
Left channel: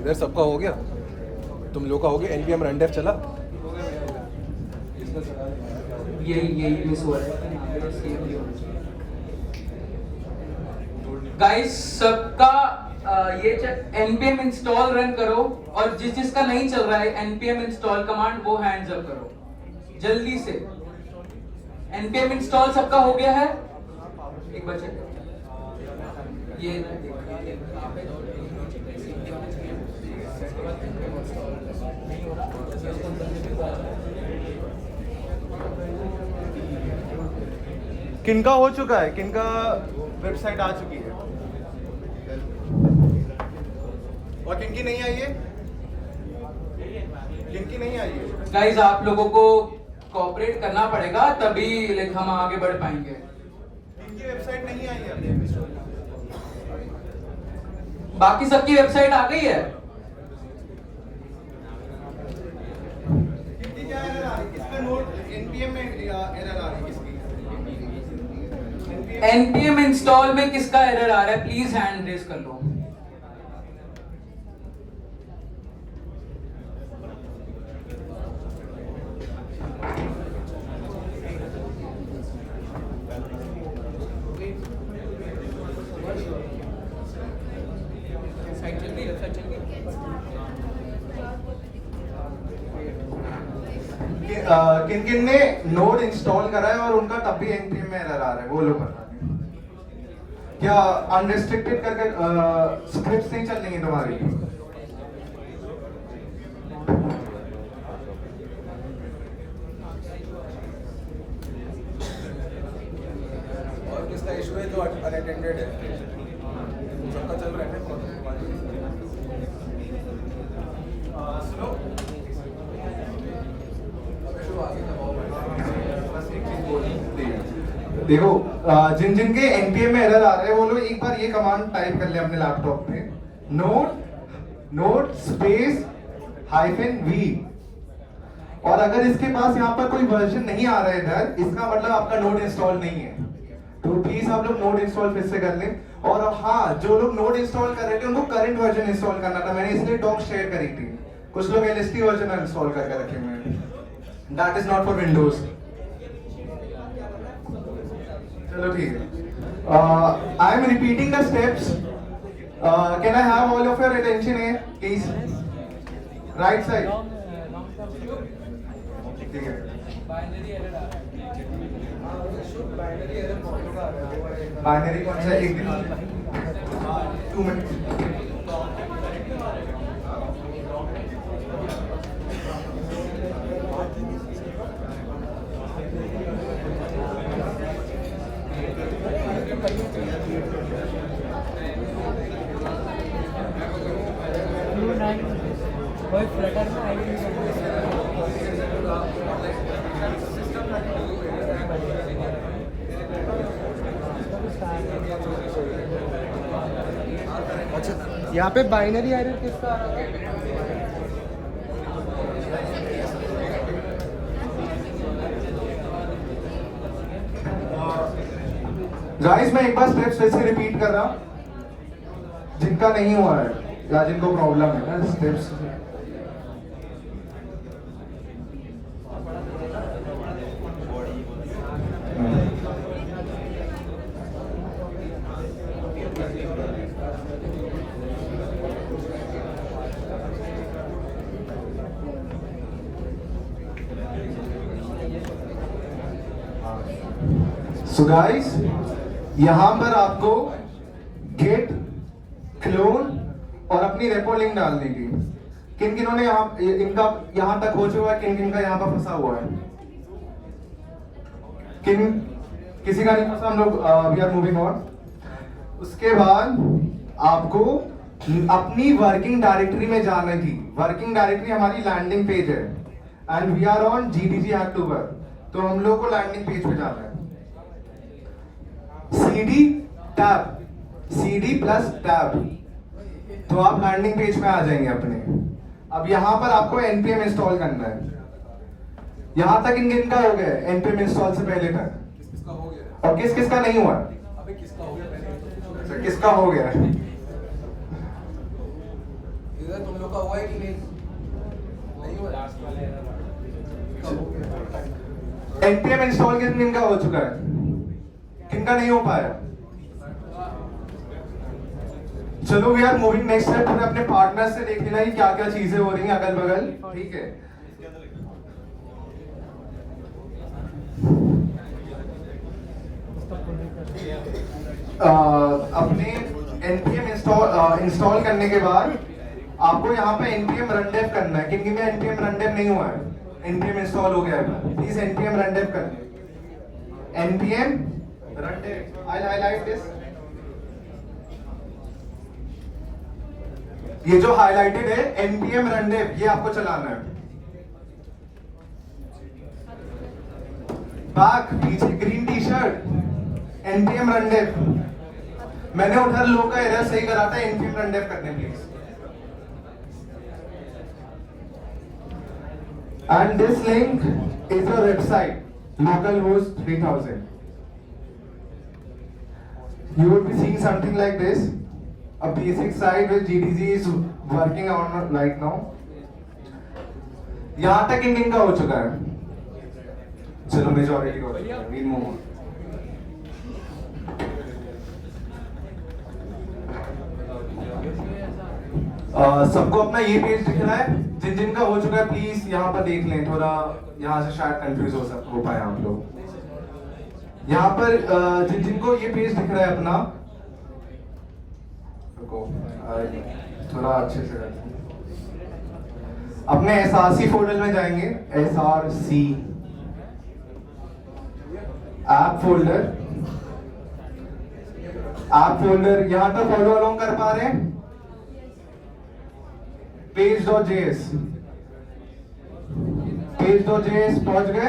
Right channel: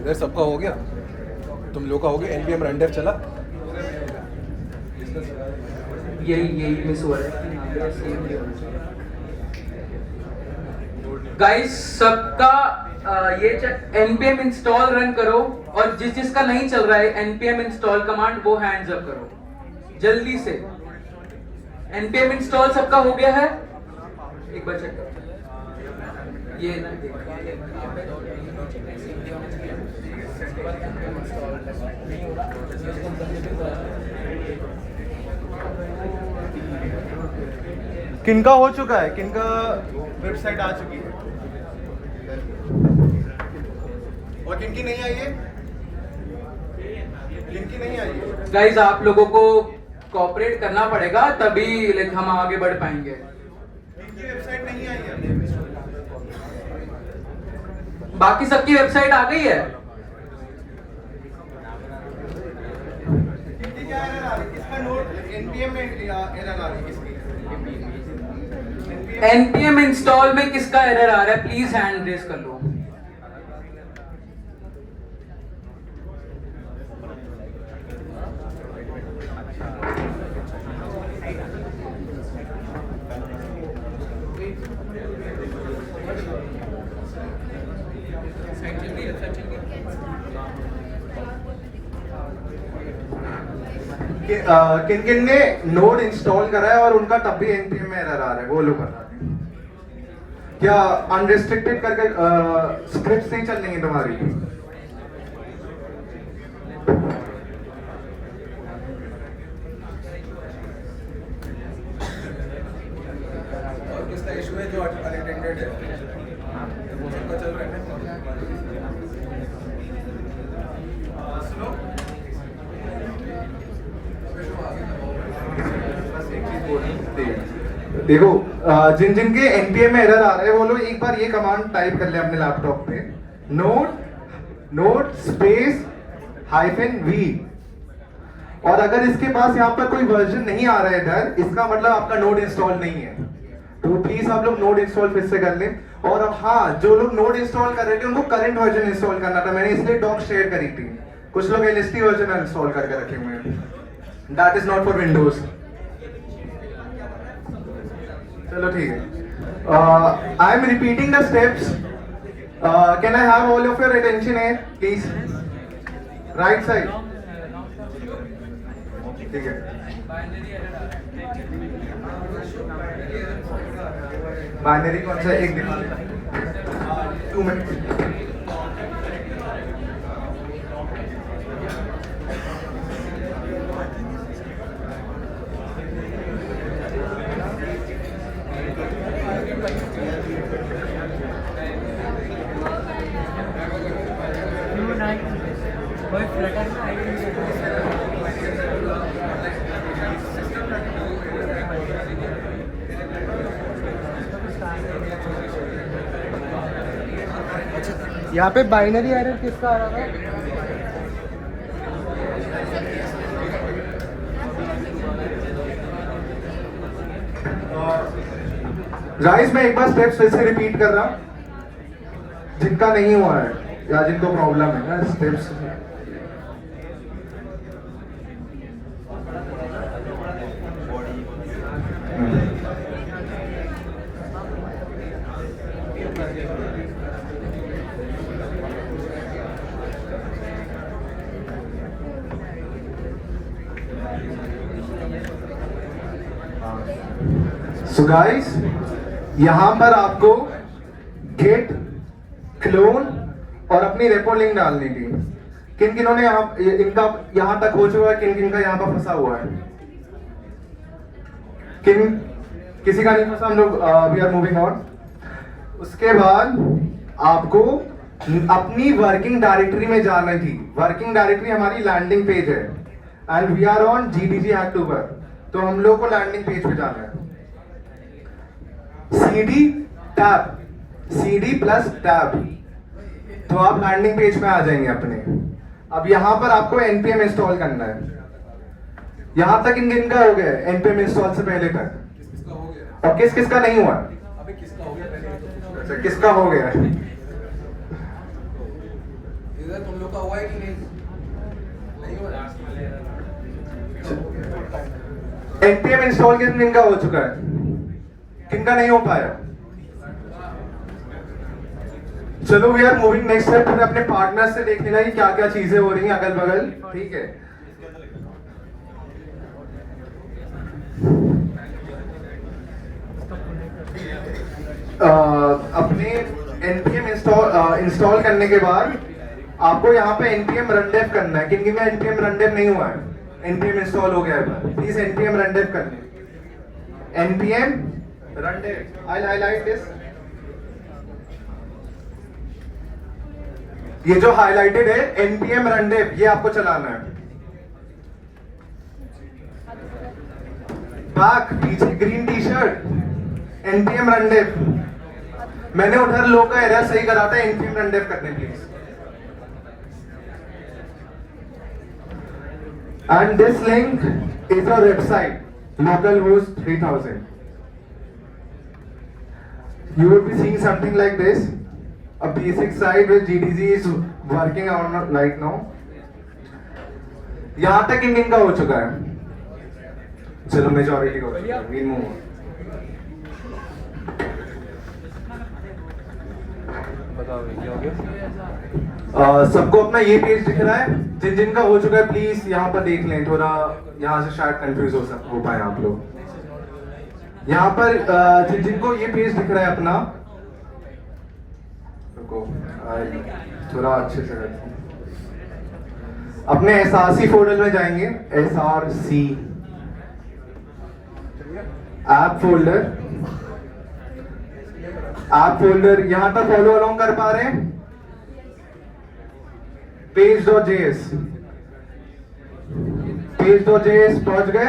इधर सबका हो गया, तुम लोग का हो गया। npm render चला, यही मिस हुआ है गाइस। सबका ये npm इंस्टॉल रन करो, और जिसका नहीं चल रहा है npm इंस्टॉल कमांड, वो हैंड्स अप करो जल्दी से। npm इंस्टॉल सबका हो गया है? एक बार चेक करो। ये किनका हो चुका है, किनका वेबसाइट आ चुकी है और किनकी नहीं आई है, किनकी नहीं आई है? गाइस आप लोगों को कोऑपरेट करना पड़ेगा, तभी लाइक हम आगे बढ़ पाएंगे। किनकी वेबसाइट नहीं आई है? बाकी सबकी वेबसाइट आ गई है। किनकी क्या एरर आ रही है? किसका नोट npm में एरर आ रही है? किसकी npm इंस्टॉल में किसका एरर आ रहा है? प्लीज हैंड रेज कर लो। किन किन ने नोड इंस्टॉल करा है और उनका तब भी npm में एरर आ रहा है, वो लोग बता दें। क्या अनरिस्ट्रिक्टेड करके स्क्रिप्ट्स नहीं चल रही तुम्हारी? और किसका इशू है जो अनअटेंडेड है? वो सबका चल रहा है ना? सुनो, देखो जिन जिन के npm में एरर आ रहे हैं वो लोग एक बार ये कमांड टाइप कर ले अपने लैपटॉप पे, नोड स्पेस -v। और अगर इसके पास यहाँ पर कोई वर्जन नहीं आ रहा है इधर, इसका मतलब आपका नोड इंस्टॉल नहीं है। तो प्लीज आप लोग नोड इंस्टॉल फिर से कर लें। और हाँ, जो लोग नोड इंस्टॉल कर रहे थे उनको करंट वर्जन इंस्टॉल करना था, मैंने इसलिए डॉक शेयर करी थी। कुछ लोग LST वर्जन इंस्टॉल करके रखे हुए हैं, that is not for Windows. चलो ठीक है, I am repeating the steps. Can I have all of your attention है प्लीज? राइट साइड, ठीक है। बाइनरी कौन सा? एक दिन 2 मिनट। यहाँ पे बाइनरी एरर किसका आ रहा था? गाइस मैं एक बार स्टेप्स फिर से रिपीट कर रहा हूं, जिनका नहीं हुआ है या जिनको प्रॉब्लम है ना, स्टेप्स सो गाइस यहां पर आपको गेट क्लोन और अपनी रेपो लिंक डालनी थी। किन किनों ने इनका यहां तक हो चुका है, किन किन का यहां पर फंसा हुआ है? किसी का नहीं फंसा? हम लोग वी आर मूविंग ऑन। उसके बाद आपको अपनी वर्किंग डायरेक्टरी में जाना थी। वर्किंग डायरेक्टरी हमारी लैंडिंग पेज है and we are on GDG Hacktober, तो हम लोग को लैंडिंग पेज पे जाना है। CD प्लस टैब, तो आप लैंडिंग पेज पे आ जाएंगे अपने। अब यहाँ पर आपको npm इंस्टॉल करना है। यहाँ तक इन का हो गया है npm इंस्टॉल से पहले तक, किसका हो गया? और किसका नहीं हुआ? अबे किसका हो गया पहले ये तो पूछो। अच्छा, किसका हो गया है? इधर तुम लोग का हुआ है कि नहीं? नहीं हुआ? किसका हो गया? npm इंस्टॉल किनका हो चुका है, किनका नहीं हो पाया? चलो we are moving next step. फिर अपने पार्टनर से देख लेना कि क्या क्या चीजें हो रही हैं अगल बगल, ठीक है? अपने npm इंस्टॉल करने के बाद आपको यहाँ पे npm run dev करना है। किन का npm run dev नहीं हुआ है, npm इंस्टॉल हो गया है, प्लीज npm run dev करना है। npm run dev, I'll highlight this। ये जो हाईलाइटेड है npm run dev, ये आपको चलाना है। बैक पीछे green tea shirt, npm run dev। मैंने उधर लो का एरर सही करा था, npm run dev करने please. And this link is our website, localhost 3000. You will be seeing something like this, a basic site which GDG is working on right now. यहाँ तक इन का हो चुका है। चलो मेजॉरिटी हो चुका है, we'll move on. सबको अपना ये पेज दिख रहा है? जिन जिनका हो चुका है प्लीज यहाँ पर देख लें, थोड़ा यहाँ से शायद कंफ्यूज हो पाए आप लोग। यहाँ पर जिन जिनको ये पेज दिख रहा है अपना, रुको थोड़ा अच्छे से करते हैं। अपने SRC फोल्डर में जाएंगे, SRC ऐप फोल्डर यहाँ तक फॉलो अलोंग कर पा रहे हैं? page.js पहुंच गए?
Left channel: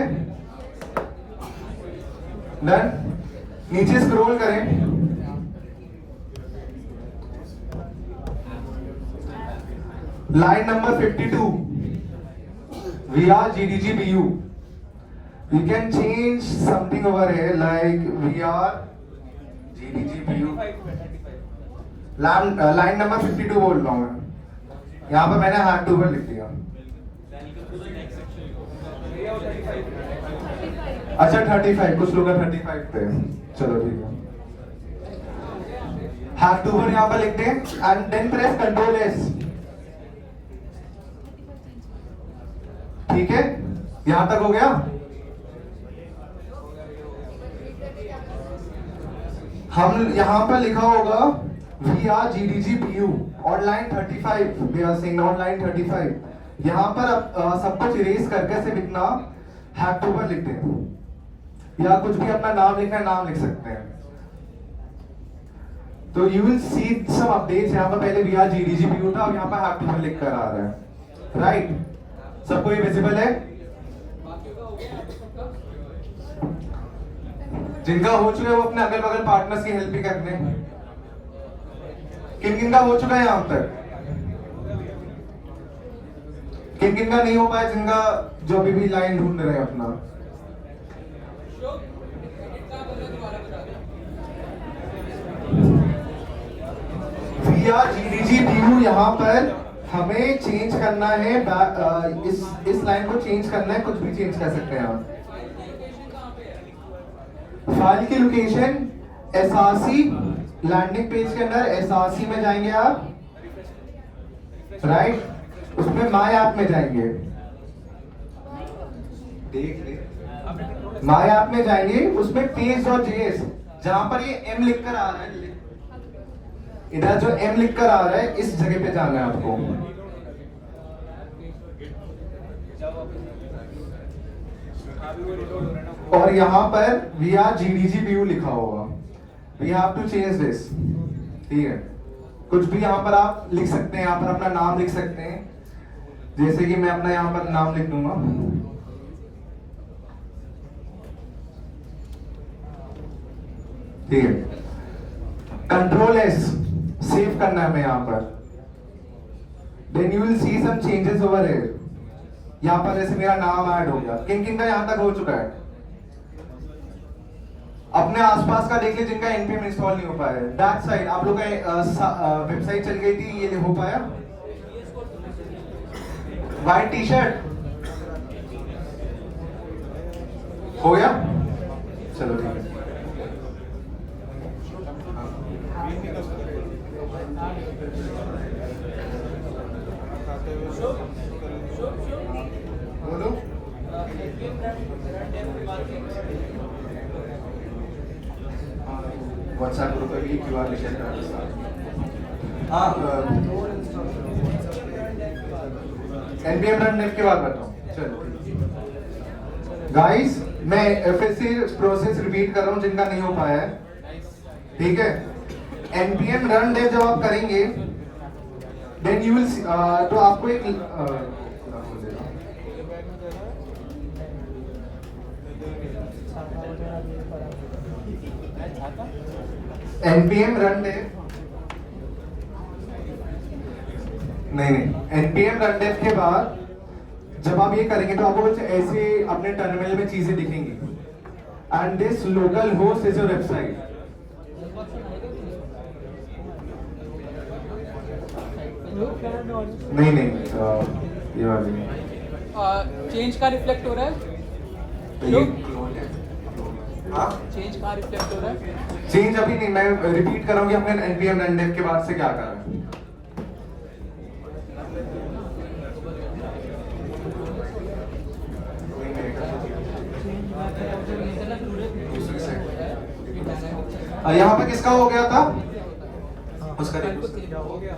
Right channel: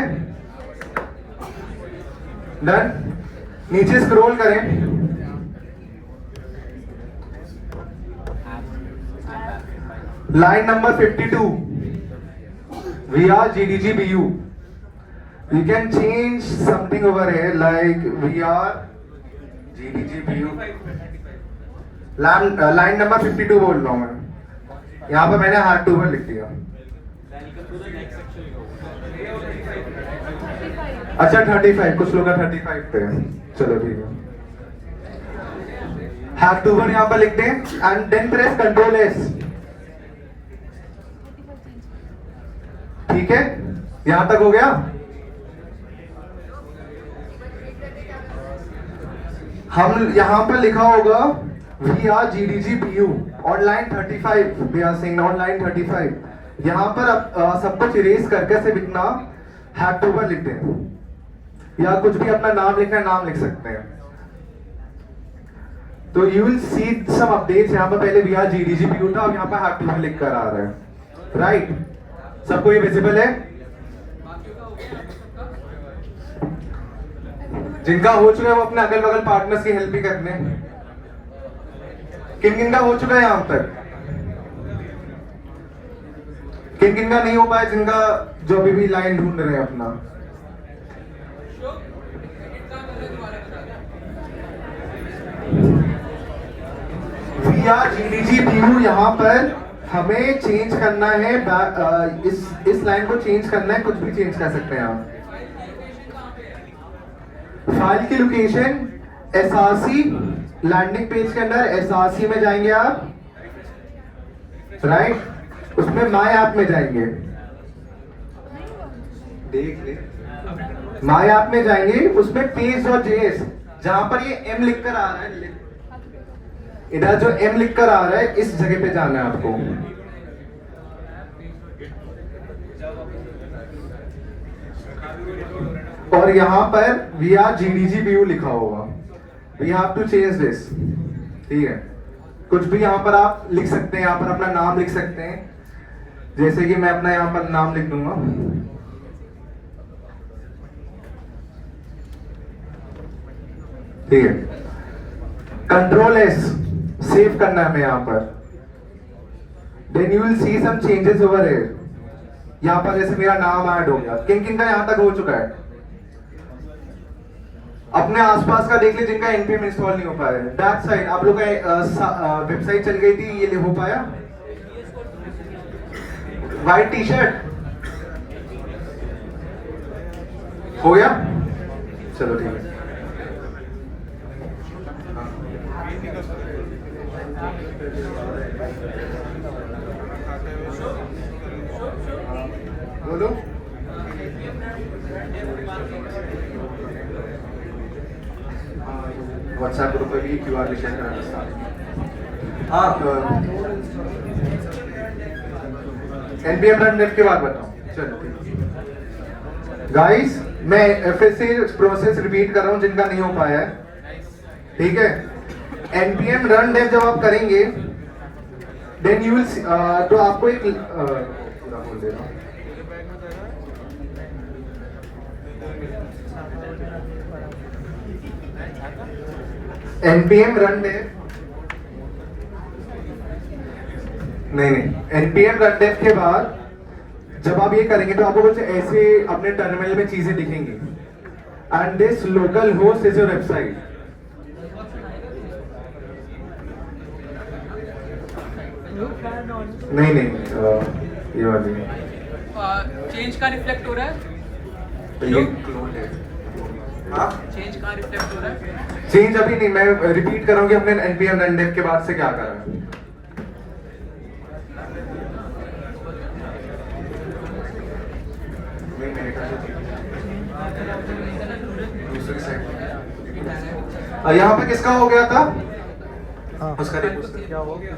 डन। नीचे स्क्रॉल करें, line number 52, we are GDG BU. You can change something over here like we are GDG BU. Line number 52 बोल रहा हूं मैं। यहाँ पर मैंने हार्ड टू पर लिख दिया। अच्छा 35, कुछ लोग 35 पे हैं, चलो ठीक है। हार्ड टू पर यहाँ पर लिखते हैं and then press control S, ठीक है? यहां तक हो गया? हम यहां पर लिखा होगा we are GDG BU on line 35, we are saying on line 35। यहाँ पर सब कुछ इरेज करके सिर्फ इतना हैड टू पर लिखते हैं, या कुछ भी अपना नाम लिखना है, नाम लिख सकते हैं। तो you will see some updates. यहाँ पर पहले we are GDG BU था, अब यहाँ पर हैड टू पर लिख कर आ रहा है, राइट? सबको ये विजिबल है? जिनका हो चुका है वो अपने अगल बगल पार्टनर्स की हेल्प भी करने। किन किन का हो चुका है यहाँ तक? किन किन का नहीं हो पाया? जिनका जो अभी भी लाइन ढूंढ रहे हैं अपना। We are GDG BU, यहाँ पर हमें चेंज करना है, इस लाइन को चेंज करना है, कुछ भी चेंज कर सकते हैं आप। फाइल की लोकेशन SRC, लैंडिंग पेज के अंदर SRC में जाएंगे आप, राइट? उसमें माय ऐप में जाएंगे, देख ले, माय ऐप में जाएंगे, उसमें page.js, जहां पर ये M लिखकर आ रहा है, इधर जो M लिखकर आ रहा है इस जगह पे जाना है आपको। और यहाँ पर we are GDG BU लिखा होगा। We have to change this, ठीक है? कुछ भी यहाँ पर आप लिख सकते हैं, यहाँ पर अपना नाम लिख सकते हैं, जैसे कि मैं अपना यहाँ पर नाम लिख दूंगा, ठीक है? कंट्रोल एस सेव करना है हमें यहाँ पर। Then you will see some changes over here. यहाँ पर जैसे मेरा नाम ऐड हो गया। किन किन का यहाँ तक हो चुका है? अपने आसपास का देख ले जिनका npm इंस्टॉल नहीं हो पाया। दैट साइड आप लोग का वेबसाइट चल गई थी, ये हो पाया? व्हाइट टी शर्ट, हो गया? चलो ठीक है। बोलो। व्हाट्सएप ग्रुप पे भी QR शेयर करना। हाँ, NPM रन डेव के बाद बताओ। चलो गाइस, मैं फिर से प्रोसेस रिपीट कर रहा हूँ जिनका नहीं हो पाया है, ठीक है? NPM रन डेव जब आप करेंगे, देन यू विल, तो आपको एक NPM रन डेव, नहीं, NPM रन डेव के बाद जब आप ये करेंगे तो आपको कुछ ऐसे अपने टर्मिनल में चीजें दिखेंगी। And this local host is your website. नहीं, ये वाली चेंज का रिफ्लेक्ट हो रहा है? चेंज का रिफ्लेक्ट हो रहा है? चेंज अभी नहीं, मैं रिपीट कर रहा हूँ कि अपने NPM रन डेव के बाद से क्या करा है। यहाँ पे किसका हो गया था? उसका हो गया।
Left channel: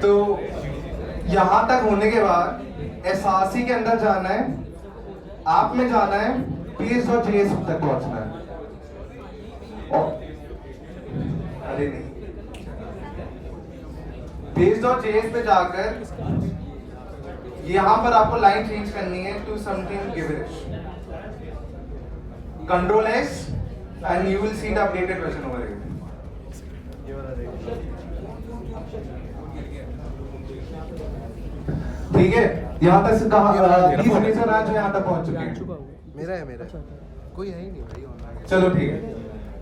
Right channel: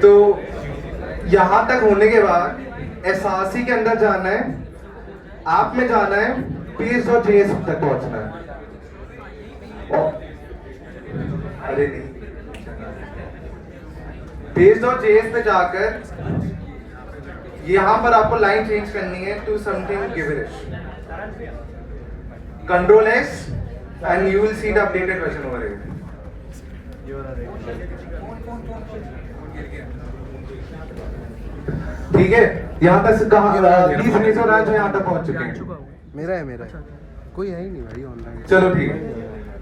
तो यहां तक होने के बाद SRC के अंदर जाना है, आप में जाना है, PS.js तक पहुंचना है। अरे नहीं, PS.js पे जाकर यहां पर आपको लाइन चेंज करनी है to something gibberish. Control S and you will see the updated version over here. ठीक है, यहाँ तक कहाँ प्लीज मेरे से जो यहाँ तक पहुँच चुके हैं। मेरा है कोई है ही नहीं भाई ऑनलाइन। चलो ठीक है।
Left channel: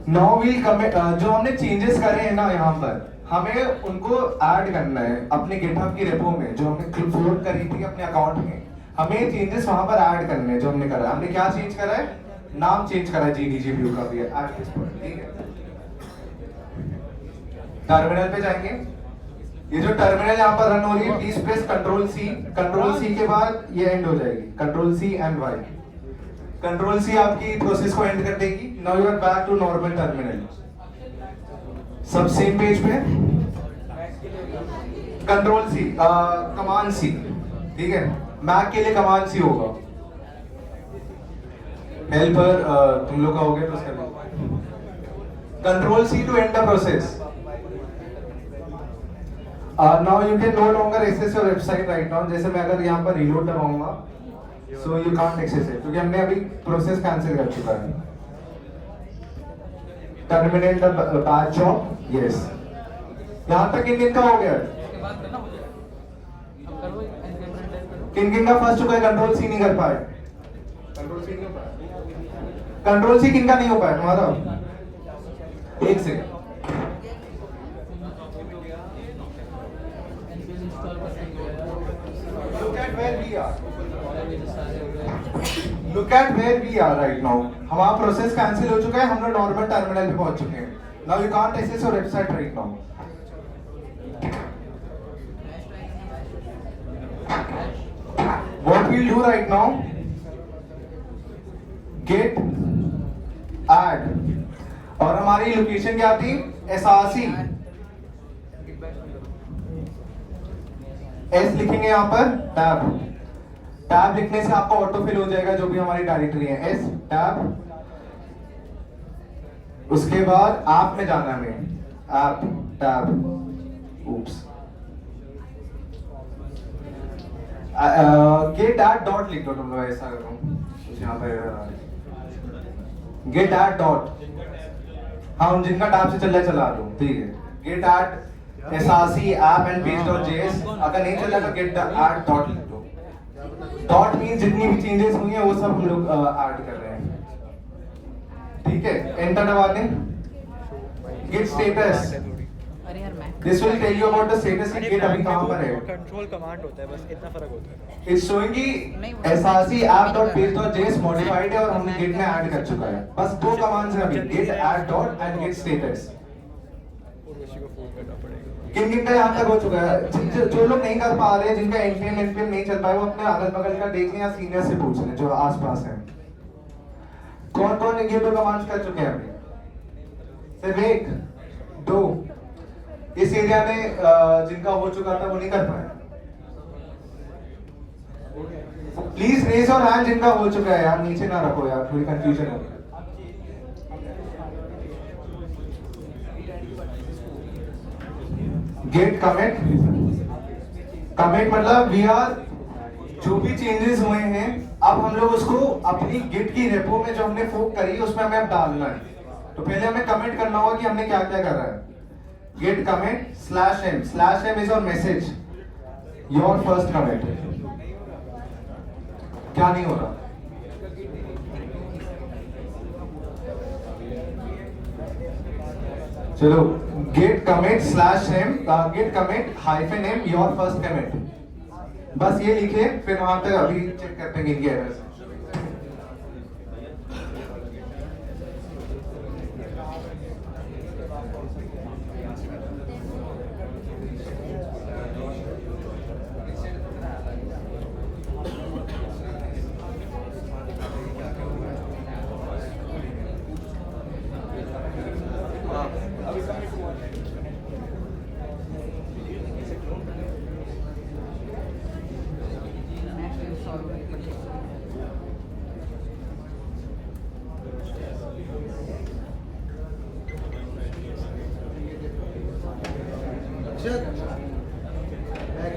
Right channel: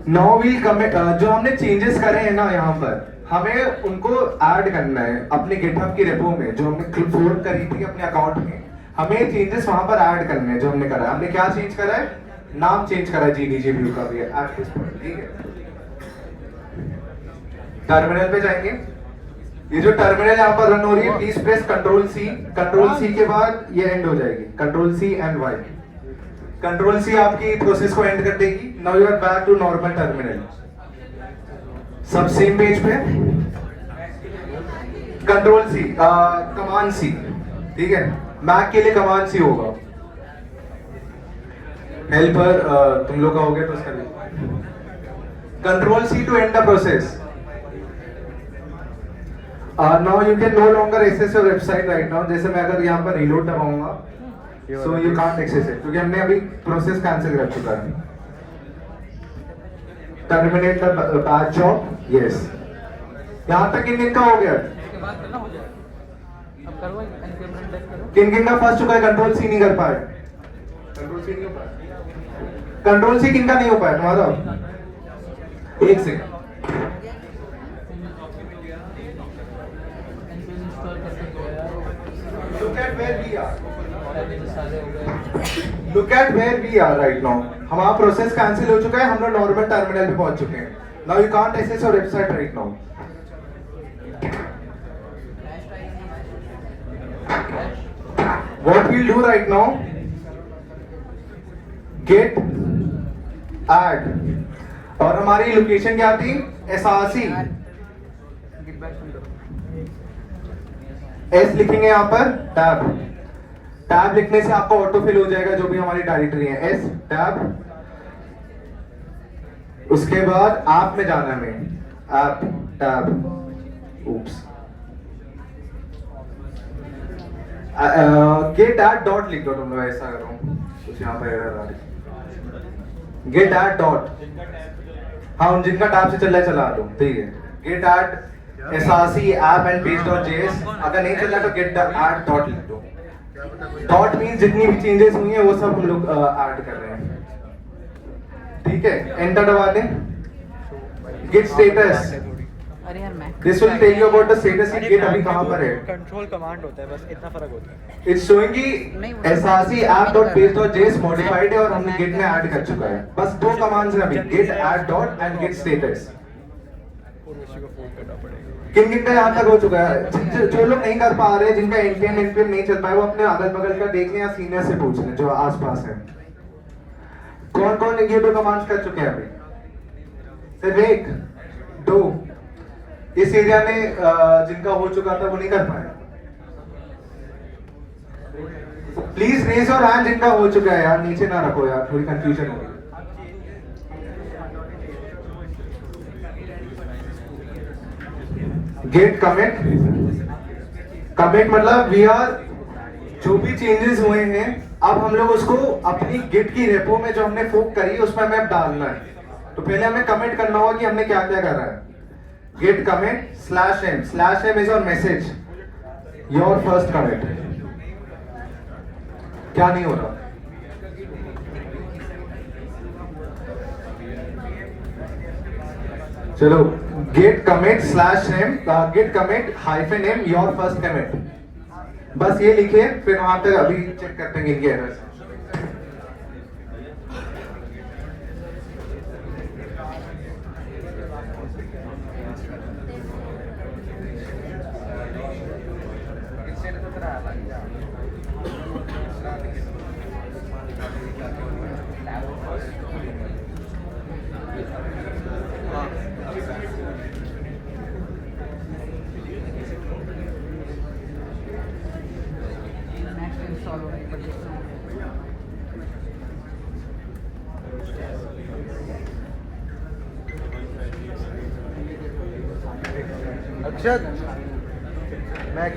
नाउ वील कमिट, जो हमने चेंजेस करे हैं ना यहाँ पर, हमें उनको ऐड करना है अपने गिटहब की रेपो में, जो हमने क्लोन करी थी अपने अकाउंट में। हमें चेंजेस वहां पर ऐड करने हैं जो हमने करा है। हमने क्या चेंज करा है? नाम चेंज करा है GDG व्यू का भी है एट दिस पॉइंट, ठीक है? टर्मिनल पे जाएंगे। ये जो टर्मिनल यहाँ पर रन हो रही है, प्लीज प्रेस कंट्रोल सी के बाद ये एंड हो जाएगी। Control C and Y। Control C आपकी प्रोसेस को एंड कर देगी। Now you are back to normal terminal. सब सेम पेज पे। कंट्रोल C, कमांड C, ठीक है? मैक के लिए कमांड C होगा। हेल्पर तुम लोग का हो गया तो उसका control C to end the process. Now you can no longer access your website right now. जैसे मैं अगर यहाँ पर रीलोड दबाऊंगा, so you can't access it, क्योंकि हमने अभी प्रोसेस कैंसिल कर चुका है। Terminate the batch job, yes. यहाँ तक किन का हो गया? किन का फर्स्ट चुका है? कंट्रोल C नहीं कर पाए। कंट्रोल C किन का नहीं हो पाया तुम्हारा? एक second. Look at where we are right now. हमारा प्रोसेस कैंसिल हो चुका है, हम लोग नॉर्मल टर्मिनल पे पहुंच चुके हैं। Now you can't access your website right now. What we'll do right now? Get add, और हमारी लोकेशन क्या थी? SRC। S लिखेंगे यहाँ पर, टैब लिखने से आपको ऑटो फिल हो जाएगा जो भी हमारी डायरेक्टरी है। S टैब, उसके बाद ऐप में जाना है हमें, app tab, oops, git add dot लिख दो तुम लोग। ऐसा कर रहा हूँ कुछ यहाँ पे गेट एट डॉट, हाँ जिनका टैब से चल रहा है चला दो, ठीक है? Git add SRC app and page.js अगर नहीं चल रहा तो get the add dot लिख दो. Dot means जितनी भी changes हुई हैं वो सब हम लोग add कर रहे हैं. ठीक है, enter दबा दें. Git status. अरे यार मैं This will tell you about the status की git अभी कहाँ पर है. कंट्रोल कमांड होता है, बस इतना फर्क होता है. It's showing कि SRC app.page.js modified है और हमने git में add कर चुका है. बस दो commands हैं अभी, git add dot and git status. और उसी को फोन करना पड़ेगा. किन का यहाँ तक हो चुका है. जो लोग नहीं कर पा रहे, जिनका npm नहीं चल पाया, वो अपने अगल बगल का देख लें या सीनियर से पूछ लें जो आसपास है. कौन कौन ये दो कमांड्स कर चुके हैं अभी? सिर्फ एक, दो. इस एरिया में जिनका हो चुका था वो नहीं कर पाए. प्लीज रेज योर हैंड जिनका हो चुका है यार, नीचे ना रखो यार, थोड़ी कंफ्यूजन होगी. Git commit. कमिट मतलब वी आर, जो भी चेंजेस हुए हैं अब हम लोग उसको अपनी गिट की रेपो में जो हमने फोक करी उसमें हमें अब डालना है. तो पहले हमें कमिट करना होगा कि हमने क्या क्या करा है. Git commit /m is your message, your first commit. क्या नहीं हो रहा? चलो, git commit /m, git commit -m your first commit. बस ये लिखिए, फिर वहां तक अभी चेक करते हैं इनके एरर्स. अक्षत, मैं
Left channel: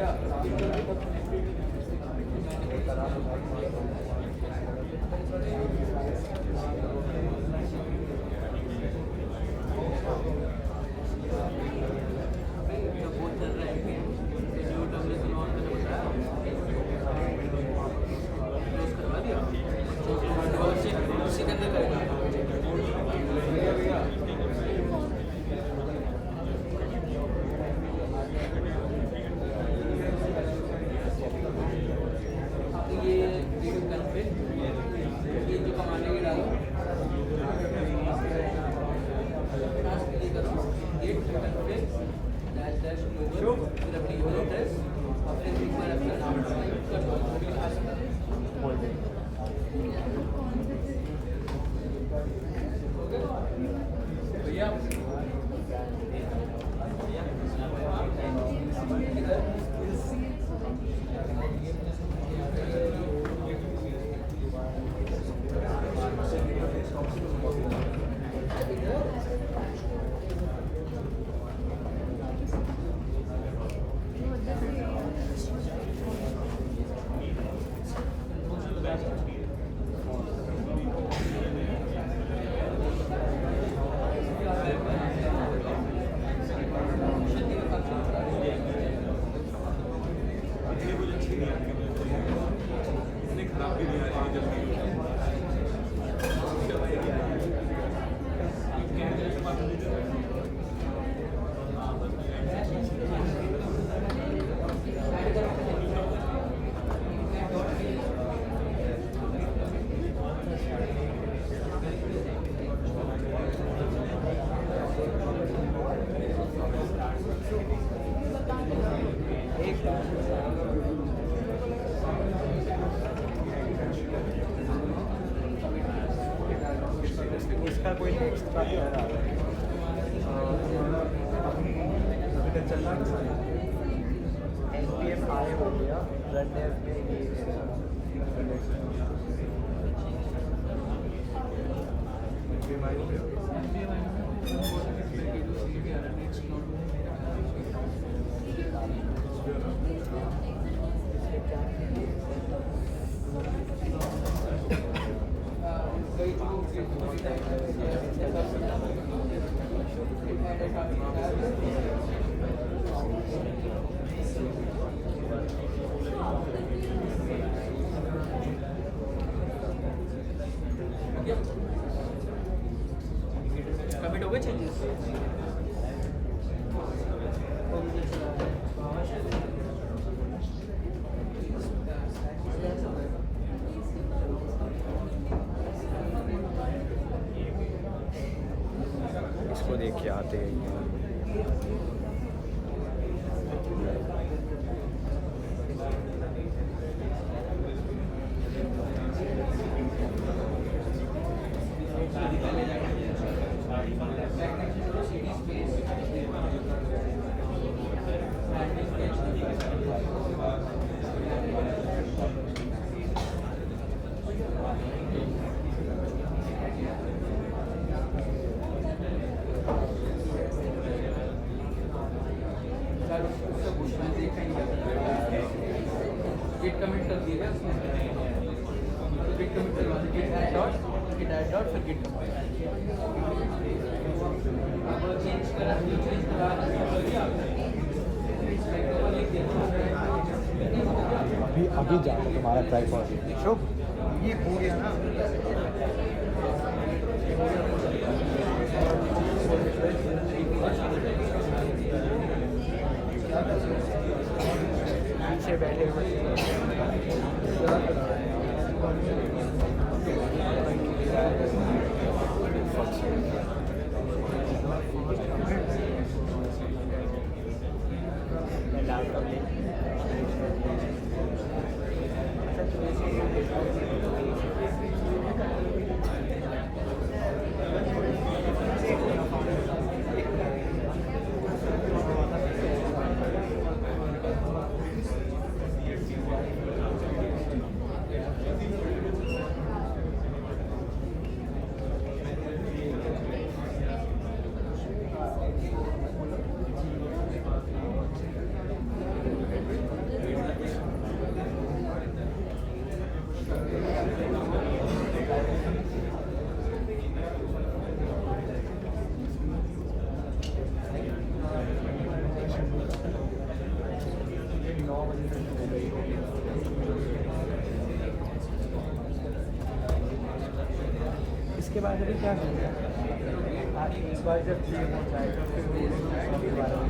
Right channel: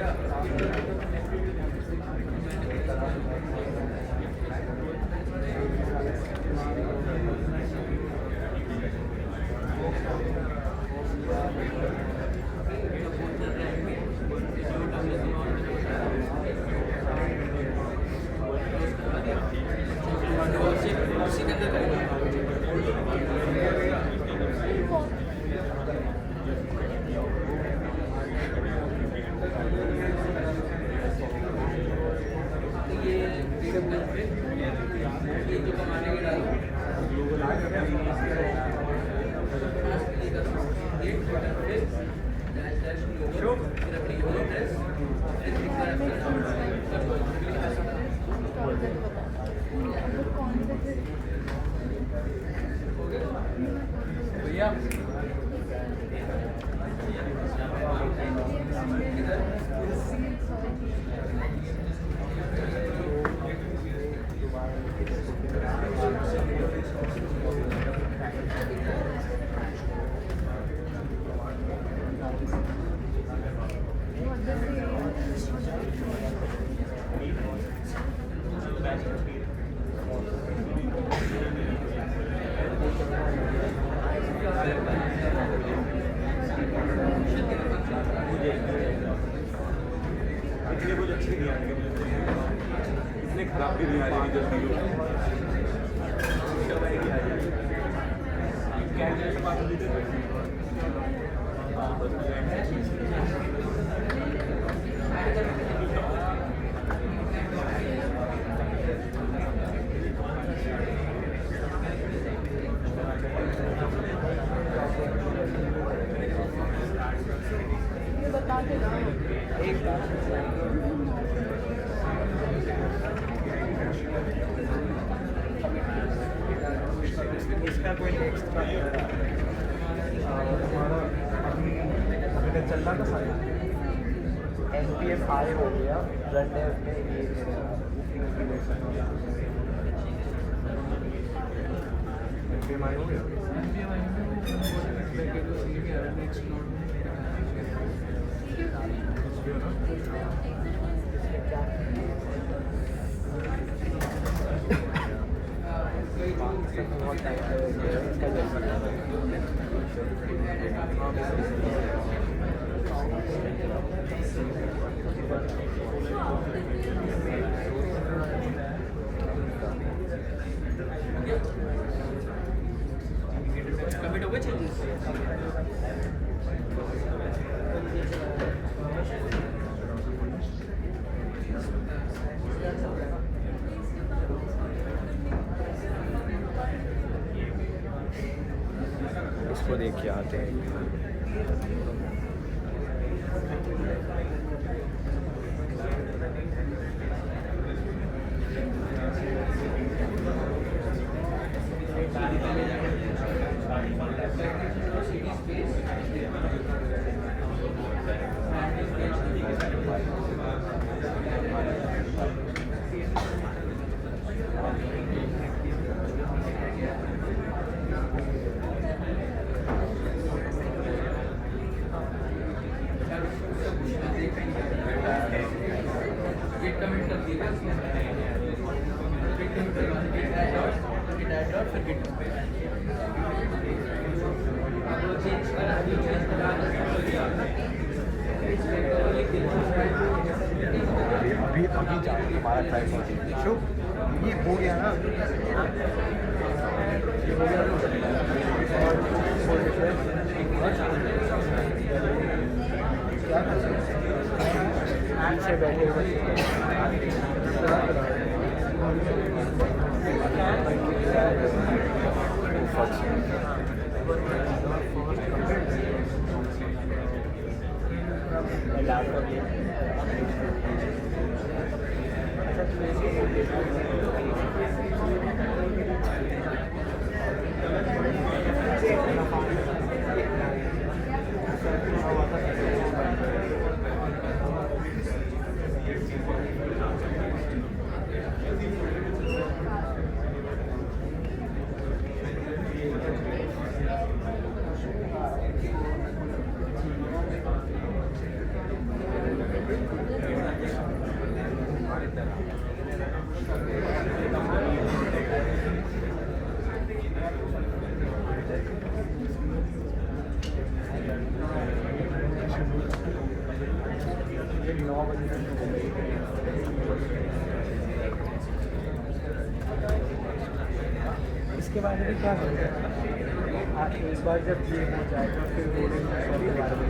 इसका कोई एक्स्ट्रा तुम्हारा अभी तक चल रहा था सारे. npm आए हो गया, रन डेव में ये npm आए हो गया. हुए चेंजेस? इसको देख के आते हैं। गेट कमेंट कर दिएगा इसमें, गेट कमेंट करवा दीजिए, ऐड डॉट फिर गेट कमेंट चेंज करा अभी शुभ ये हो गया ना, ये हो गया क्या कर सकते पीछे बैठे हुए लैपटॉप इसके बाद अभी क्या करेंगे? आज इस बार जब गेम हो जाएगा फिर बोलेंगे के बारे में।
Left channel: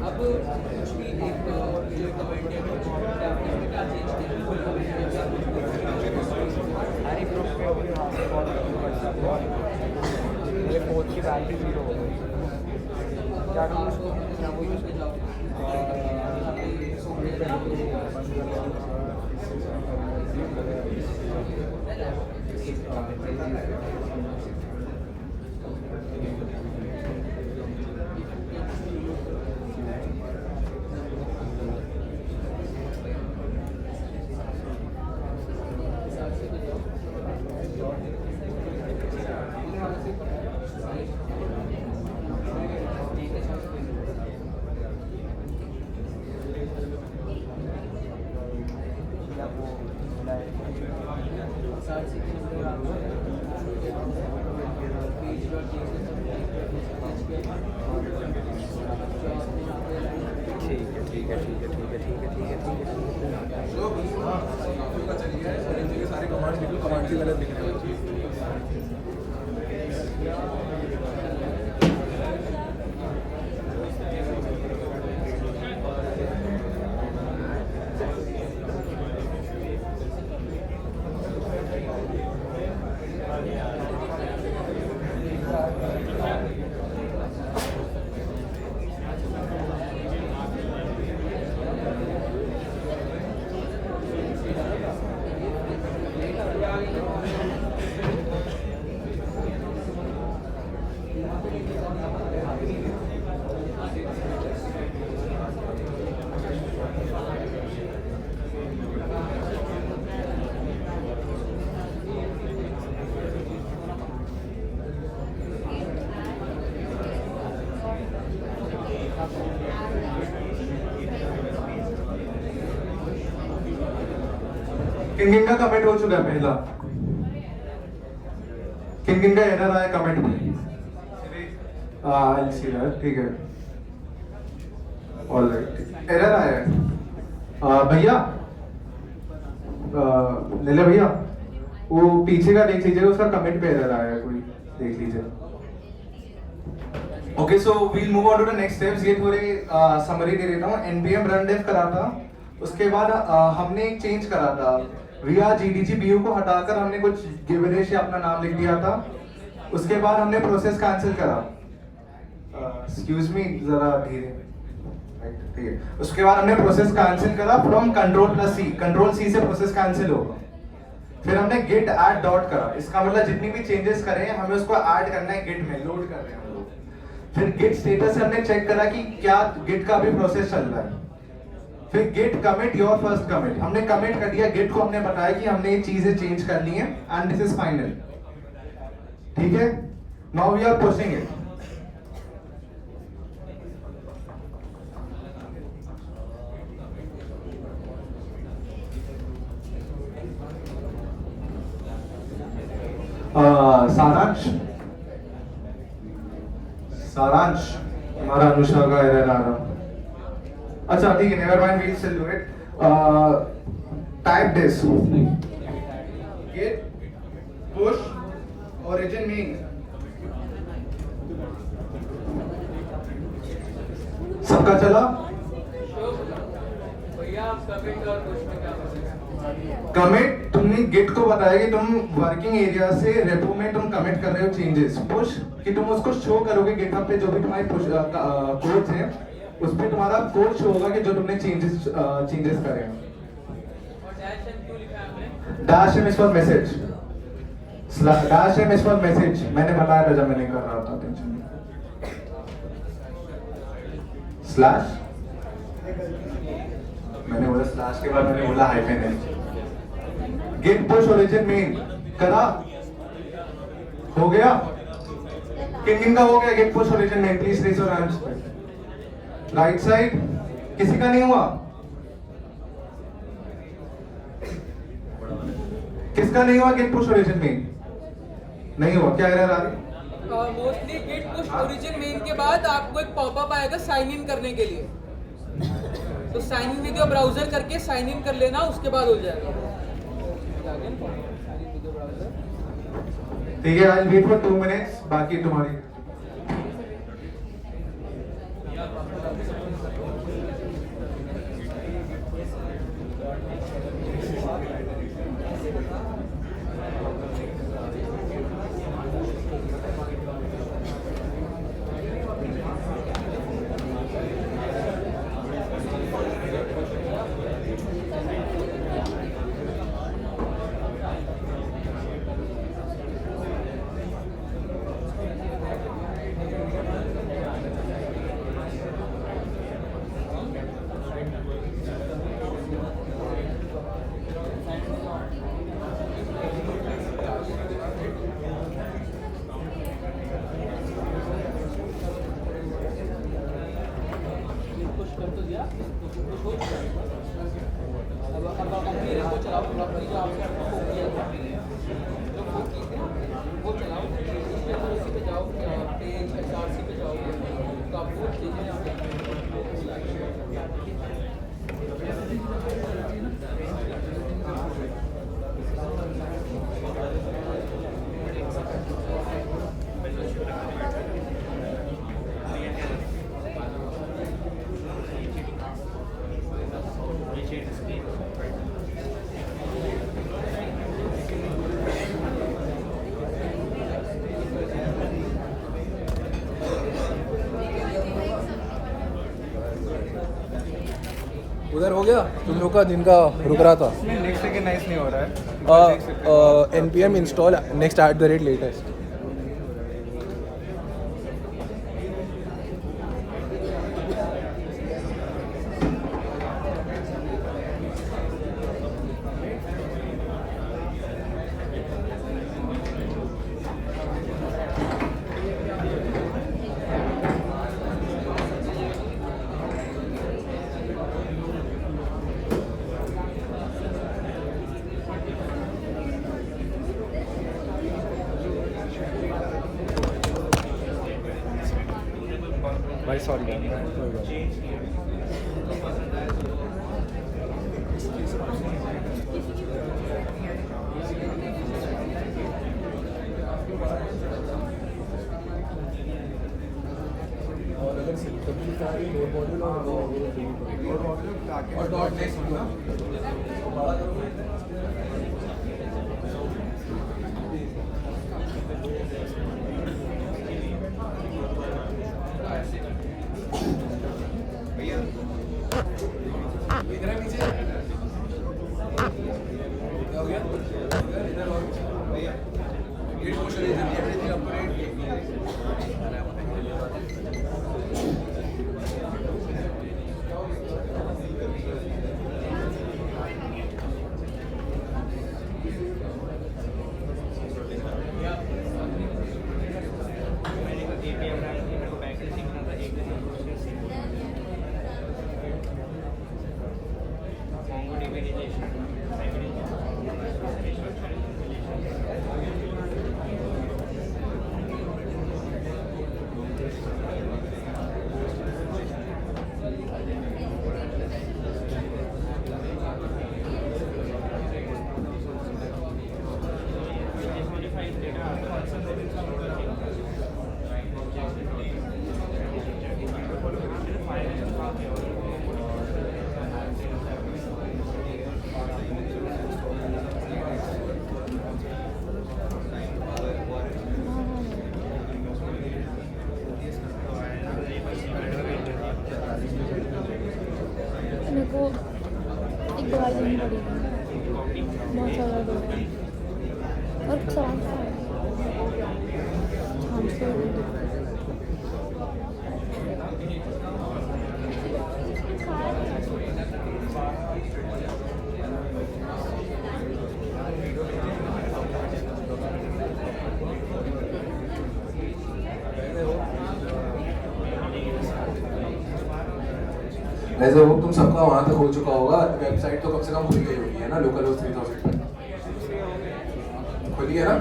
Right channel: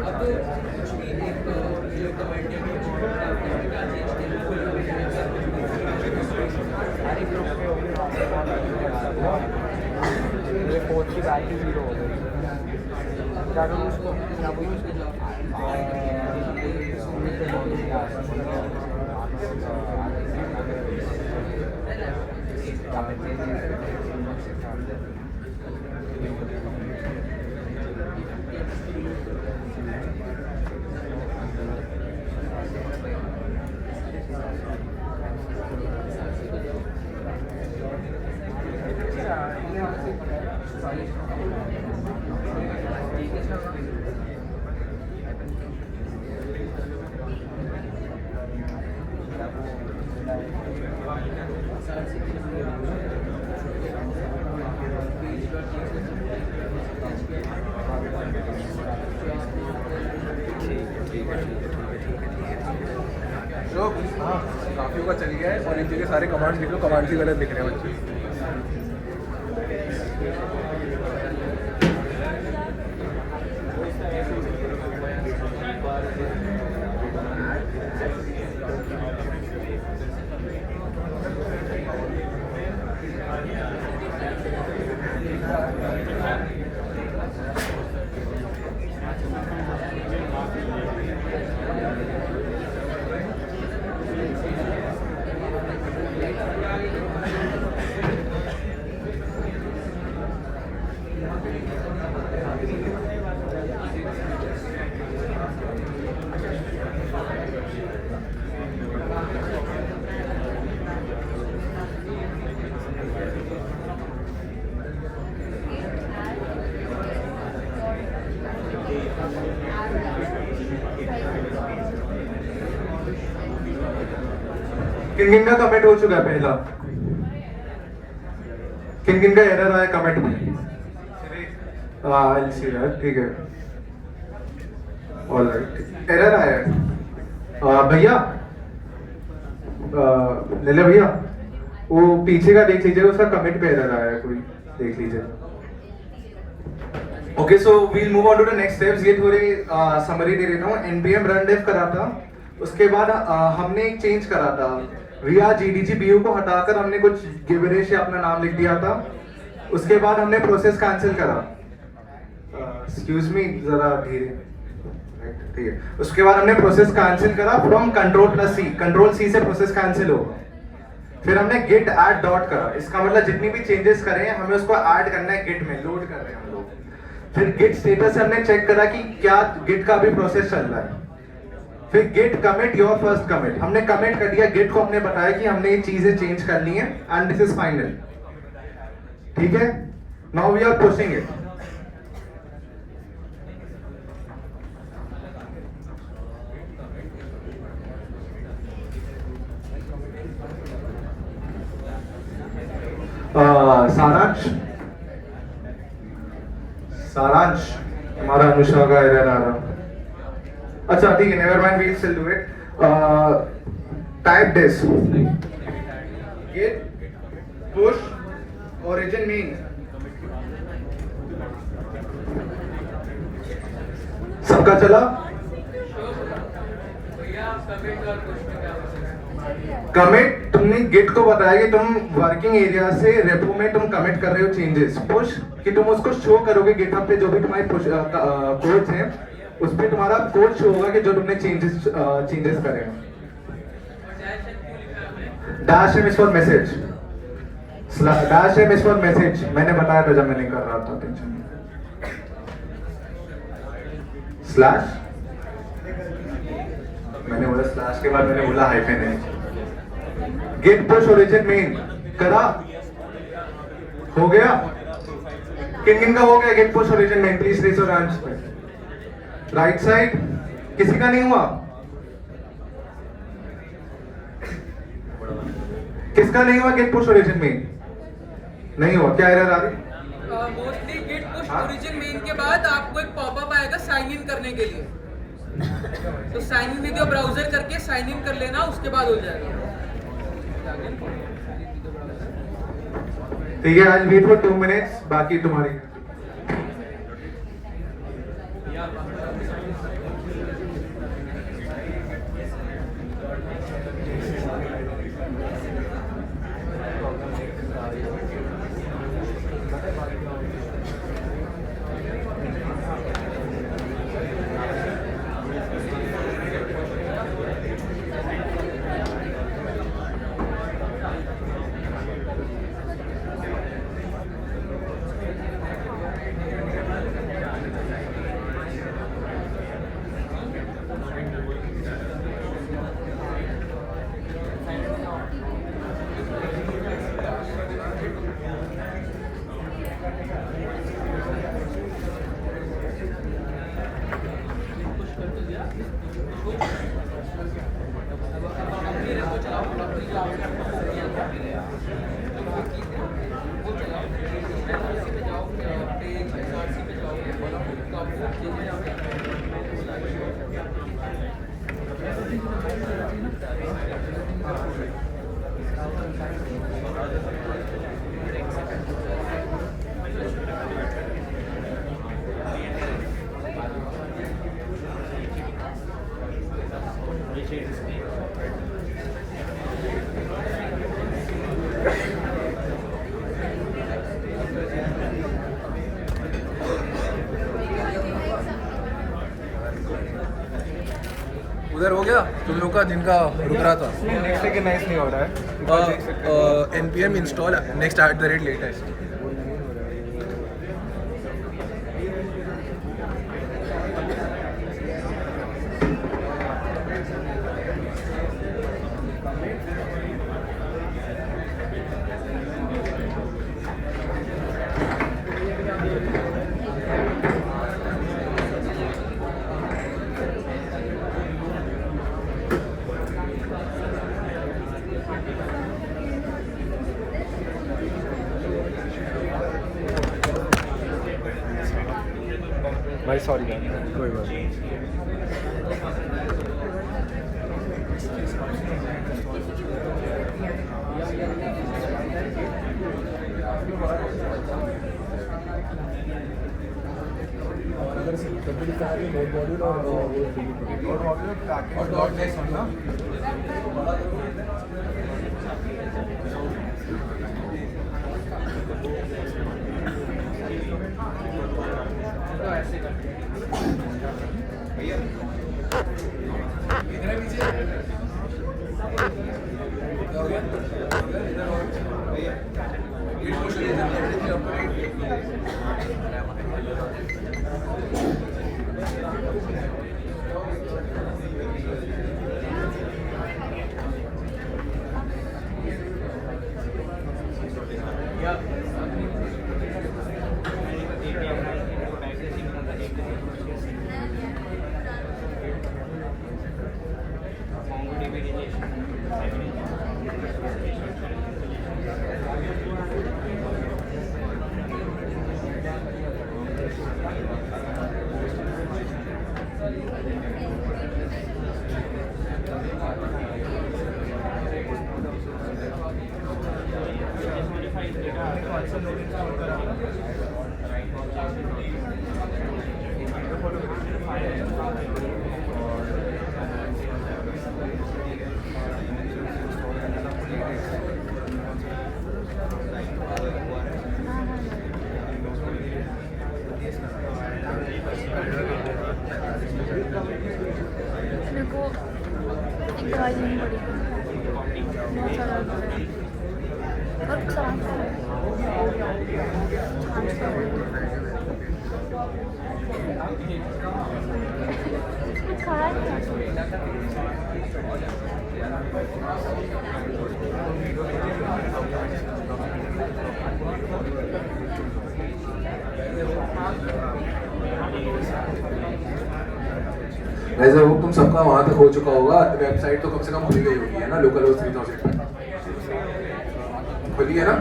अब कुछ भी एक जो कमेंट हर एक ग्रुप पे होगी वहाँ से बहुत मेरे फोन की बैटरी 0 हो गई। क्या करूँ उसको, क्या बोलूँ काफी का चल गया है और इन जगह सारे कमांड्स लिख लो, कमांड्स ही गलत लिख रहे हैं बच्चे। किन का कमेंट हो चुका है पहला? किन का एरर आया कमेंट में? I'll see that, ठीक है। ऑलराइट, एरर आया है। भैया, ले ले भैया, वो पीछे का देख लीजिए, उसका कमेंट पे एरर आया है, कोई देख लीजिए। Okay, so we'll move on to the next steps. ये थोड़ी समरी दे देता हूँ। npm run dev करा था, उसके बाद हमने एक चेंज करा था। via gdg bu को हटाकर हमने कुछ गिवरेश या अपना नाम लिख दिया था। उसके बाद हमने प्रोसेस कैंसिल करा। एक्सक्यूज मी, जरा धीरे, ठीक है। उसके बाद हमने प्रोसेस कैंसिल करा फ्रॉम कंट्रोल+C। कंट्रोल+C से प्रोसेस कैंसिल होगा। फिर हमने git add डॉट करा। इसका मतलब जितनी भी चेंजेस करे हैं हमें उसको ऐड करना है गिट में, लोड कर रहे हैं हम लोग। फिर git स्टेटस से हमने चेक करा कि क्या git का भी प्रोसेस चल रहा है। फिर git commit your first commit, हमने कमिट कर दिया। git को हमने बताया कि हमने ये चीजें चेंज करनी है एंड दिस इज फाइनल, ठीक है। Now we are pushing it. सारांश हमारा अनुषा का एरर आ रहा। अच्छा ठीक है, never mind, we will still do it. Type this git push origin main। सबका चला? कमिट, तुमने गिट को बताया कि तुम वर्किंग एरिया से रेपो में तुम कमिट कर रहे हो चेंजेस। पुश कि तुम उसको शो करोगे गिटहब पे, जो भी तुम्हारी कोड्स हैं उस पे तुम्हारा कोड शो होगा कि जो तुमने चेंजेस करे हैं। Dash M is for message, dash M is for message. मैंने बताया था जब मैंने कर रहा था, टेंशन नहीं। स्लैश, मैंने बोला स्लैश के बाद मैंने बोला हाइफन है। गिट पुश ओरिजिन मेन करा, हो गया? किन का हो गया git push origin main? Please raise your hands. Right side, किसी का नहीं हुआ? किसका नहीं हुआ गिट पुश ओरिजिन मेन? नहीं हुआ, क्या एरर आ रही? Mostly git push origin main के बाद आपको एक पॉपअप आएगा साइन इन करने के लिए, तो sign in with your browser करके साइन इन कर लेना, उसके बाद हो जाएगा। ठीक है, I will wait for 2 minutes, बाकी तुम्हारी। उधर हो गया तुम लोग का जिनका रुक रहा था? नेक्स्ट सेकंड नाइस नहीं हो रहा है। npm install next @latest। भाई सॉरी यार, कोई बात नहीं। और अगर कभी लिखा है नोट मॉड्यूल और वो और डॉट नेक्स्ट ना भैया इधर है पीछे क्या हो गया इधर और भैया गेट पुश करिए एवरीथिंग अप टू डेट वैसे वो तुम सबका वहां तक हो चुका होगा, वेबसाइट तो कम से कम खुल गई होगी है ना, लोकल होस्ट 3000 खुली है ना।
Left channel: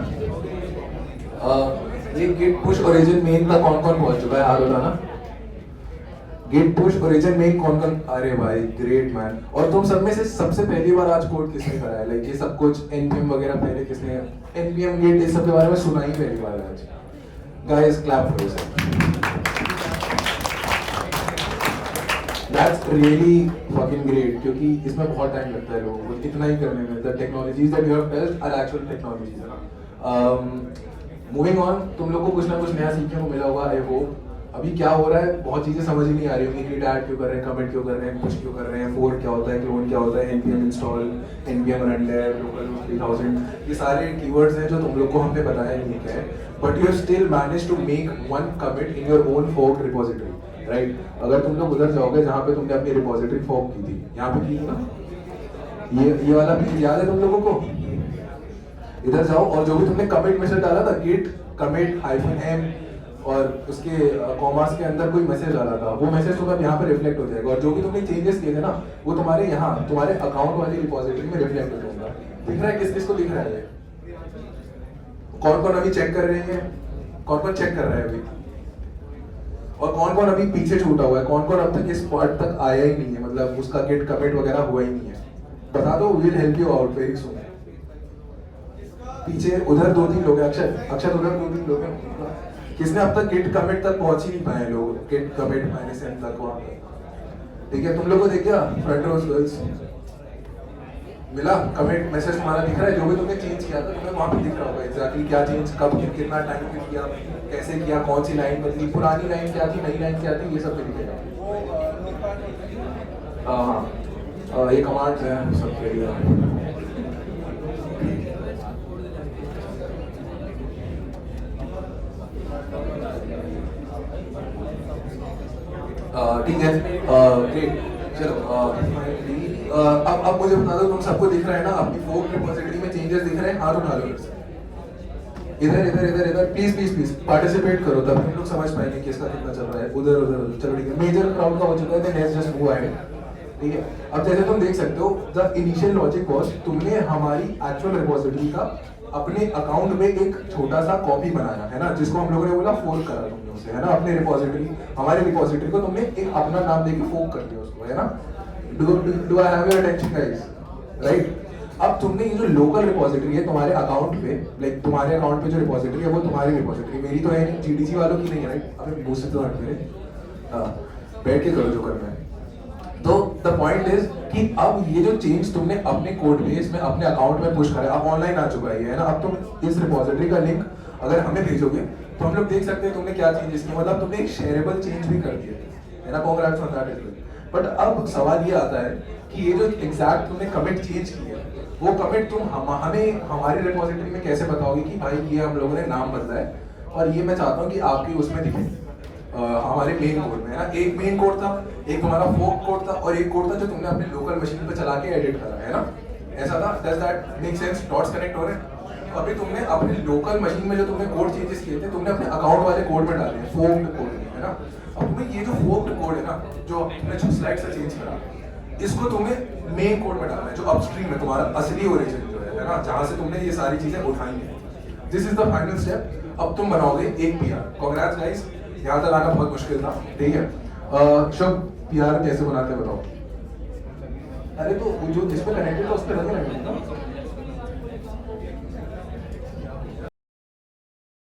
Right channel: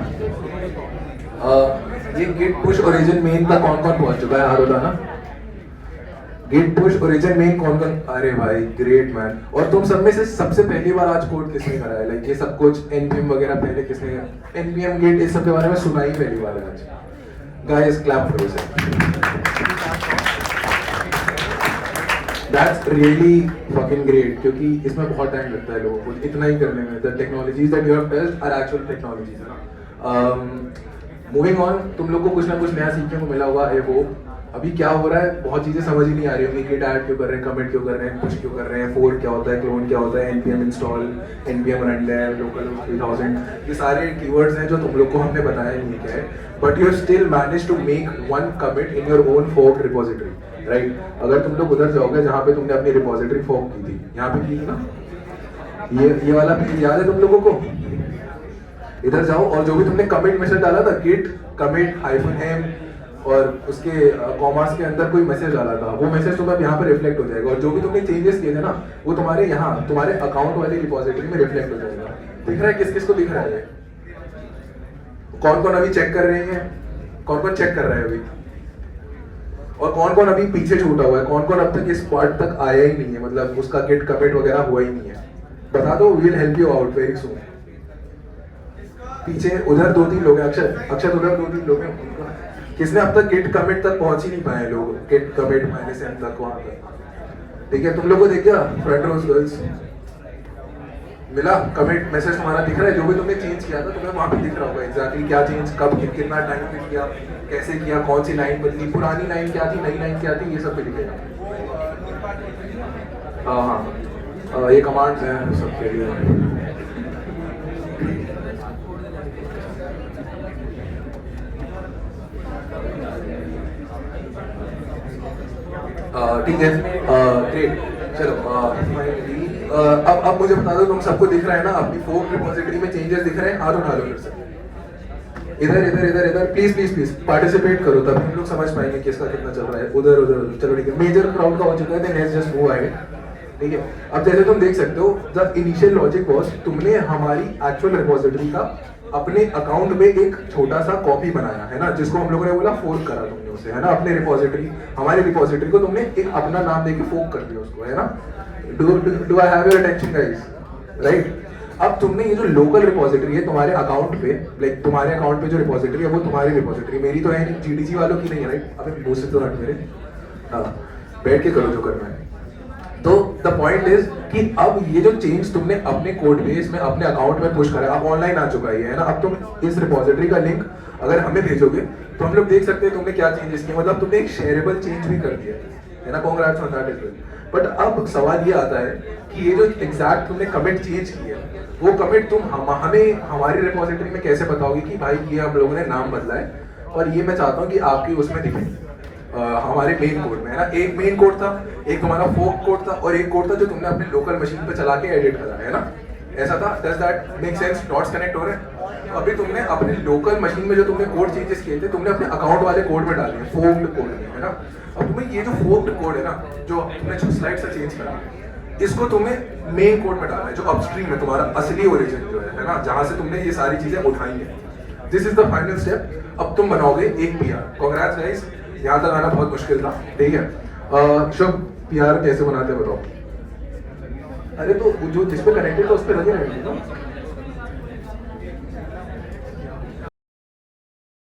ये गिट पुश ओरिजिन मेन का कौन कौन पहुंच चुका है यार बोला ना। गिट पुश ओरिजिन मेन कौन कौन, अरे भाई ग्रेट मैन। और तुम सब में से सबसे पहली बार आज कोड किसने करा है, लाइक ये सब कुछ npm वगैरह पहले किसने, npm गिट इस सब के बारे में सुना ही पहली बार आज। Guys clap for yourself, that's really fucking great, क्योंकि इसमें बहुत टाइम लगता है लोगों को इतना ही करने में। The technologies that you have test are actual technologies. Moving on, तुम लोग को कुछ ना कुछ नया सीखने को मिला होगा आई होप। अभी क्या हो रहा है, बहुत चीजें समझ ही नहीं आ रही होंगी, गिट ऐड क्यों कर रहे हैं, कमिट क्यों कर रहे हैं, पुश क्यों कर रहे हैं, फोर्क क्या होता है, क्लोन क्या होता है, npm install, npm run dev, local 3000, ये सारे कीवर्ड्स हैं जो तुम लोग को हमने बताया नहीं क्या है, but you have still manage to make one commit in your own fork repository, right. अगर तुम लोग उधर जाओगे जहाँ पे तुमने अपनी रिपोजिटरी फोर्क की थी, यहाँ पे की थी ना, ये वाला पेज याद है तुम लोगों को, इधर जाओ और जो भी तुमने कमिट मैसेज डाला था, गिट कमिट -m और उसके कॉमास के अंदर कोई मैसेज डाला था, वो मैसेज तुम्हें अब यहाँ पर रिफ्लेक्ट हो जाएगा, और जो भी तुमने चेंजेस किए थे ना, वो तुम्हारे यहाँ तुम्हारे अकाउंट वाली रिपोजिटरी में रिफ्लेक्ट हो जाएगा। दिख रहा है किस किस को दिख रहा है, कौन कौन अभी चेक कर रहे हैं, कौन कौन चेक कर रहा है अभी, और कौन कौन अभी पीछे छूटा हुआ है, कौन कौन अब तक इस पार्ट तक आया ही नहीं है, मतलब उसका गिट कमिट वगैरह हुआ ही नहीं है, बता दो, we will help you out very soon. पीछे उधर 2-3 लोग हैं, अक्षर उधर 2-3 लोग हैं, किसने अब तक गिट कमिट तक पहुंच ही नहीं पाए लोग, गिट कमिट -m तक वहां तक। ठीक है, तुम लोगों को देख गया फ्रंट रोज गर्ल्स मिला, कमिट मैसेज तुम्हारा दिख रहा है, जो भी तुमने चेंज किया था तुम्हें वहां पे दिख रहा होगा एग्जैक्टली क्या चेंज, कब कितना टाइम पे किया, कैसे किया, कौन सी लाइन बदली, पुरानी लाइन क्या थी, नई लाइन क्या थी, ये सब पे दिखेगा। हाँ, ये कमांड्स हैं सबके लिए। ठीक है, ग्रेट, चलो अब मुझे बता दो, तुम सबको दिख रहा है ना, अपनी फोर्क रिपोजिटरी में चेंजेस दिख रहे हैं, हाथ उठा लो फिर से, इधर इधर इधर इधर, प्लीज प्लीज प्लीज पार्टिसिपेट करो, तब हम लोग समझ पाएंगे किसका कितना चल रहा है, उधर उधर। चलो ठीक है, मेजर क्राउड का हो चुका है, then let's just move ahead. ठीक है, अब जैसे तुम देख सकते हो, द इनिशियल लॉजिक वाज, तुमने हमारी एक्चुअल रिपोजिटरी का अपने अकाउंट में एक छोटा सा कॉपी बनाया है ना, जिसको हम लोगों ने बोला फोल्ड करा तुमने उसे, है ना, अपने रिपोजिटरी, हमारे रिपोजिटरी को तुमने एक अपना नाम देके फोल्ड कर दिया उसको, है ना। Do I have your attention guys, right. अब तुमने ये जो लोकल रिपोजिटरी है तुम्हारे अकाउंट पे, लाइक तुम्हारे अकाउंट पे जो रिपोजिटरी है वो तुम्हारी रिपोजिटरी, मेरी तो है नहीं, जीडीसी वालों की नहीं है, राइट। अबे मुंह से तो हट मेरे, हाँ बैठ के करो जो करना है। तो द पॉइंट इज कि अब ये जो चेंज तुमने अपने कोड बेस में अपने अकाउंट में पुश करा, अब ऑनलाइन आ चुका है ना। अब तुम इस रिपोजिटरी का लिंक अगर हमें भेजोगे तो हम लोग देख सकते हैं तुमने क्या चेंजेस किए, मतलब तुमने एक शेयरेबल चेंज भी कर दिया है ना। Congrats on that is well. But अब सवाल ये आता है कि ये जो एग्जैक्ट तुमने कमिट चेंज किया वो कमिट तुम हमें हमारी रिपोजिटरी में कैसे बताओगे कि भाई ये हम लोगों ने नाम बदला है और ये मैं चाहता हूँ कि आपके उसमें दिखे हमारे मेन कोड में, है ना। एक मेन कोड था, एक तुम्हारा फोक कोड था और एक कोड था जो तुमने अपने लोकल मशीन पे चला के एडिट करा, है ना। ऐसा था। Does that make sense? Dots connect हो रहे हैं। अभी तुमने अपने लोकल मशीन में जो तुमने कोड चेंजेस किए थे तुमने अपने अकाउंट वाले कोड में डाले, फोक्ड कोड में, है ना। अब तुम्हें ये जो फोक्ड कोड है ना, जो तुमने जो स्लाइड से चेंज करा, इसको तुमने मेन कोड में डालना है जो अपस्ट्रीम है, तुम्हारा असली ओरिजिन जो है ना, जहां से तुमने ये सारी चीजें उठाई हैं। This is the final step. अब तुम बनाओगे एक पीआर। कांग्रेट्स गाइस, यहाँ तक आना बहुत मुश्किल था, ठीक है। शुभ, पीआर कैसे बनाते हैं बताओ। अरे तो जो जिस पे कनेक्टेड था उस पे लगे रहेंगे।